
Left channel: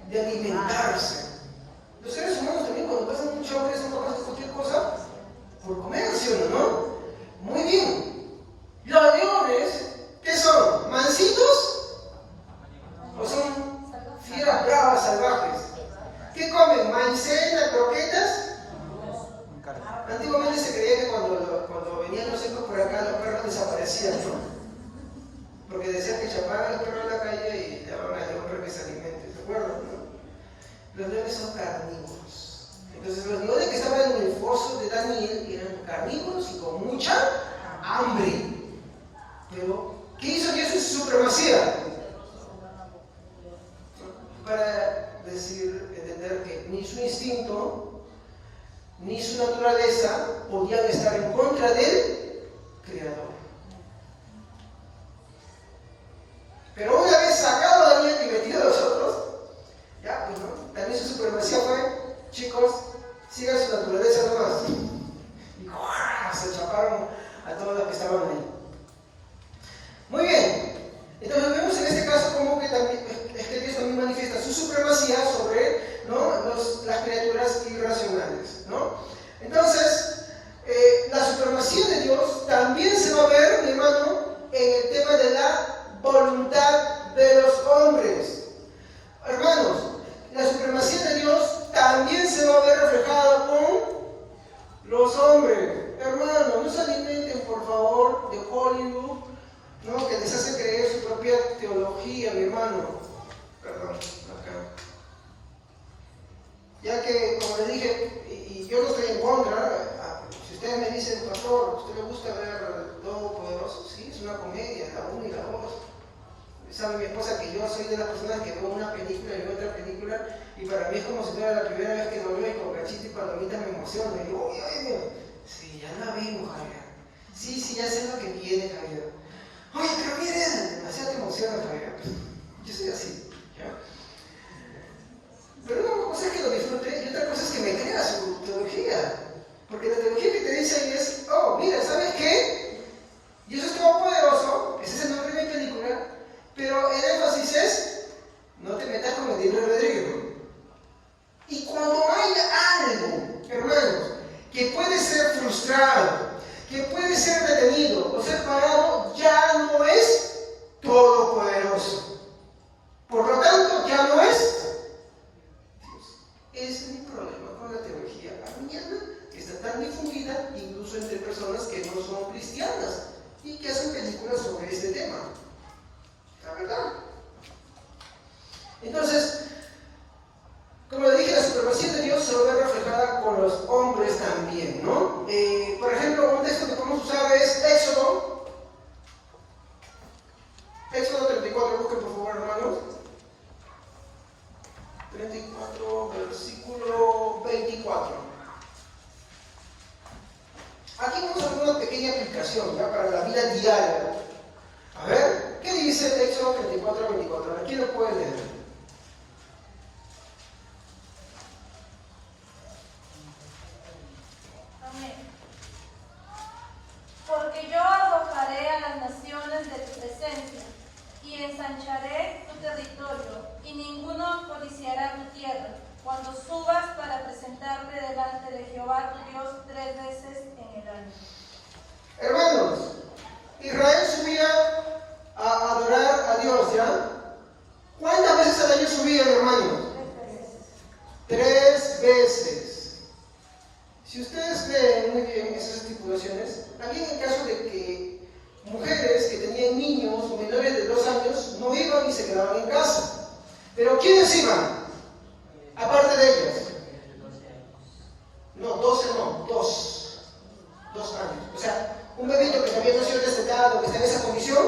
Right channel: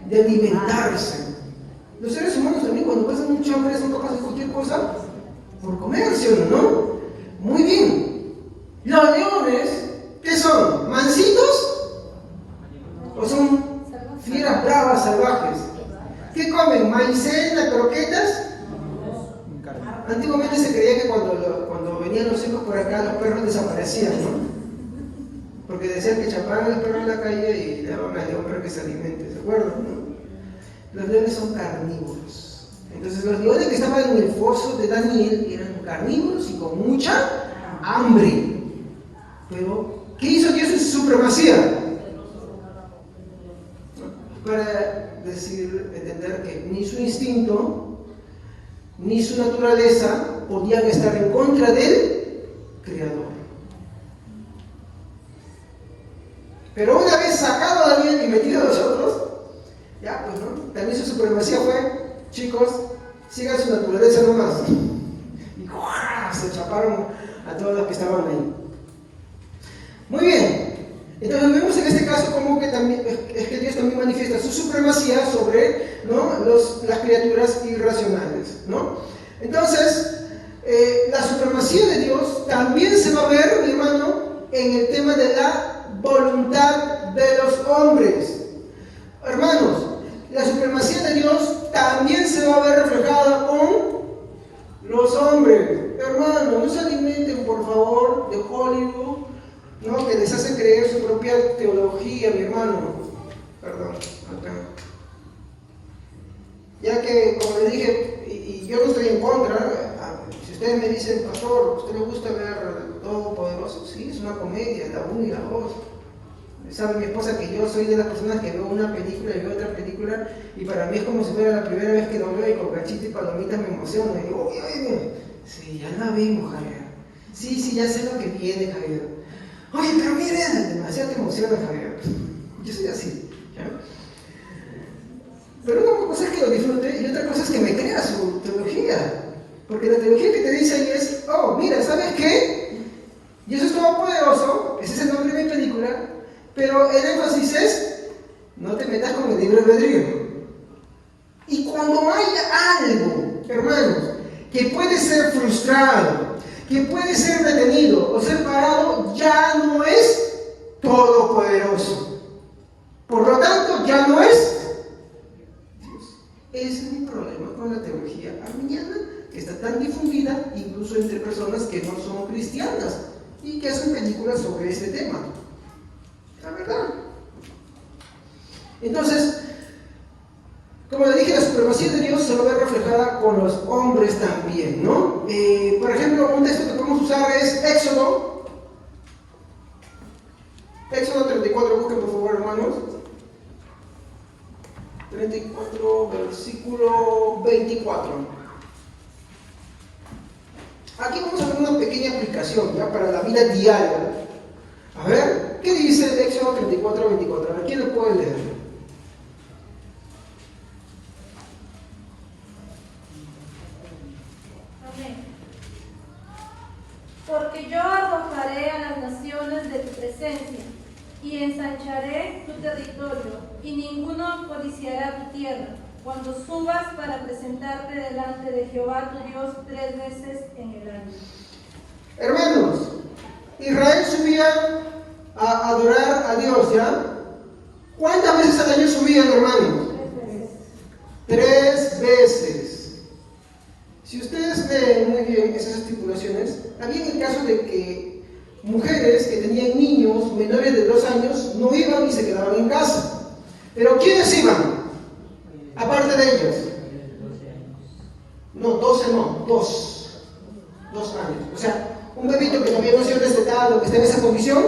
De alimentarse. Los seres humanos también cuando pasan mucha hambre son capaces de cualquier cosa por comer, ¿sí o no? Muy bien. Los leones, ¿qué son? ¿Mansitos? ¿O son fieras bravas, salvajes? ¿Qué comen? ¿Maicena, croquetas? Antiguamente se creía que cuando venían los hijos por acá, los perros desaparecían, ¿no? Porque decían que chapaban a los perros en la calle y le daban al león para que se alimente, ¿se acuerdan? ¿No? Los leones son carnívoros. Entonces los leones que estaban en el foso de Daniel eran carnívoros y con mucha hambre. Pero, ¿qué hizo Dios en su supremacía? Para entender que ni su instinto ni su naturaleza podían estar en contra del Creador. Pero una vez sacado a Daniel y metido a los otros, ya pues no, también su supremacía fue, chicos, sigan su naturaleza nomás. Y se chaparon a todos los que estaban ahí. Muy bien. Entonces vemos en este caso como que también es que Dios también manifiesta su supremacía sobre, ¿no?, las criaturas irracionales, ¿no? Entonces, la supremacía de Dios también se va a ver, mi hermano, en el tema de la voluntad de los hombres. Hermanos, la supremacía de Dios también se va a ver reflejada con los hombres. Hermanos, no se alimenten, por favor, de Hollywood, ¿no?, que les hace creer su propia teología, mi hermano. Perdón, acá. Ya que, como les dije, y yo no estoy en contra, si ustedes me dicen, pastor, ¿a usted le gusta ver Todopoderoso? Sí, es una comedia, la 1 y la 2. Sabe mi esposa que yo soy de las personas que veo una película y veo otra película y para mí es como si fuera la primera vez que lo veo y con cachito y palomitas me emociono y digo, oye, sí, ya la vimos, Javier. Sí, ya sé lo que viene, Javier. Oye, pero mira, demasiado te emociona, Javier. Yo soy así, ¿ya? Pero una cosa es que lo disfrute y otra cosa es que me crea su teología. Porque la teología que te dice ahí es, oh, mira, ¿sabes qué? Dios es todopoderoso, ese es el nombre de mi película, pero el énfasis es, no te metas con el libre albedrío. Y cuando haya algo, hermanos, que puede ser frustrado, que puede ser detenido o ser parado, ya no es todopoderoso. Por lo tanto, ya no es Dios. Ese es mi problema con la teología arminiana, que está tan difundida incluso entre personas que no son cristianas y que hacen películas sobre este tema. La verdad. Entonces, como le dije, la supremacía de Dios se va a ver reflejada con los hombres también, ¿no? Por ejemplo, un texto que podemos usar es Éxodo 34, busquen por favor, hermanos. 34, versículo 24. Aquí vamos a ver una pequeña aplicación ¿ya? Para la vida diaria. A ver, ¿qué dice el Éxodo 34, 24? ¿Quién lo puede leer? Amén. Porque yo arrojaré a las naciones de tu presencia y ensancharé tu territorio, y ninguno codiciará tu tierra, cuando subas para presentarte delante de Jehová tu Dios 3 veces en el año. Hermanos, Israel subía a adorar a Dios, ¿ya? ¿Cuántas veces al año subían, hermanos? 3 veces. 3 veces. Si ustedes leen muy bien esas estipulaciones, había el caso de que mujeres que tenían niños menores de 2 años no iban y se quedaban en casa. Pero ¿quiénes iban? Aparte de ellas. No, 12 no, 2 años. O sea, un bebito que todavía no se ha destetado, que está en esa condición,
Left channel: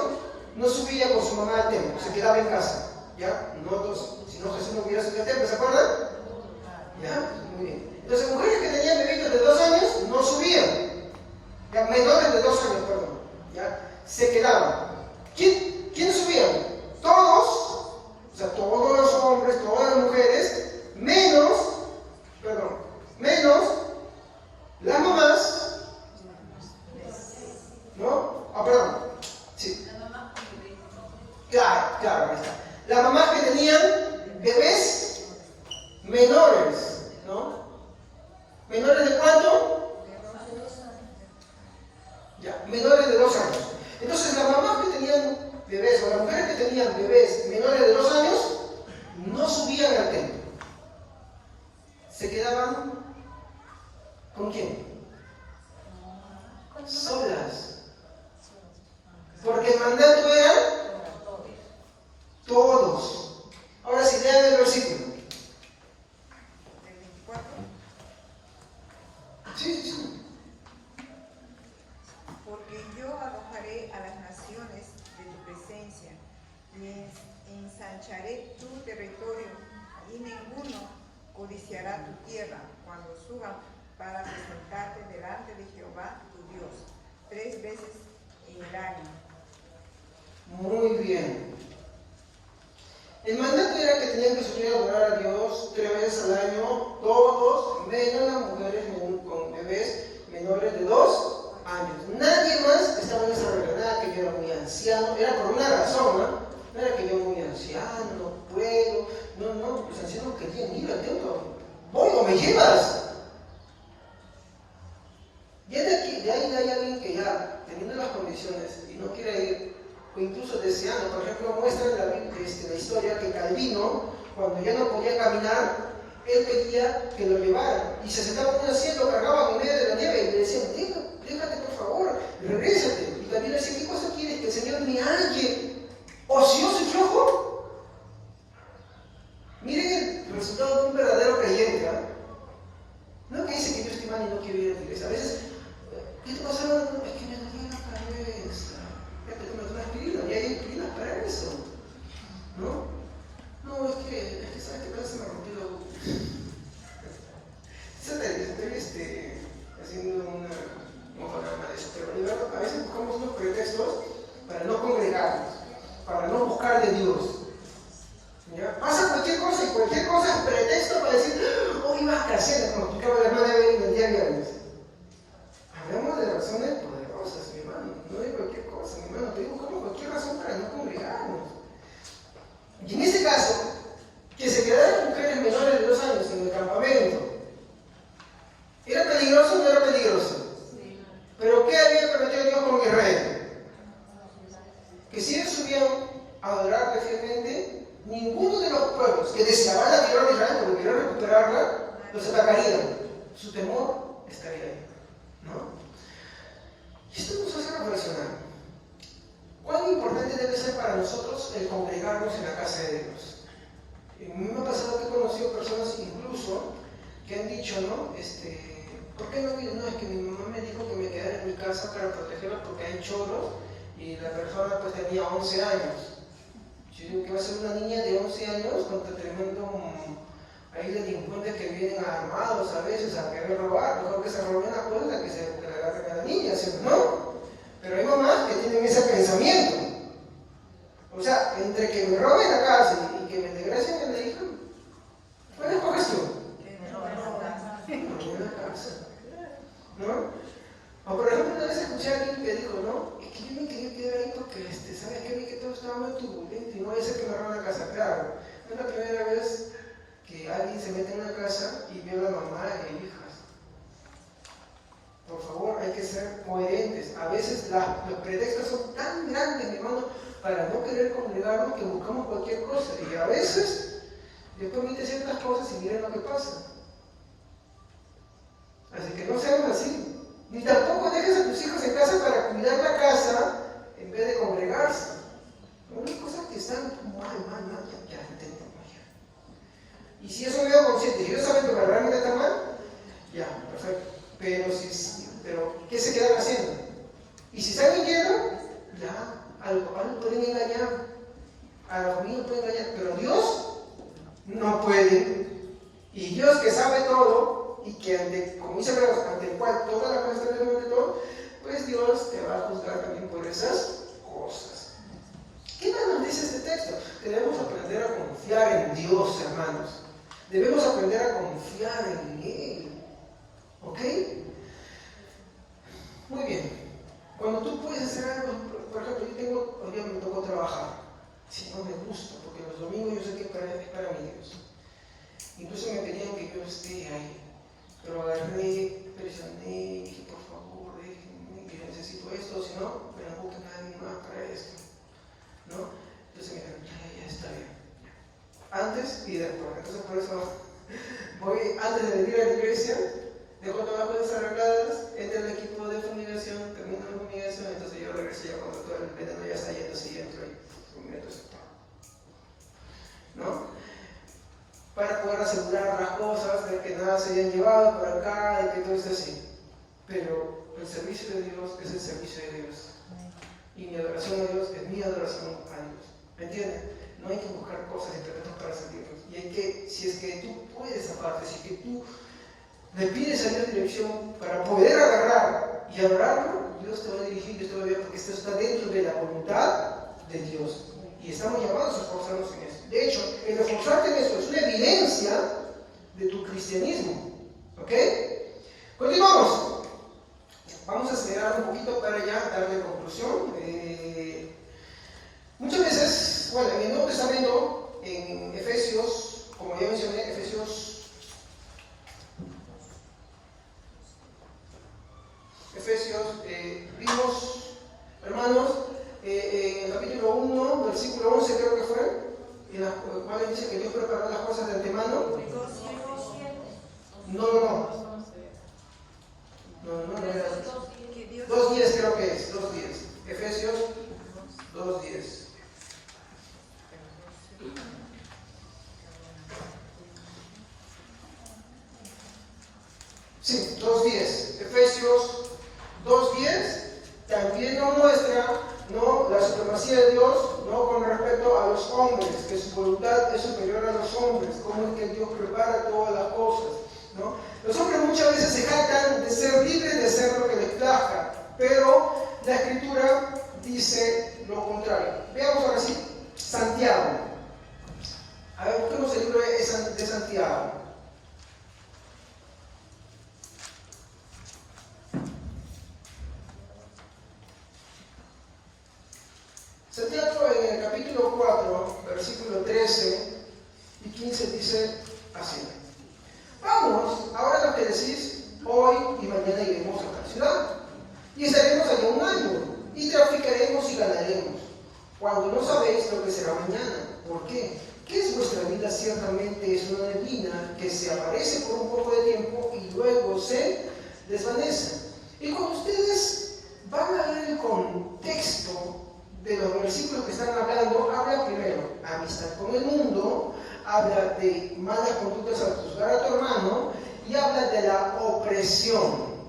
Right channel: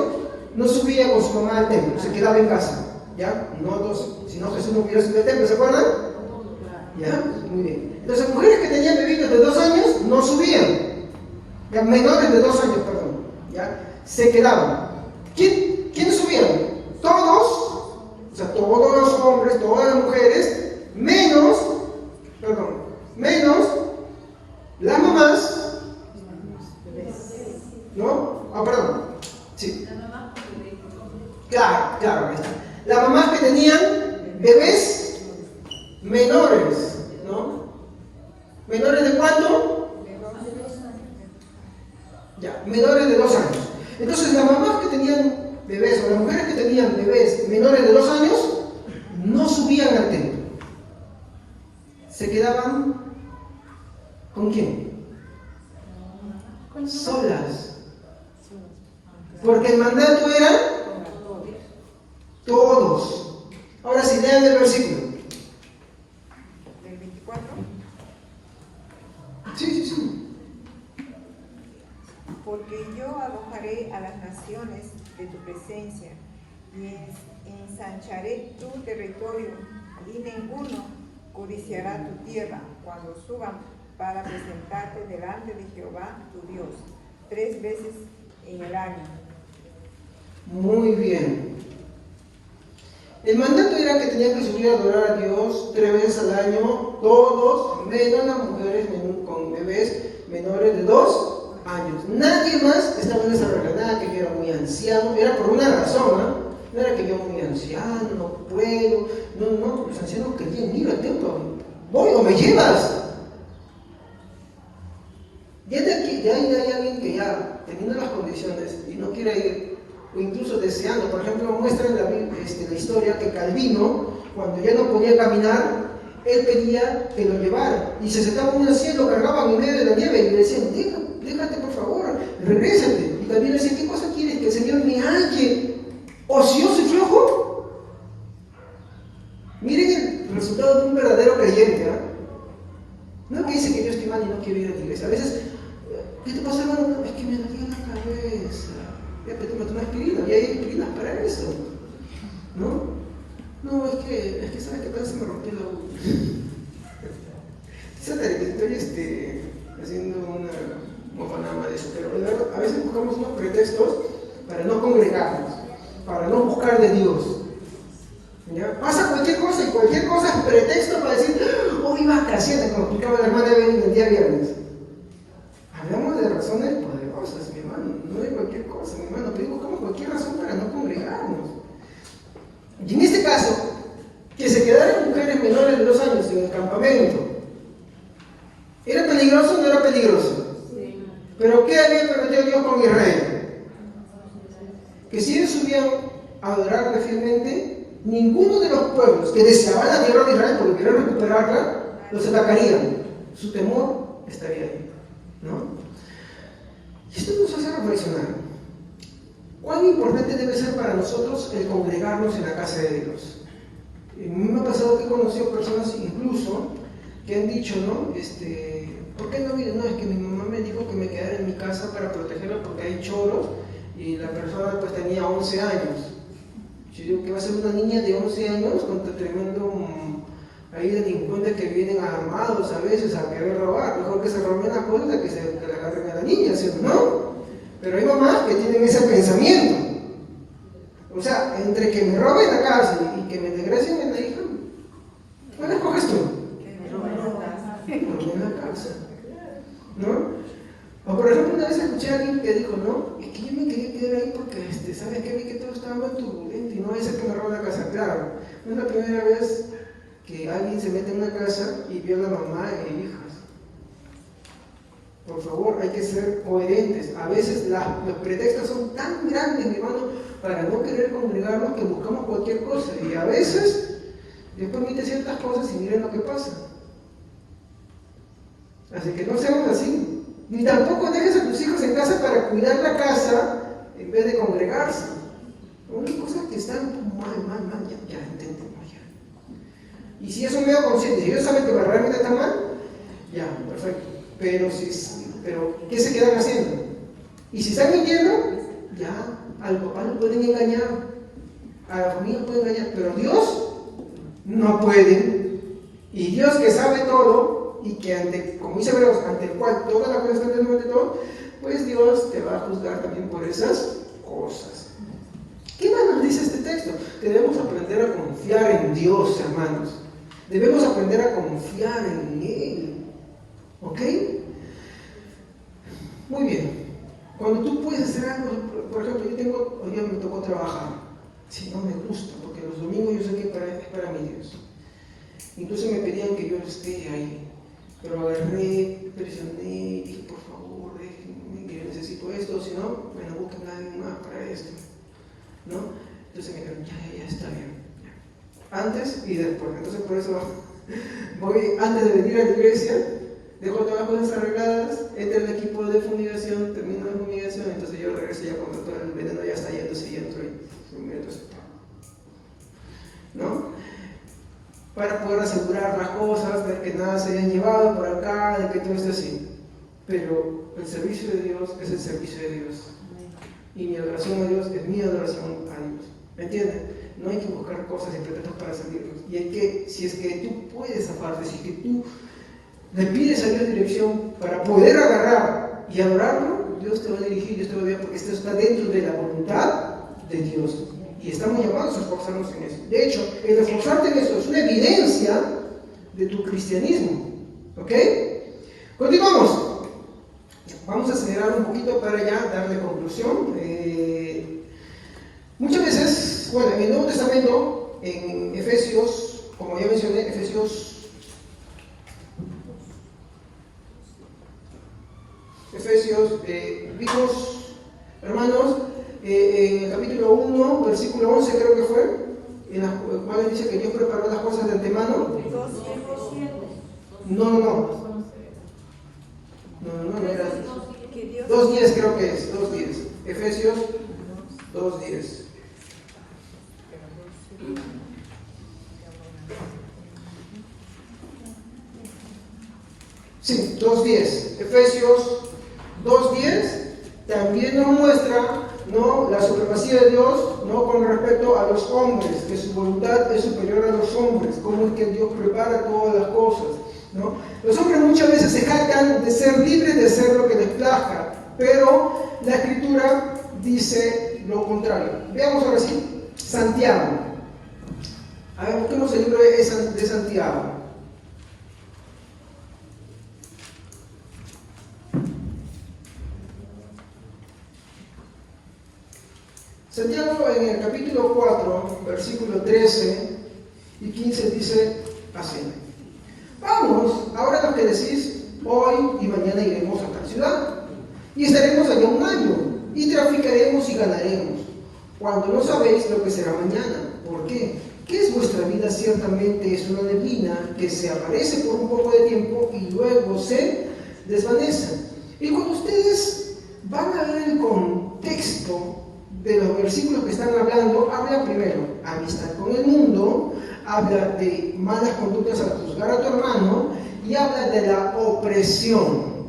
no subía con su mamá al templo, se quedaba en casa. ¿Ya? No 12, si no Jesús no hubiera subido al templo, ¿se acuerdan? ¿Ya? Muy bien. Entonces, mujeres que tenían bebitos de 2 años no subían. ¿Ya? Menores de 2 años, perdón. ¿Ya? Se quedaban. ¿Quiénes subían? Todos, o sea, todos los hombres, todas las mujeres, menos las mamás, ¿no? Perdón. Sí. Claro, ahí está. Las mamás que tenían bebés menores, ¿no? ¿Menores de cuánto? Ya, menores de 2 años. Entonces, las mamás que tenían bebés, o las mujeres que tenían bebés menores de 2 años, no subían al templo. Se quedaban, ¿con quién? Solas. Porque el mandato era todos. Ahora sí, lean el versículo. ¿El 24? Sí. Porque yo arrojaré a las naciones de tu presencia y ensancharé tu territorio, y ninguno codiciará tu tierra cuando suban para presentarte delante de Jehová tu Dios 3 veces en el año. Muy bien. El mandato era que tenían que subir a adorar a Dios 3 veces al año, todos, menos las mujeres con bebés menores de 2 años. Nadie más estaba en esa regla, nada que yo era muy anciano, era por una razón, ¿no? No era que yo muy anciano, no puedo, no, los ancianos querían ir al templo. Voy o me llevas. Ya de aquí, de ahí hay alguien que ya, teniendo las condiciones y no quiere ir, o incluso deseando, por ejemplo, muestra en la historia que Calvino, cuando ya no podía caminar, él pedía que lo llevara, y se sentaba en un asiento, lo cargaban en medio de la nieve, y le decían, déjate por favor, regrésate. Y Calvino decía, ¿qué cosa quieres? Que el Señor me halle ocioso y flojo. Miren el resultado de un verdadero creyente, ¿eh? No que dice que yo estoy mal y no quiero ir a la iglesia. A veces, ¿qué te pasa, hermano? No, es que me duele la cabeza. Fíjate, tú no tomas aspirina, y hay aspirinas para eso. ¿No? No, es que sabes que parece que me rompió la boca. Estoy haciendo una mofa nada más de eso, pero a veces buscamos unos pretextos para no congregarnos, para no buscar de Dios. ¿Ya? Pasa cualquier cosa y cualquier cosa es pretexto para decir, hoy vacaciones, como explicaba la hermana Evelyn el día viernes. Hablamos de razones poderosas, mi hermano, no de cualquier cosa, mi hermano, pero buscamos cualquier razón para no congregarnos. Y en este caso, que se quedaran mujeres menores de 2 años en el campamento, ¿era peligroso o no era peligroso? Sí. Pero ¿qué había prometido Dios con Israel? Que si ellos subían a adorarle fielmente, ninguno de los pueblos que deseaban la tierra de Israel porque querían recuperarla, los atacarían. Su temor estaría ahí, ¿no? Y esto nos hace reflexionar. ¿Cuán importante debe ser para nosotros el congregarnos en la casa de Dios? A mí me ha pasado que he conocido personas incluso que han dicho, ¿no? ¿Por qué no? Mire, no, es que mi mamá me dijo que me quedara en mi casa para protegerla porque hay choros y la persona pues tenía 11 años. Yo digo que va a ser una niña de 11 años con tremendo Hay delincuentes que vienen armados a veces a querer robar, mejor que se roben las cosas que le agarren a la niña, ¿cierto? ¿No? Pero hay mamás que tienen ese pensamiento. O sea, entre que me roben la casa y que me regresen a la hija, ¿cuál escoges tú? Que me roben la casa. Me roben la casa. ¿No? O por ejemplo, una vez escuché a alguien que dijo, no, es que yo me quería quedar ahí porque, ¿sabes qué? Vi que todo estaba muy turbulento y no es el que me roba la casa. Claro, no es la primera vez que alguien se mete en una casa y viola a mamá e hijas. Por favor, hay que ser coherentes. A veces los pretextos son tan grandes, mi hermano, para no querer congregarnos que buscamos cualquier cosa. Y a veces Dios permite ciertas cosas y miren lo que pasa. Así que no seamos así. Ni tampoco dejes a tus hijos en casa para cuidar la casa en vez de congregarse. Unas cosas que están mal, ya entendemos ya. Y si eso me da conciencia, si ellos saben que realmente está mal, ya, perfecto. Pero ¿qué se quedan haciendo? Y si están mintiendo, ya, algo pueden engañar. A la familia pueden engañar, pero Dios no puede. Y Dios que sabe todo, y que como dice Hebreos, ante el cual toda la cosa está delante de todo, pues Dios te va a juzgar también por esas cosas. ¿Qué más nos dice este texto? Debemos aprender a confiar en Dios, hermanos. Debemos aprender a confiar en Él. ¿Ok? Muy bien. Cuando tú puedes hacer algo, por ejemplo, hoy día me tocó trabajar. Si no me gusta, porque los domingos yo sé que es para mi Dios. Incluso me pedían que yo esté ahí. Pero agarré, presioné, dije, por favor, déjenme, que necesito esto, si no, me lo busquen a alguien más para esto. ¿No? Entonces me dijeron, ya, está bien. Antes y después. Entonces por eso voy, antes de venir a la iglesia, dejo todas las cosas arregladas, entro al equipo de fumigación, termino la fumigación, entonces yo regreso ya cuando todo el veneno ya está yendo, si entro y me meto. ¿No? Para poder asegurar las cosas, de que nada se hayan llevado por acá, de que todo esté así. Pero el servicio de Dios es el servicio de Dios. Y mi adoración a Dios es mi adoración a Dios. ¿Me entienden? No hay que buscar cosas y pretextos para servirnos. Y hay que, si es que tú puedes aparte, si es que tú le pides a Dios dirección para poder agarrar y adorarlo, Dios te va a dirigir, Dios te va a guiar, porque esto está dentro de la voluntad de Dios. Y estamos llamados a esforzarnos en eso. De hecho, el esforzarte en esto es una evidencia de tu cristianismo. ¿Ok? Continuamos. Vamos a acelerar un poquito para ya darle conclusión. Muchas veces, bueno, en el Nuevo Testamento, en Efesios, como ya mencioné, vimos, hermanos, en el capítulo 1, versículo 11 creo que fue, en la cual dice que Dios preparó las cosas de antemano. No era 2:10 creo que es, 2:10. Efesios 2:10. Sí, 2:10. Efesios 2:10 también nos muestra, ¿no?, la supremacía de Dios, ¿no?, con respecto a los hombres, que su voluntad es superior a los hombres, cómo es que Dios prepara todas las cosas, ¿no? Los hombres muchas veces se jactan de ser libres de hacer lo que les plazca, pero la Escritura dice lo contrario. Veamos ahora sí, Santiago. A ver, busquemos el libro de Santiago. Santiago en el capítulo 4, versículo 13 y 15 dice así: vamos, ahora lo que decís, hoy y mañana iremos a tal ciudad, y estaremos allá un año, y traficaremos y ganaremos, cuando no sabéis lo que será mañana. ¿Por qué? ¿Qué es vuestra vida? Ciertamente es una neblina que se aparece por un poco de tiempo y luego se desvanece. Y cuando ustedes van a ver el contexto de los versículos que están hablando, habla primero amistad con el mundo, habla de malas conductas al juzgar a tu hermano y habla de la opresión.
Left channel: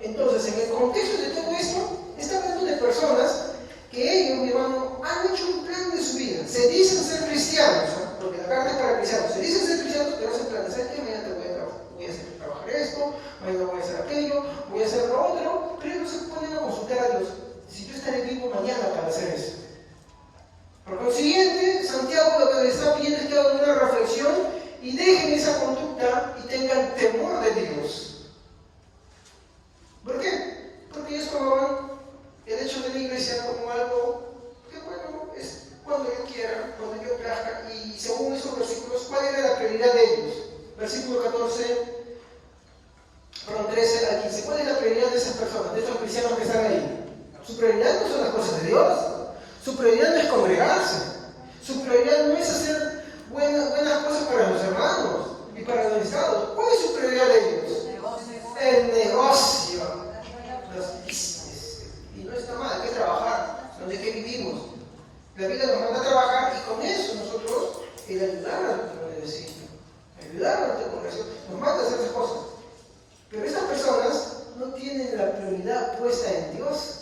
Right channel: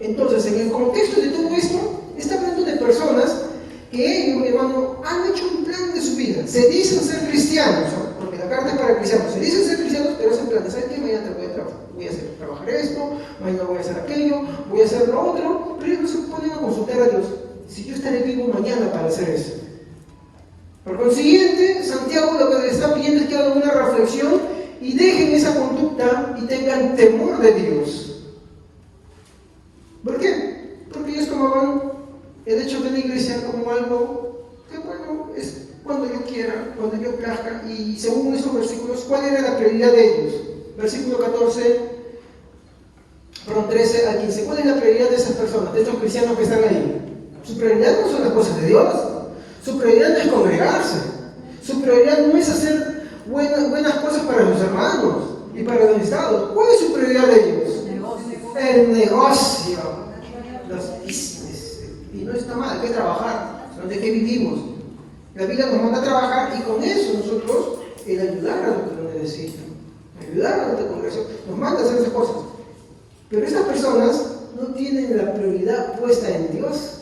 Entonces, en el contexto de todo esto, está hablando de personas que ellos, mi hermano, han hecho un plan de su vida. Se dicen ser cristianos, ¿no?, porque la carta es para cristianos. Se dicen ser cristianos, pero hacen planes. ¿Sabes qué? Mañana voy a trabajar esto, mañana voy a hacer aquello, voy a hacer lo otro, pero ellos no se ponen a consultar a Dios. Si yo estaré vivo mañana para hacer eso. Por consiguiente, Santiago lo que les está pidiendo es que hagan una reflexión y dejen esa conducta y tengan temor de Dios. ¿Por qué? Porque ellos tomaban el hecho de la iglesia como algo que, bueno, es cuando yo quiera, cuando yo plazca, y según esos versículos, ¿cuál era la prioridad de ellos? Versículo 13 al 15. ¿Cuál es la prioridad de esas personas, de estos cristianos que están ahí? Su prioridad no son las cosas de Dios. Su prioridad no es congregarse. Su prioridad no es hacer buenas cosas para los hermanos y para los estados. ¿Cuál es su prioridad de ellos? El negocio. Los business. Y no está mal, hay que trabajar. Donde que vivimos. La vida nos manda a trabajar y con eso nosotros el ayudar a los que lo necesitan. Ayudar a los que con eso nos manda a hacer esas cosas. Pero esas personas no tienen la prioridad puesta en Dios.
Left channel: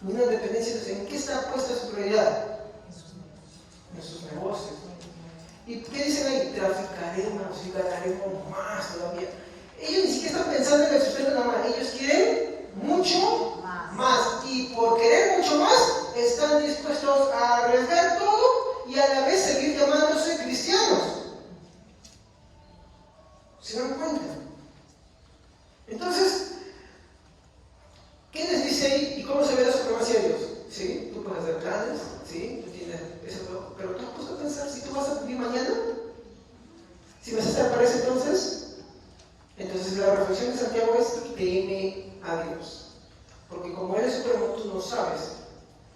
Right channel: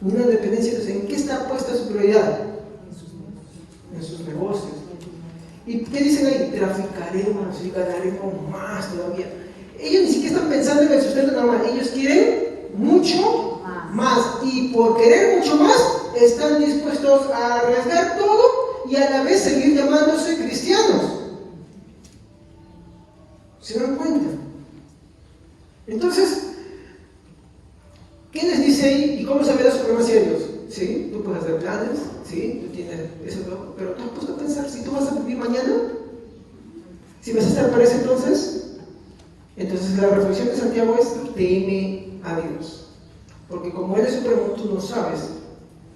Una dependencia de ¿en qué está puesta su prioridad? En sus negocios. ¿Y qué dicen ahí? Traficaremos y ganaremos más todavía. Ellos ni siquiera están pensando en el sustento nada más. Ellos quieren mucho más. Y por querer mucho más, están dispuestos a arriesgar todo y a la vez seguir llamándose cristianos. ¿Se dan cuenta? Entonces, ¿qué les dice ahí? ¿Y cómo se ve la supremacía de Dios? ¿Sí? Tú puedes hacer planes, ¿sí? Tú tienes eso todo, pero tú has puesto a pensar si tú vas a vivir mañana, si vas a estar para ese entonces la reflexión de Santiago es teme a Dios, porque como Él es supremo, tú no sabes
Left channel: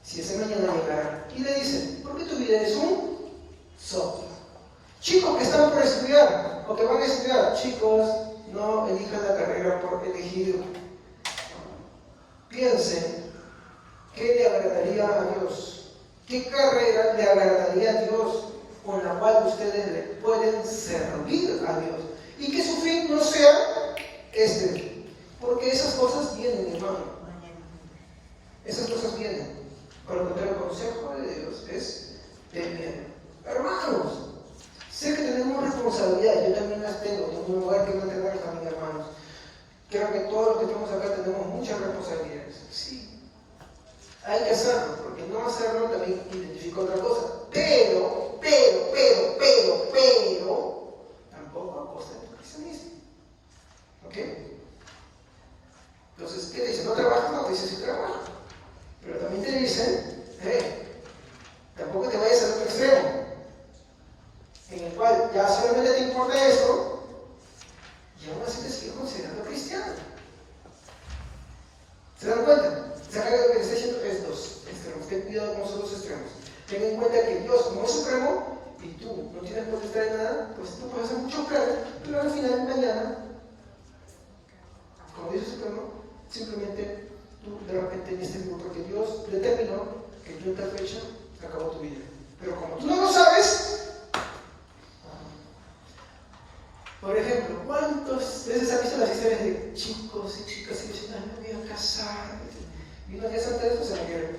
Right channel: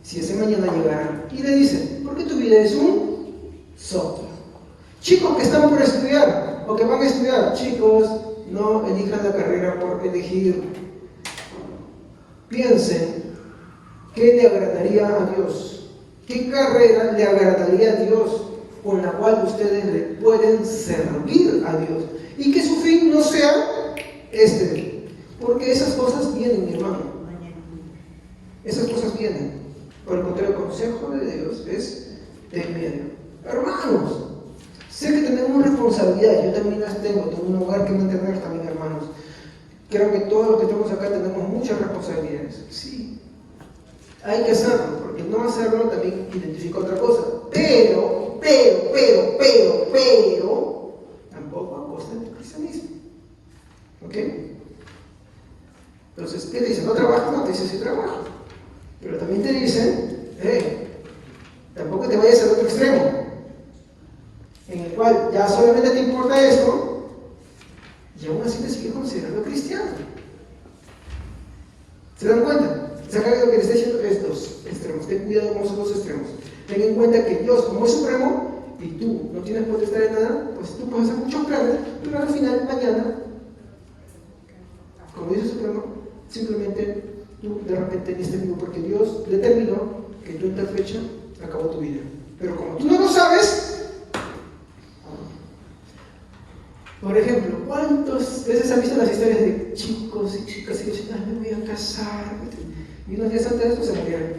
si ese mañana llegará. Y le dice, porque tu vida es un soplo. Chicos que están por estudiar o que van a estudiar, chicos, no elijan la carrera por elegir. Piensen, ¿qué le agradaría a Dios? ¿Qué carrera le agradaría a Dios con la cual ustedes le pueden servir a Dios? Y que su fin no sea porque esas cosas vienen, mi hermano. Esas cosas vienen. Por lo contrario, el consejo de Dios es temer. Hermanos, sé que tenemos responsabilidades, yo también las tengo un lugar que mantener también, hermanos. Creo que todos los que estamos acá tenemos muchas responsabilidades. Sí, hay que hacerlo, porque no hacerlo también identifica otra cosa. Pero, tampoco a costa de tu cristianismo. ¿Ok? Entonces, ¿qué dice? No trabajas, no te dice si trabajas. Pero también te dicen, tampoco te vayas al otro extremo, en el cual ya solamente te importa esto, y aún así te sigue considerando cristiano. ¿Se dan cuenta? ¿Saben lo que les está diciendo? Es dos extremos. Ten cuidado con esos dos extremos. Ten en cuenta que Dios, como es supremo, y tú no tienes potestad de nada, pues tú puedes hacer muchos planes, pero al final, mañana, como dice supremo, simplemente tú de repente diste vivo porque Dios determinó que tú en tal fecha acabó tu vida. Pero como tú no lo sabes, por ejemplo, ¿cuántas veces han visto las historias de chicos y chicas que dicen, me voy a casar? Y unos días antes de eso se murieron.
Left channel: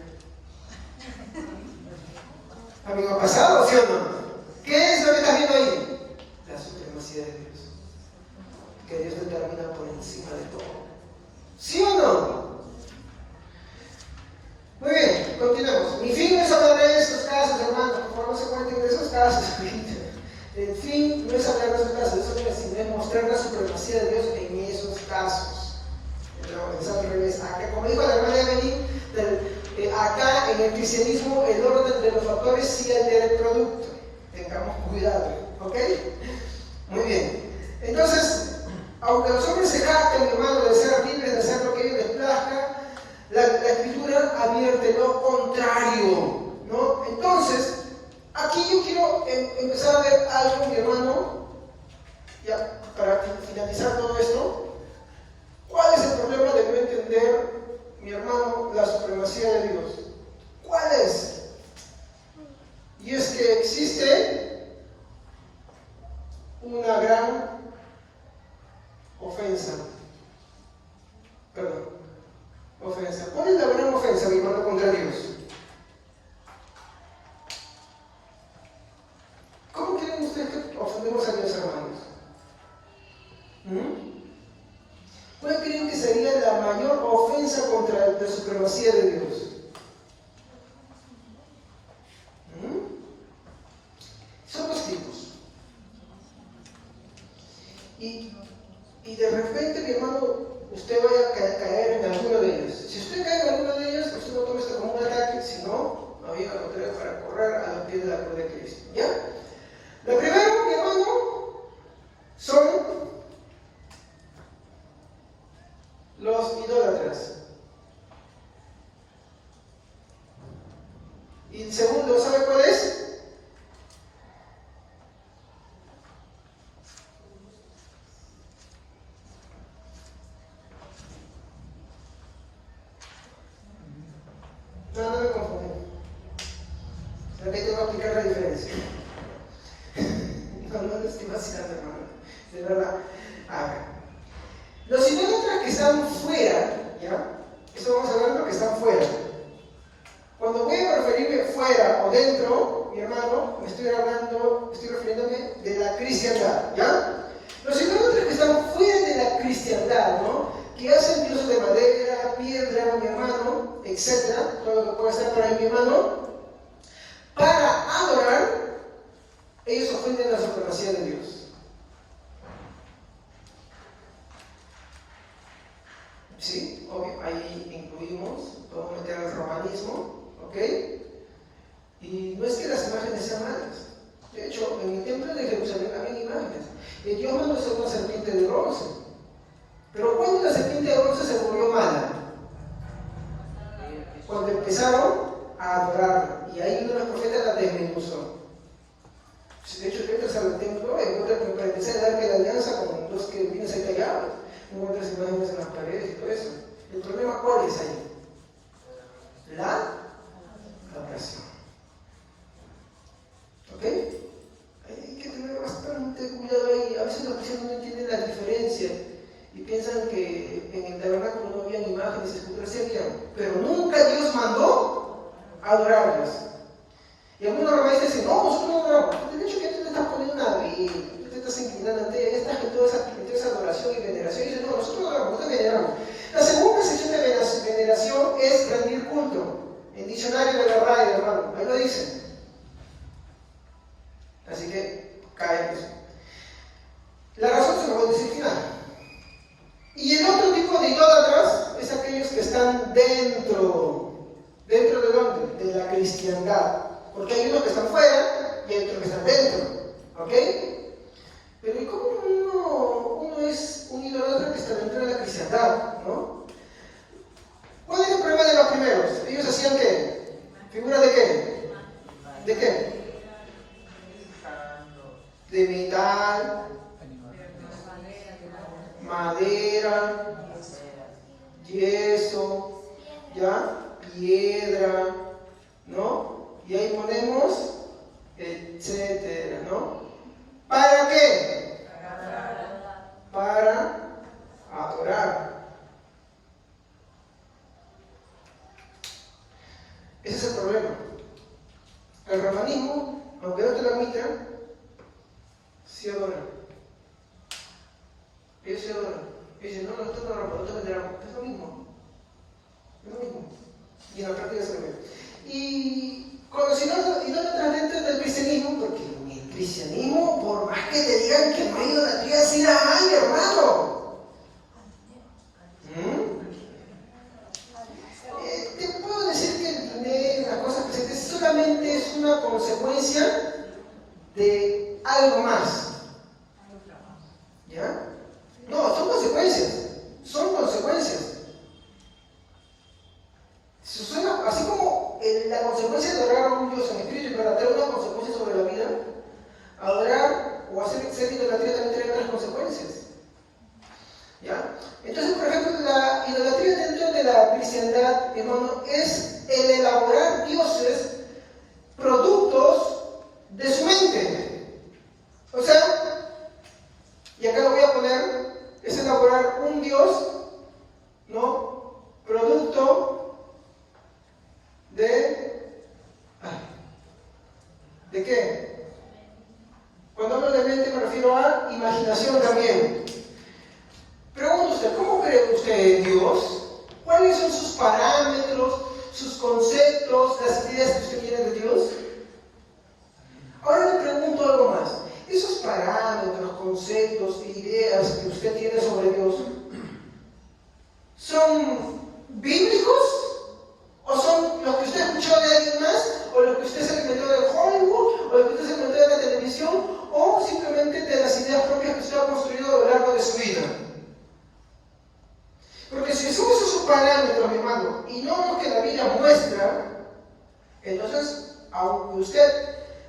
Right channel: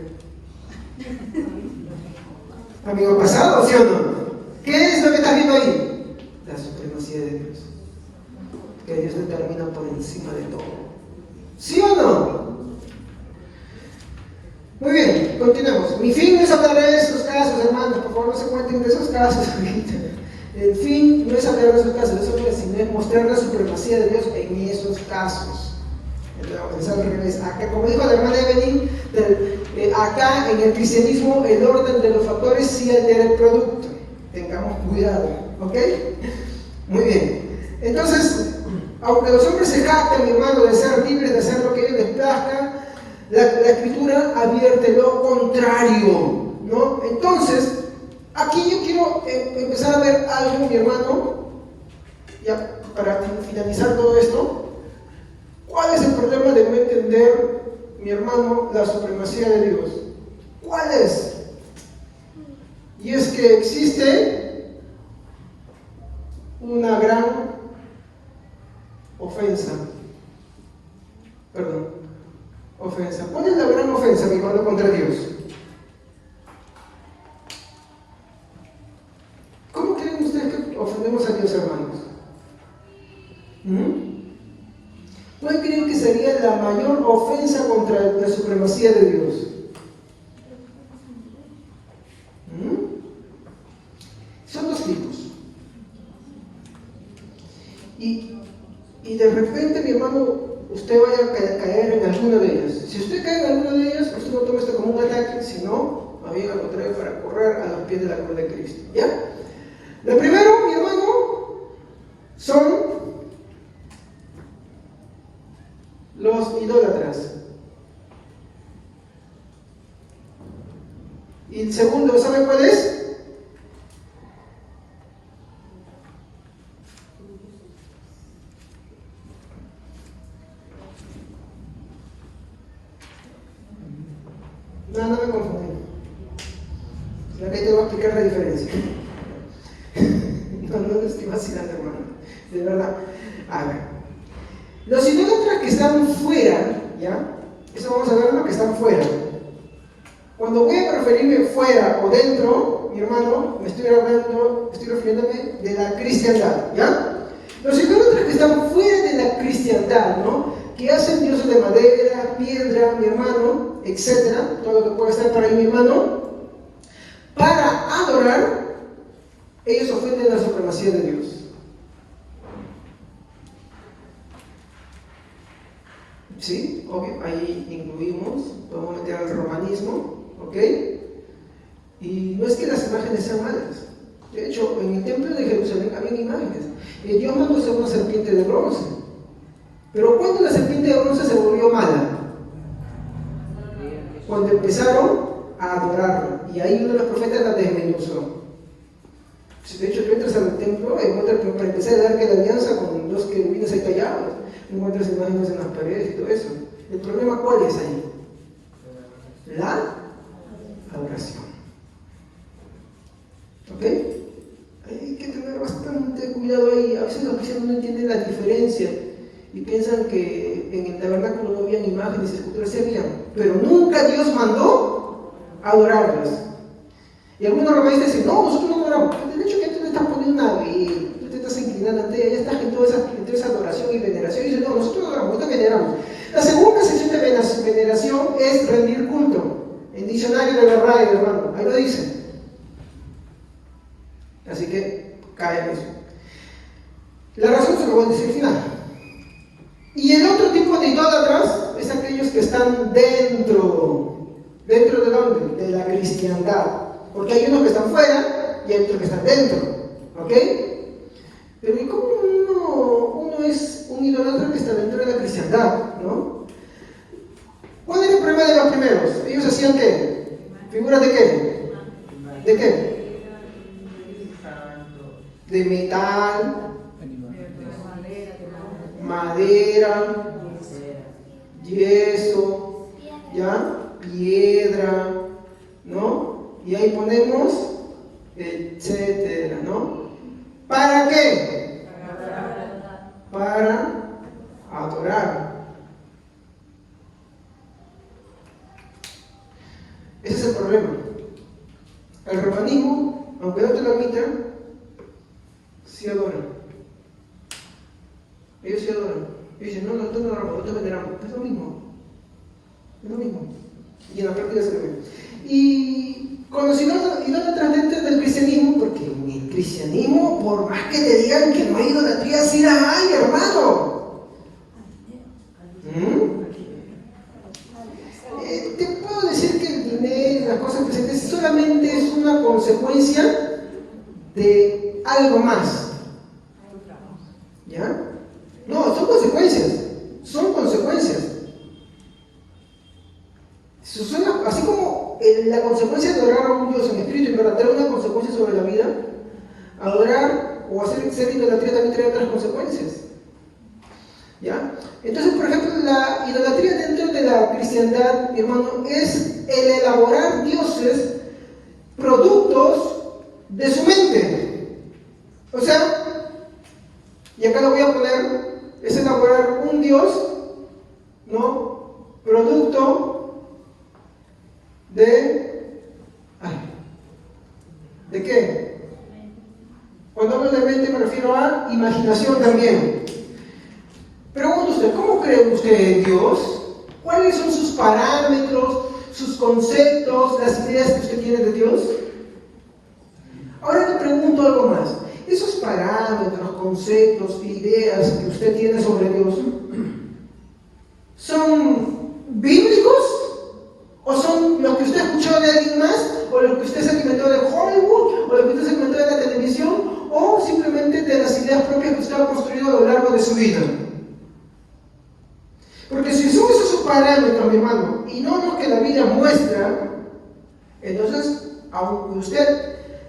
Amigo pasado, ¿sí o no? ¿Qué es lo que estás viendo ahí? La supremacía de Dios. Que Dios determina por encima de todo. ¿Sí o no? Muy bien, continuemos. Mi fin no es hablar de estos casos, hermanos. Por favor, no se cuenten de esos casos. El fin no es hablar de esos casos, sino es mostrar la supremacía de Dios en esos casos. Acá, como dijo la hermana Evelyn, acá en el cristianismo el orden de los factores sí altera el producto. Tengamos cuidado, ¿ok? Muy bien. Entonces, aunque los hombres se jacten, mi hermano, de ser libres, de hacer lo que ellos les plazca, la Escritura advierte lo contrario, ¿no? Entonces, aquí yo quiero empezar a ver algo, mi hermano, ya para finalizar todo esto. ¿Cuál es el problema de no entender, mi hermano, la supremacía de Dios? ¿Cuál es? Y es que existe una gran ofensa. Ofensa. ¿Cuál es la gran ofensa, mi hermano, contra Dios? ¿Cuál creen que sería la mayor ofensa contra la supremacía de Dios? Son dos tipos. Y de repente, mi hermano, usted vaya a caer en alguna de ellas. Si usted cae en alguna de ellas, usted no tome esto como un ataque, sino a mí la contraria para correr a los pies de la cruz de Cristo. ¿Ya? Lo primero, mi hermano, son los idólatras. Y el segundo, ¿sabe cuál es? No me confundí. La que te voy a explicar la diferencia. No te estoy vacilando, hermano. De verdad. A ver. Los idólatras que están fuera, ¿ya? Eso vamos a ver lo que están fuera. Cuando voy a referirme fuera o dentro, mi hermano, estoy refiriéndome de la cristiandad, ¿ya? Los idólatras que están fuera de la cristiandad, ¿no? Que hacen dioses de madera, piedra, mi hermano, etcétera, todo lo que puede ser para mi hermano, para adorar, ellos ofenden la supremacía de Dios. Sí, obvio, ahí incluimos, podemos meter al romanismo, ¿ok? Y no es que las imágenes sean malas. De hecho, en el templo de Jerusalén había imágenes. Y Dios mandó hacer una serpiente de bronce. Pero ¿cuándo la serpiente de bronce se volvió mala? Cuando empezaron a adorarla. Y ahí uno de los profetas la desmenuzó. De hecho, tú entras al templo y encuentras que para empezar a dar que la alianza con los que vienes ahí tallados. Encuentras imágenes en las paredes y todo eso. ¿El problema cuál es ahí? La adoración. ¿Ok? Hay que tener bastante cuidado ahí. A veces los cristianos no entienden la diferencia y piensan que en el tabernáculo no habían imágenes y esculturas, se habían, pero nunca Dios mandó adorarlas. Y algunos romanistas dicen, no, nosotros no adoramos. De hecho, que tú te estás poniendo una vela, tú te estás inclinando ante ella, ya estás en toda esa adoración y veneración. Y dicen, no, nosotros no adoramos, nosotros veneramos. La segunda sección de veneración es rendir culto. En diccionario de verdad, hermano, ahí lo dice. Así que cae en eso. La razón se lo voy a decir al final. Y el otro tipo de idólatras es aquellos que están dentro de dónde? De la cristiandad. Porque hay unos que están fuera y hay otros que están dentro. ¿Ok? Pero ¿y cómo uno es un idólatra que está dentro de la cristiandad? ¿No? ¿Cuál es el problema de los primeros? ¿Ellos hacían qué? ¿Figuras de qué? ¿De qué? De metal, madera, yeso, ¿ya? Piedra, ¿no? Y ahí ponemos, etcétera, ¿no? ¿Para qué? Para adorar. Ese es el problema. El romanismo, aunque no te lo admitan, sí adoran. Ellos sí adoran. Ellos dicen, no, nosotros no adoramos, nosotros veneramos. Es lo mismo. Es lo mismo. Y en la práctica se ve. Y con los idólatras dentro del cristianismo, porque en el cristianismo, por más que te digan que no hay idolatría, sí la hay, hermano. Te puedo decir que el dinero, las cosas presentes, solamente es una consecuencia de algo más. ¿Ya? No, son consecuencias. Son consecuencias. Así como la consecuencia de adorar a un Dios en espíritu y verdad una consecuencia sobre la vida, adorar o hacer idolatría también trae otras consecuencias. ¿Ya? Entonces, por ejemplo, la idolatría dentro de la cristiandad, mi hermano, es el elaborar dioses productos de su mente. O sea, y acá lo voy a poner, es elaborar un dios, ¿no? Producto ¿de qué? Cuando hablo de mente me refiero a imaginación también. Pregunto usted, usted? ¿Cómo cree usted en Dios? ¿Cuáles son sus parámetros, sus conceptos, las ideas que usted tiene de Dios? Ahora le pregunto algo más. Esos parámetros, conceptos, ideas que usted tiene sobre Dios, ¿son bíblicos? ¿O son los que usted ha escuchado de alguien más? ¿O los que usted se alimentó de Hollywood? ¿O los que usted se alimentó de la televisión? ¿O simplemente de las ideas propias que usted ha construido a lo largo de su vida? Porque si son esos sus parámetros, mi hermano, y no los que la Biblia muestra, entonces, aunque usted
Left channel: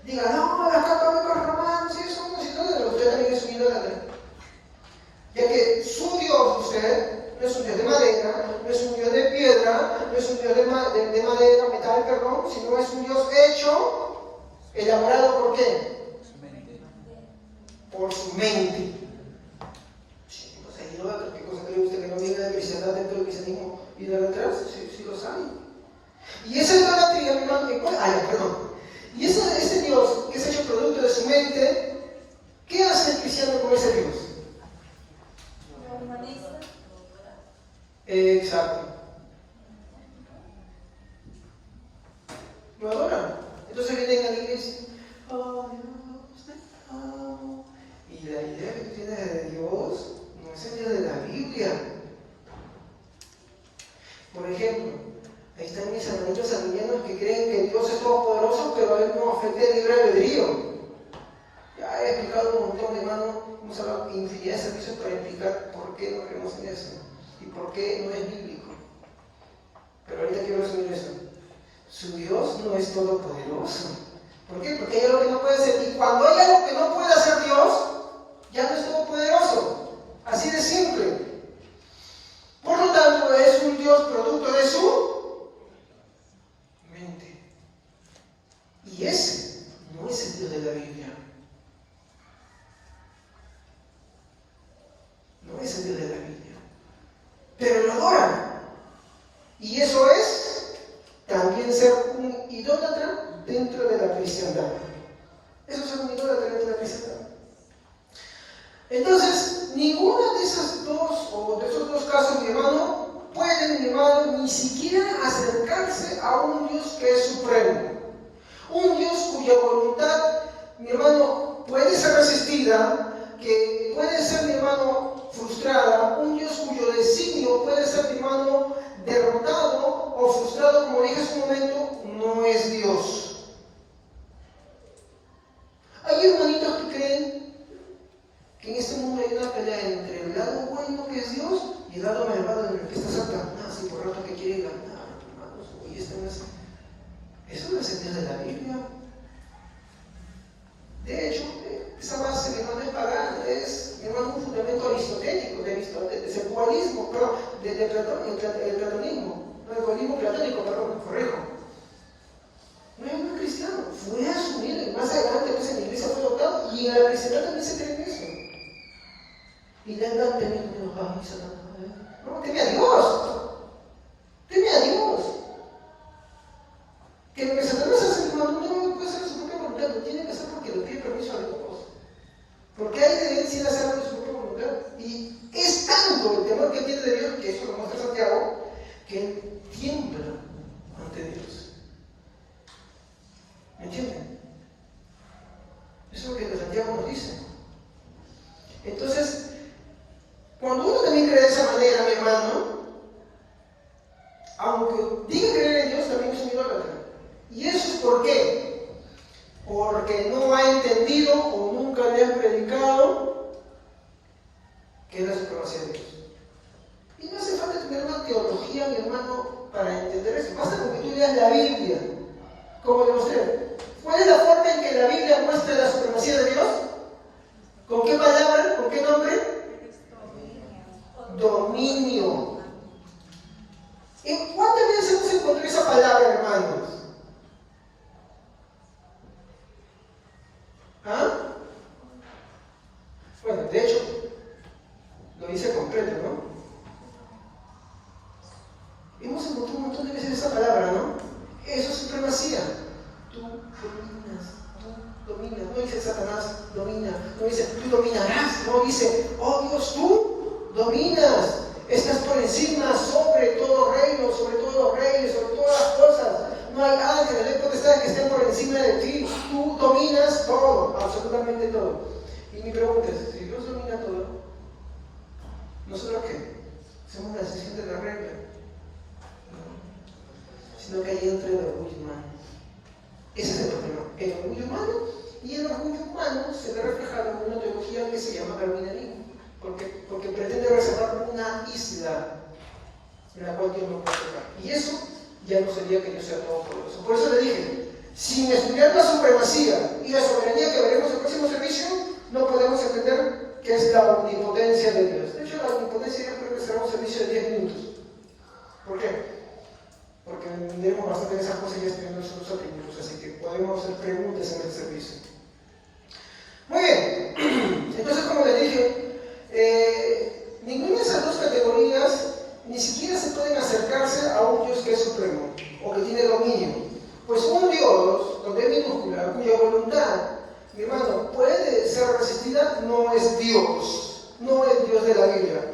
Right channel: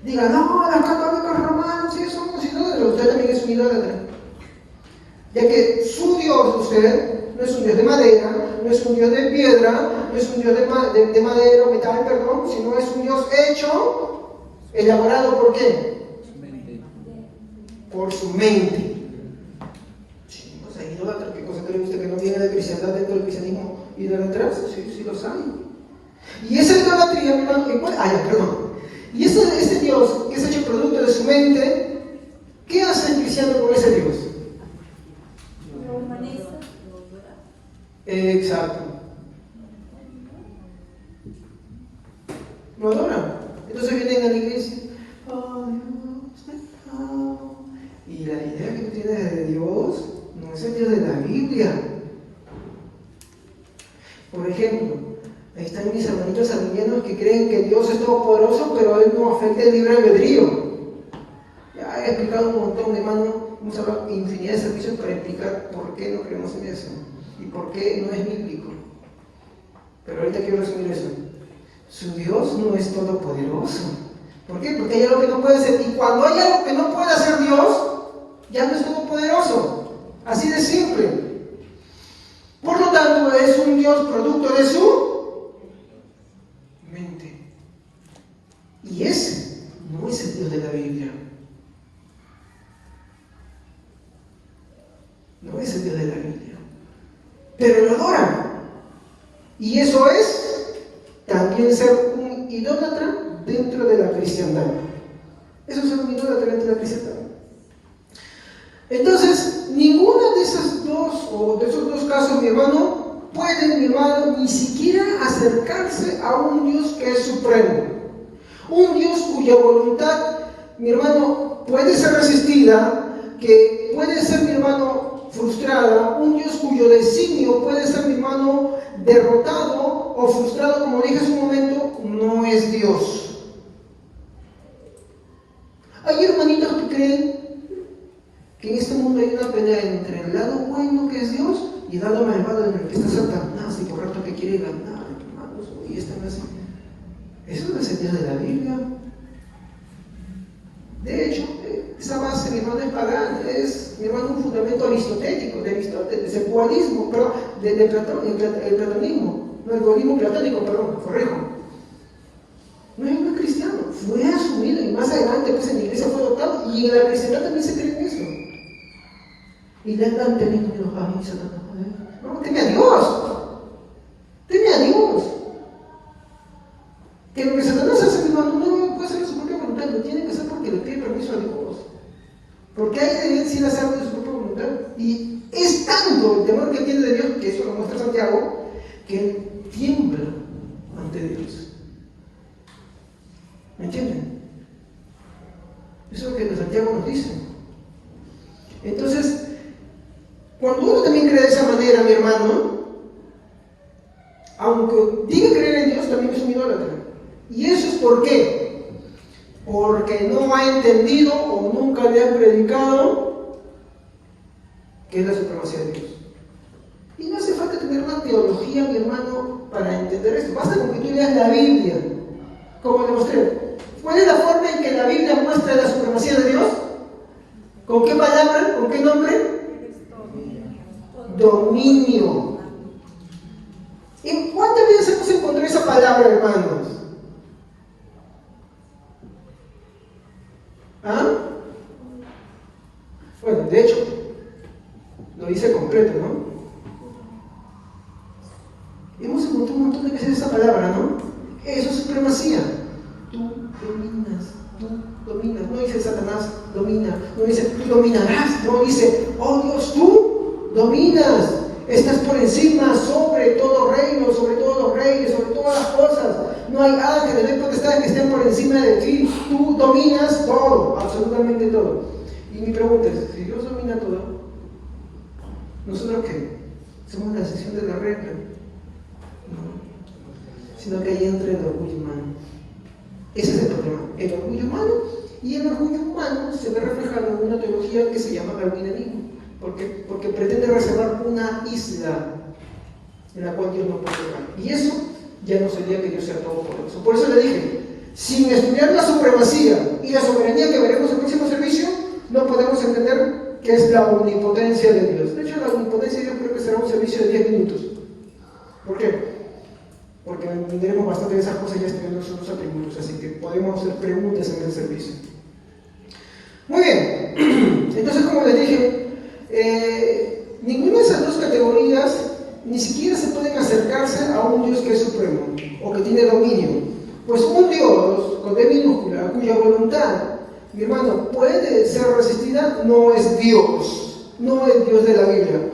diga, no, los católicos romanos y eso, usted también es un idólatra. Ya que su Dios, usted, no es un Dios de madera, no es un Dios de piedra, no es un Dios de madera o metal, perdón, sino es un Dios hecho, elaborado ¿por qué? Por su mente. Sí, o sea, idólatra, ¿qué cosa cree usted que no viene de cristiandad dentro del cristianismo idolatrarse? Sí, lo sabe. Y esa idolatría, hermano, y ese Dios que es hecho producto de su mente, ¿qué hace el cristiano con ese Dios? Lo humaniza. Exacto. ¿Lo adoran? Entonces vienen a la iglesia. Oh, Dios, pecado. Y la idea que tú tienes de Dios no es el Dios de la Biblia. Por ejemplo, ahí están mis hermanitos armenianos que creen que Dios es todopoderoso, pero Él no afecta el libre albedrío. Ya he explicado un montón, hermano, hemos hablado infinidad de servicios para explicar por qué no creemos en eso y por qué no es bíblico. Pero ahorita quiero resumir eso. Su Dios no es todopoderoso. ¿Por qué? Porque hay algo que no puede ser. Y cuando hay algo que no puede hacer Dios, ya no es todopoderoso. Así de simple. Por lo tanto, es un Dios producto de su mente. Y ese no es el Dios de la Biblia. No es el Dios de la Biblia. Pero lo adoran. Y eso es también ser un idólatra dentro de la cristiandad. Eso es ser un idólatra dentro de la cristiandad. Entonces, ninguna de esas dos, o de esos dos casos, mi hermano, puede, mi hermano, ni siquiera acercarse a un Dios que es supremo. Un Dios cuya voluntad, mi hermano, puede ser resistida, que puede ser, mi hermano, frustrada. Un Dios cuyo designio puede ser, mi hermano, derrotado o frustrado, como dije hace un momento, no es Dios. Hay hermanitos que creen que en este mundo hay una pelea entre el lado bueno que es Dios y el lado malvado en el que está Satanás y por rato que quiere ganar, hermanos. Y esto no es, eso no es el Dios de la Biblia. De hecho, esa base, mi hermano, es pagana, es, mi hermano, un fundamento aristotélico, de Aristóteles, el dualismo, pero el platonismo, no el dualismo platónico, perdón, corrijo. No es un cristiano, fue asumido y más adelante pues en la iglesia fue adoptado y en la cristiandad también se cree en eso. Y le están teniendo miedo a Satanás. No, teme a Dios. Teme a Dios. Que lo que Satanás hace, mi hermano, no puede ser su propia voluntad, lo tiene que hacer porque le pide permiso a Dios. Porque hay de él sin hacerlo de su propia voluntad. Y es tanto el temor que tiene de Dios, que eso lo muestra Santiago, que él tiembla ante Dios. ¿Me entienden? Eso es lo que Santiago nos dice. Entonces, cuando uno también cree de esa manera, mi hermano, aunque diga creer en Dios, también es un idólatra. ¿Y eso es por qué? Porque no ha entendido o nunca le han predicado que es la supremacía de Dios. Y no hace falta tener una teología, mi hermano, para entender esto. Basta con que tú leas la Biblia, como le mostré. ¿Cuál es la forma en que la Biblia muestra la supremacía de Dios? ¿Con qué palabra? ¿Con qué nombre? Dominio. ¿En cuántas veces hemos encontrado esa palabra, hermanos? ¿Ah? Bueno, de hecho, lo dice completo, ¿no? Hemos encontrado un montón de veces esa palabra, ¿no? Eso es supremacía. Tú dominas, no dice Satanás, domina, no dice tú dominarás, no dice, oh Dios, tú dominas, estás por encima, sobre todo reino, sobre todos los reyes, sobre todas las cosas. No hay ángeles, no hay potestades que estén por encima de ti. Tú dominas todo, absolutamente todo. Y mi pregunta es, si Dios domina todo, ¿nosotros qué? ¿Somos la excepción de la regla? No. Sino que ahí entra el orgullo humano. Ese es el problema, el orgullo humano. Y el orgullo humano se ve reflejado en una teología que se llama darwinismo, porque pretende reservar una isla en la cual Dios no puede tocar. Y eso ya no sería que Dios sea todopoderoso. Por eso le dije, sin estudiar la supremacía y la soberanía que veremos en el próximo servicio, no podemos entender qué es la omnipotencia de Dios. De hecho, la omnipotencia de Dios creo que será un servicio de 10 minutos. ¿Por qué? Porque miremos bastante de esas cosas y ya estudiamos los atributos, así que podemos hacer preguntas en ese servicio. Muy bien, entonces como les dije, ninguna de esas dos categorías ni siquiera se pueden acercarse a un Dios que es supremo o que tiene dominio. Pues un Dios con D minúscula, cuya voluntad, mi hermano, puede ser resistida, no es Dios, no es Dios de la Biblia.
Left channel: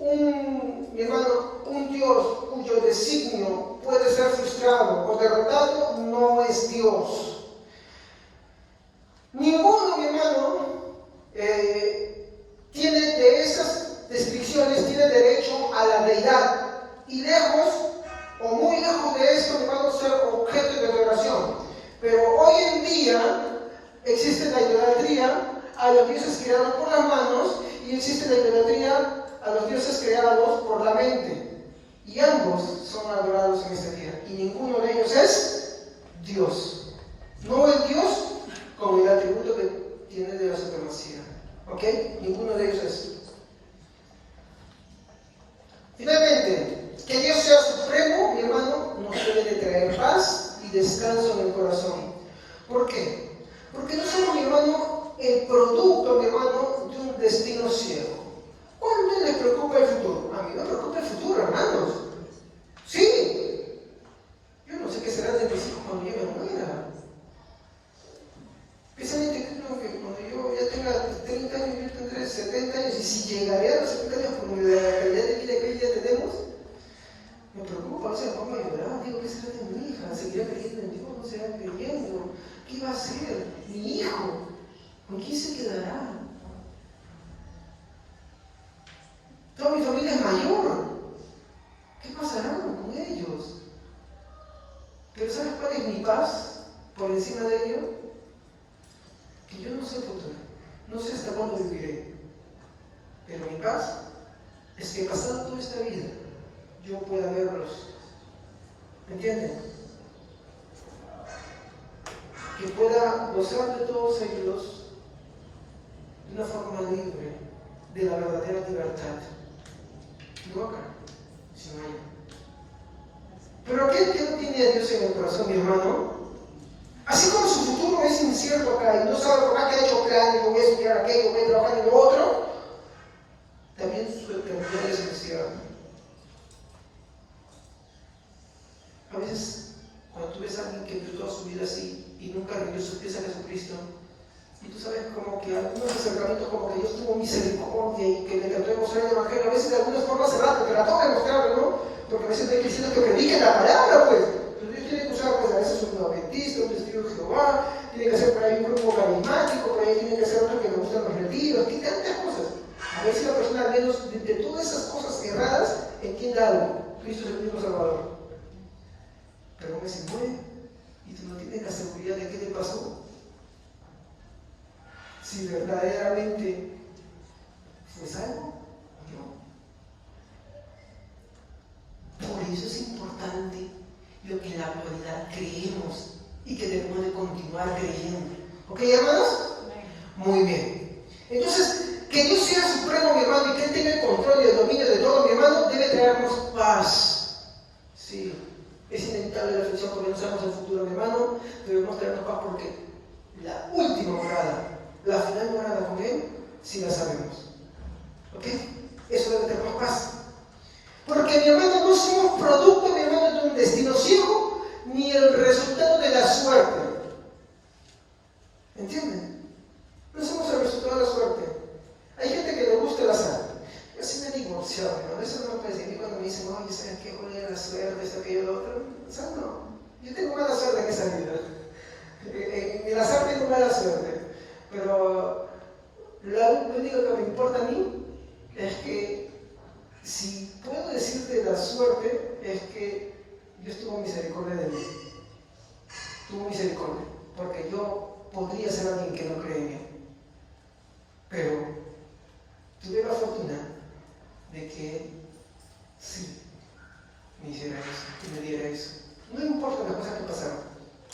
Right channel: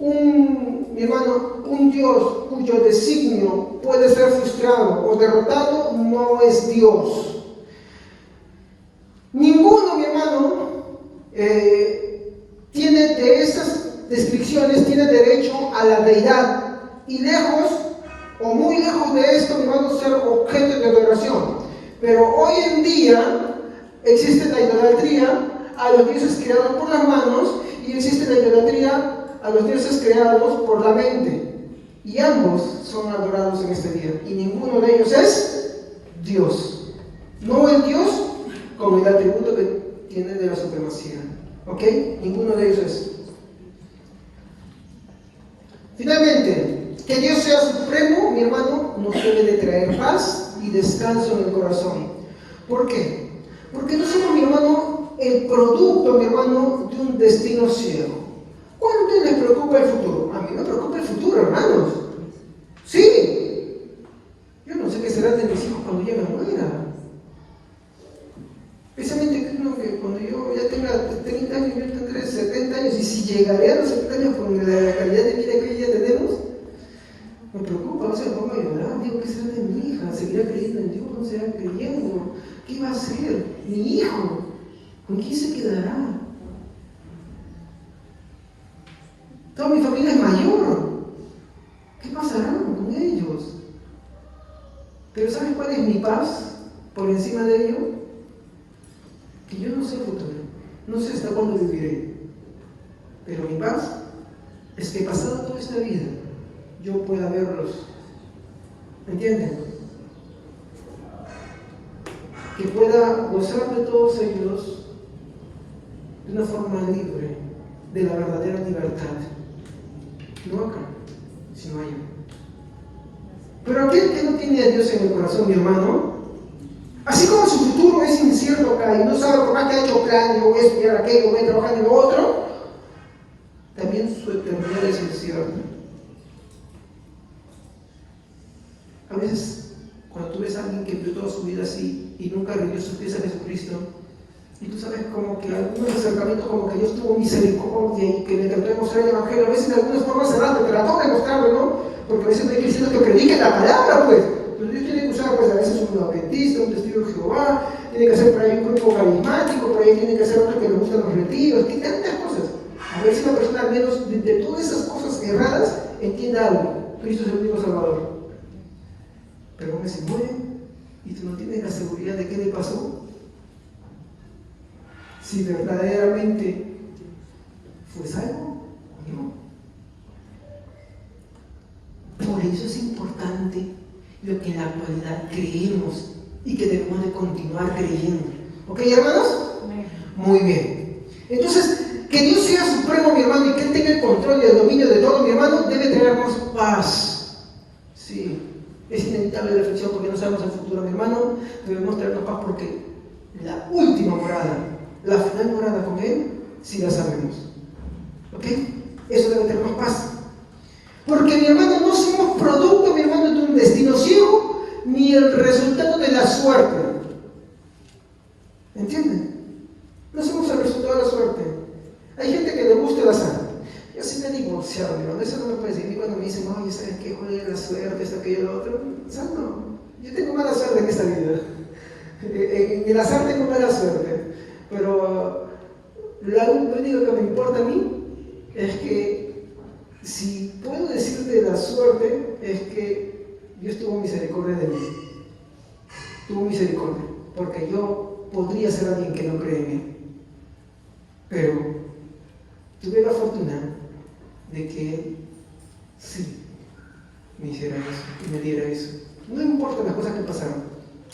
Mi hermano, un Dios cuyo designio puede ser frustrado o derrotado, no es Dios. Ninguno, mi hermano, tiene de esas descripciones, tiene derecho a la deidad. Y lejos, o muy lejos de esto, mi hermano, ser objeto de adoración. Pero hoy en día existe la idolatría a los dioses creados por las manos y existe la idolatría a los dioses creados por la mente. Y ambos son adorados en este día. Y ninguno de ellos es Dios. No el Dios como el atributo que tiene de la supremacía. ¿Ok? Ninguno de ellos es. Finalmente, que Dios sea supremo, mi hermano, nos debe de traer paz y descanso en el corazón. ¿Por qué? Porque no somos, mi hermano, el producto, mi hermano, de un destino ciego. ¿Cuánto les preocupa el futuro? A mí me preocupa el futuro, hermanos. Sí. Yo no sé qué será de mis hijos cuando yo me muera. Precisamente creo que cuando yo ya tenga 30 años, yo tendré 70 años, y si llegaré a los 70 años con la calidad de vida que ya tenemos, me preocupa, no sé, pongo a llorar, digo, ¿qué será de mi hija? ¿Seguirá creyendo en Dios? ¿No será creyendo? ¿Qué va a hacer? Mi hijo, ¿con quién se quedará? Toda mi familia es mayor. ¿Qué pasará con ellos? Pero ¿sabes cuál es mi paz por encima de ello? Que yo no sé el futuro, no sé hasta cuándo viviré. Pero mi paz es que pasada toda esta vida, yo pueda verlos. ¿Entienden? Que pueda gozar de todos ellos de una forma libre, de la verdadera libertad. No acá, sino allá. Pero aquel que no tiene a Dios en el corazón, mi hermano, así como su futuro es incierto acá y no sabe por más que ha hecho plan, yo voy a estudiar aquello, voy a trabajar en lo otro, también su eternidad es incierta. A veces, cuando tú ves a alguien que vivió toda su vida así y nunca rindió sus pies a Jesucristo, y tú sabes como que algunos acercamientos como que Dios tuvo misericordia y que le trató de mostrar el Evangelio, a veces de algunas formas erradas, te trató de mostrarlo, ¿no? Porque a veces no hay cristianos que prediquen la palabra, pues. Entonces Dios tiene que usar, pues, a veces un adventista, un testigo de Jehová, tiene que hacer por ahí un grupo carismático, por ahí tiene que hacer otro que le gustan los retiros, tiene tantas cosas. A veces una persona, al menos de todas esas cosas erradas, entiende algo. Cristo es el único Salvador. Pero como se muere y tú no tienes la seguridad de qué le pasó, si verdaderamente fue salvo o no. Por eso es importante lo que en la actualidad creemos y que debemos de continuar creyendo. ¿Ok, hermanos? Muy bien. Entonces, que Dios sea supremo, mi hermano, y que Él tenga el control y el dominio de todo, mi hermano, debe traernos paz. Sí, es inevitable la aflicción porque no sabemos el futuro, mi hermano. Debemos traernos paz porque la última morada, la final morada con Él, sí la sabemos. ¿Ok? Eso debe tener paz. Porque, mi hermano, no somos producto, mi hermano, de un destino ciego, ni el resultado de la suerte. ¿Entienden? No somos el resultado de la suerte. Hay gente que le gusta el azar. Yo siempre digo, divorciado, ¿no? Eso no me puede decir cuando me dicen, oye, ¿sabes qué? Joder, la suerte, esto, aquello, lo otro. O sea, no. Yo tengo mala suerte en esa vida. En el azar tengo mala suerte. Pero lo único que me importa a mí es que, si puedo decirte la suerte, es que Dios tuvo misericordia de mí. Tuvo misericordia. Porque yo podría ser alguien que no cree en Él. Pero tuve la fortuna de que sí me hiciera eso y me diera eso. No importa las cosas que pasaron.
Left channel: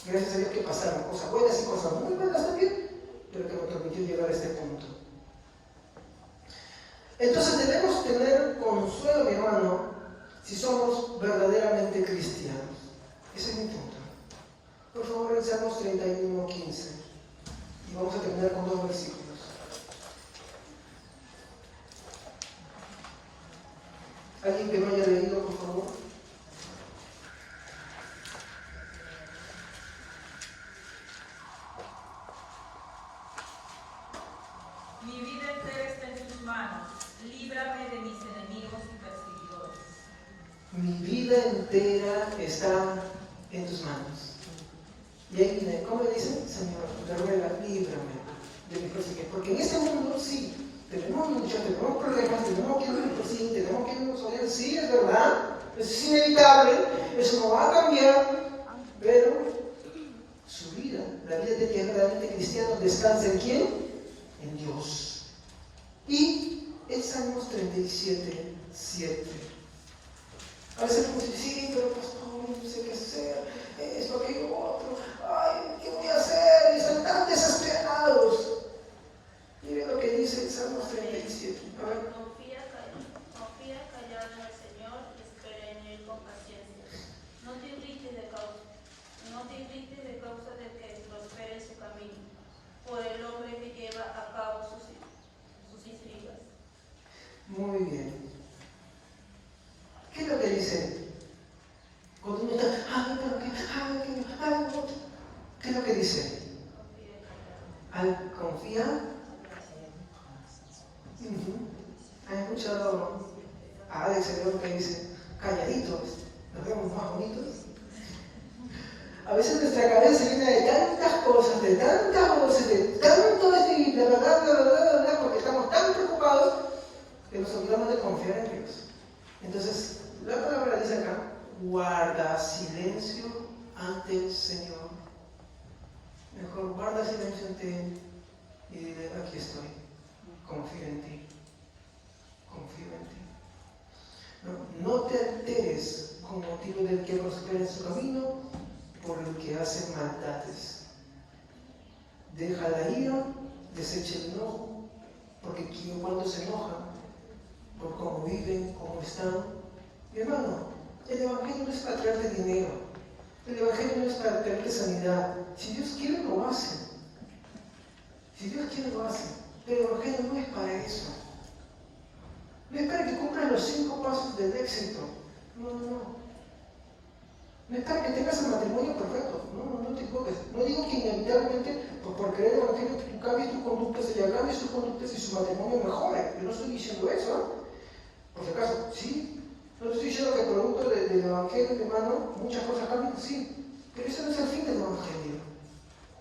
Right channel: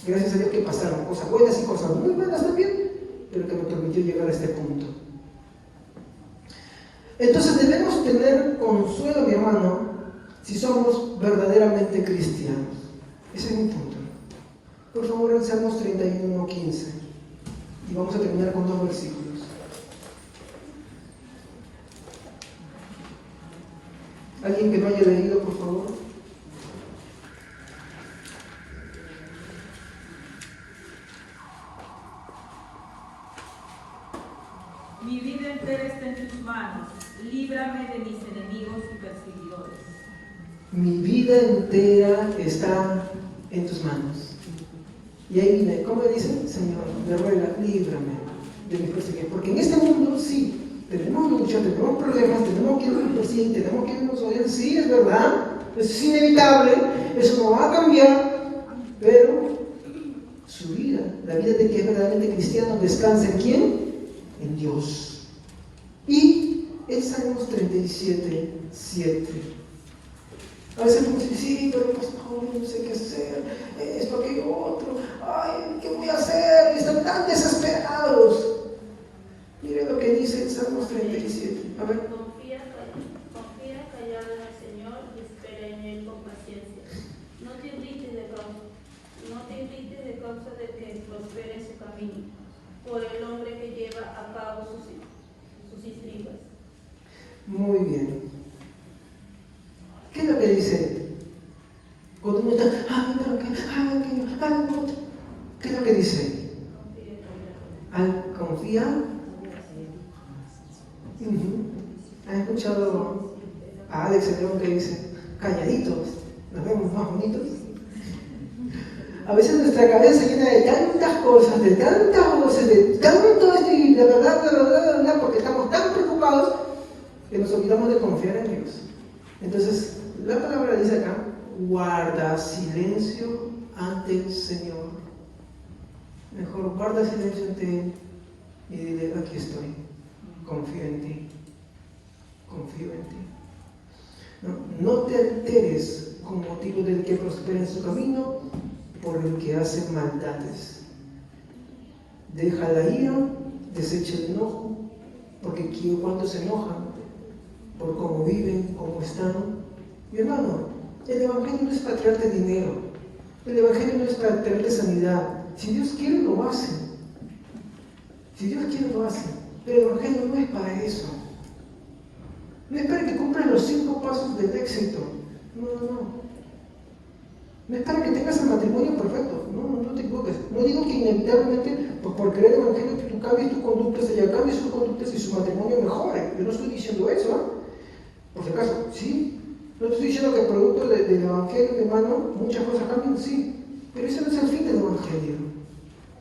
Gracias a Dios que pasaron cosas buenas y cosas muy buenas también, pero que me permitió llegar a este punto. Entonces debemos tener consuelo, mi hermano, si somos verdaderamente cristianos. Ese es mi punto. Por favor, en Salmos 31:15. Y vamos a terminar con 2 versículos. ¿Alguien que lo haya leído, por favor? Mi vida entera está en tus manos. Líbrame de mis enemigos y perseguidores. Mi vida entera está en tus manos. Y ahí viene, ¿cómo le dicen? Señor, me ruega, líbrame de mis perseguidores. Porque en este mundo, sí, tenemos lucha, tenemos problemas, tenemos que nos persiguen, tenemos que nos odian, sí, es verdad, eso es inevitable, eso no va a cambiar, pero su vida, la vida de que es verdaderamente cristiano, descansa ¿en quién? En Dios. Y en Salmos 37:7. A veces uno dice, sí, pero pastor, no sé qué hacer, esto, aquello, otro, ay, ¿qué voy a hacer? Y están tan desesperados. Mire lo que dice el Salmos 37. A ver. Confía callado en el Señor y espera en Él con paciencia. No te irrites de causa de que prospere en su camino, por el hombre que lleva a cabo sus intrigas. Muy bien. ¿Qué es lo que dice? Cuando uno está, ¿qué es lo que dice? Al confiar. ¿Has escuchado a Alex el León que dice, calladitos, nos vemos más bonitos? A veces nuestra cabeza llena de tantas cosas, de tantas voces, de tanto esto y la verdad, porque estamos tan preocupados que nos olvidamos de confiar en Dios. Entonces, la palabra dice acá, guarda silencio ante el Señor. Mejor guarda silencio ante Él y dile, aquí estoy, confío en ti, confío en ti. No te alteres con motivo del que prospera en su camino por el que hace maldades. Deja la ira, desecha el enojo, porque cuando se enojan por cómo viven, cómo están. Mi hermano, el Evangelio no es para traerte dinero, el Evangelio no es para traerte sanidad. Si Dios quiere, lo hace. Si Dios quiere, lo hace. Pero el Evangelio no es para eso. No es para que cumplan los 5 pasos del éxito. No. No es para que tengas el matrimonio perfecto. No te equivoques. No digo que inevitablemente, por querer el Evangelio, que tú cambies tus conductas, ella cambie sus conductas y su matrimonio mejore. Yo no estoy diciendo eso, ¿no? Por si acaso, sí. No estoy diciendo que producto del Evangelio, hermano, muchas cosas cambian, sí. Pero ese no es el fin del Evangelio.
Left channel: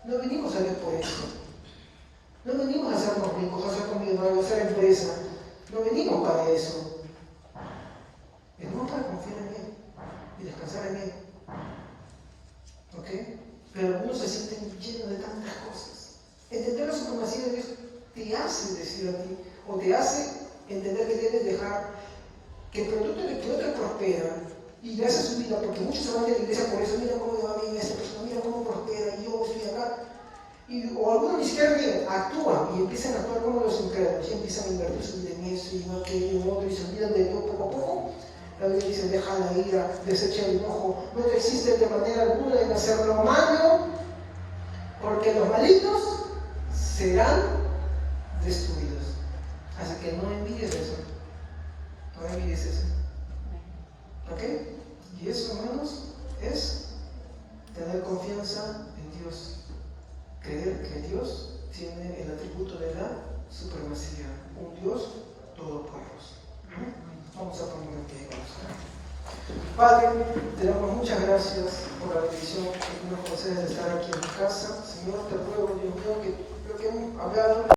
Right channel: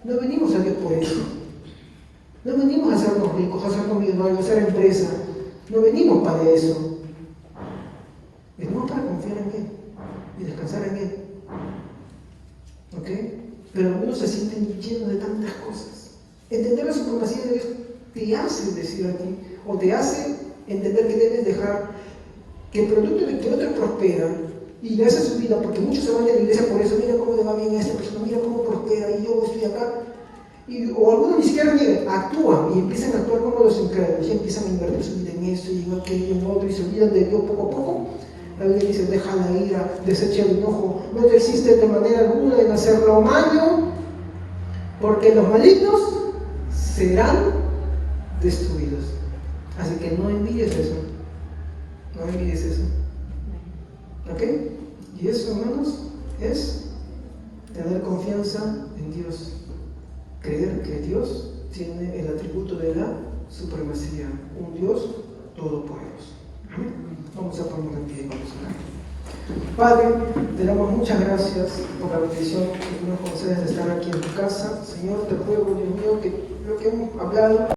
No venimos a Dios por eso. No venimos a hacernos ricos, a hacernos millonarios, a hacer empresa. No venimos para eso. Venimos para confiar en Él y descansar en Él. ¿Ok? Pero algunos se sienten llenos de tantas cosas. Entender la supremacía de Dios te hace decir a ti, o te hace entender que debes dejar que el producto de que otro prospera y le hace su vida, porque muchos se van de la iglesia por eso, mira cómo le va bien a esta persona, mira cómo prospera, y yo estoy acá. O algunos ni siquiera miren, actúan y empiezan a actuar como los incrédulos, y empiezan a invertir su vida en eso y en aquello, en otro, y se olvidan de Dios poco a poco. La Biblia dice, deja la ira, desecha el enojo, no existe de manera alguna en hacer lo malo, porque los malignos serán destruidos. Así que no envíes eso. No envíes eso. ¿Ok? Y eso, hermanos, es tener confianza en Dios. Creer que Dios tiene el atributo de la supremacía. Un Dios todopoderoso. Amén. Padre, te damos muchas gracias por la bendición que tú nos concedes de estar aquí en tu casa. Señor, te ruego, Dios mío, que lo que hemos hablado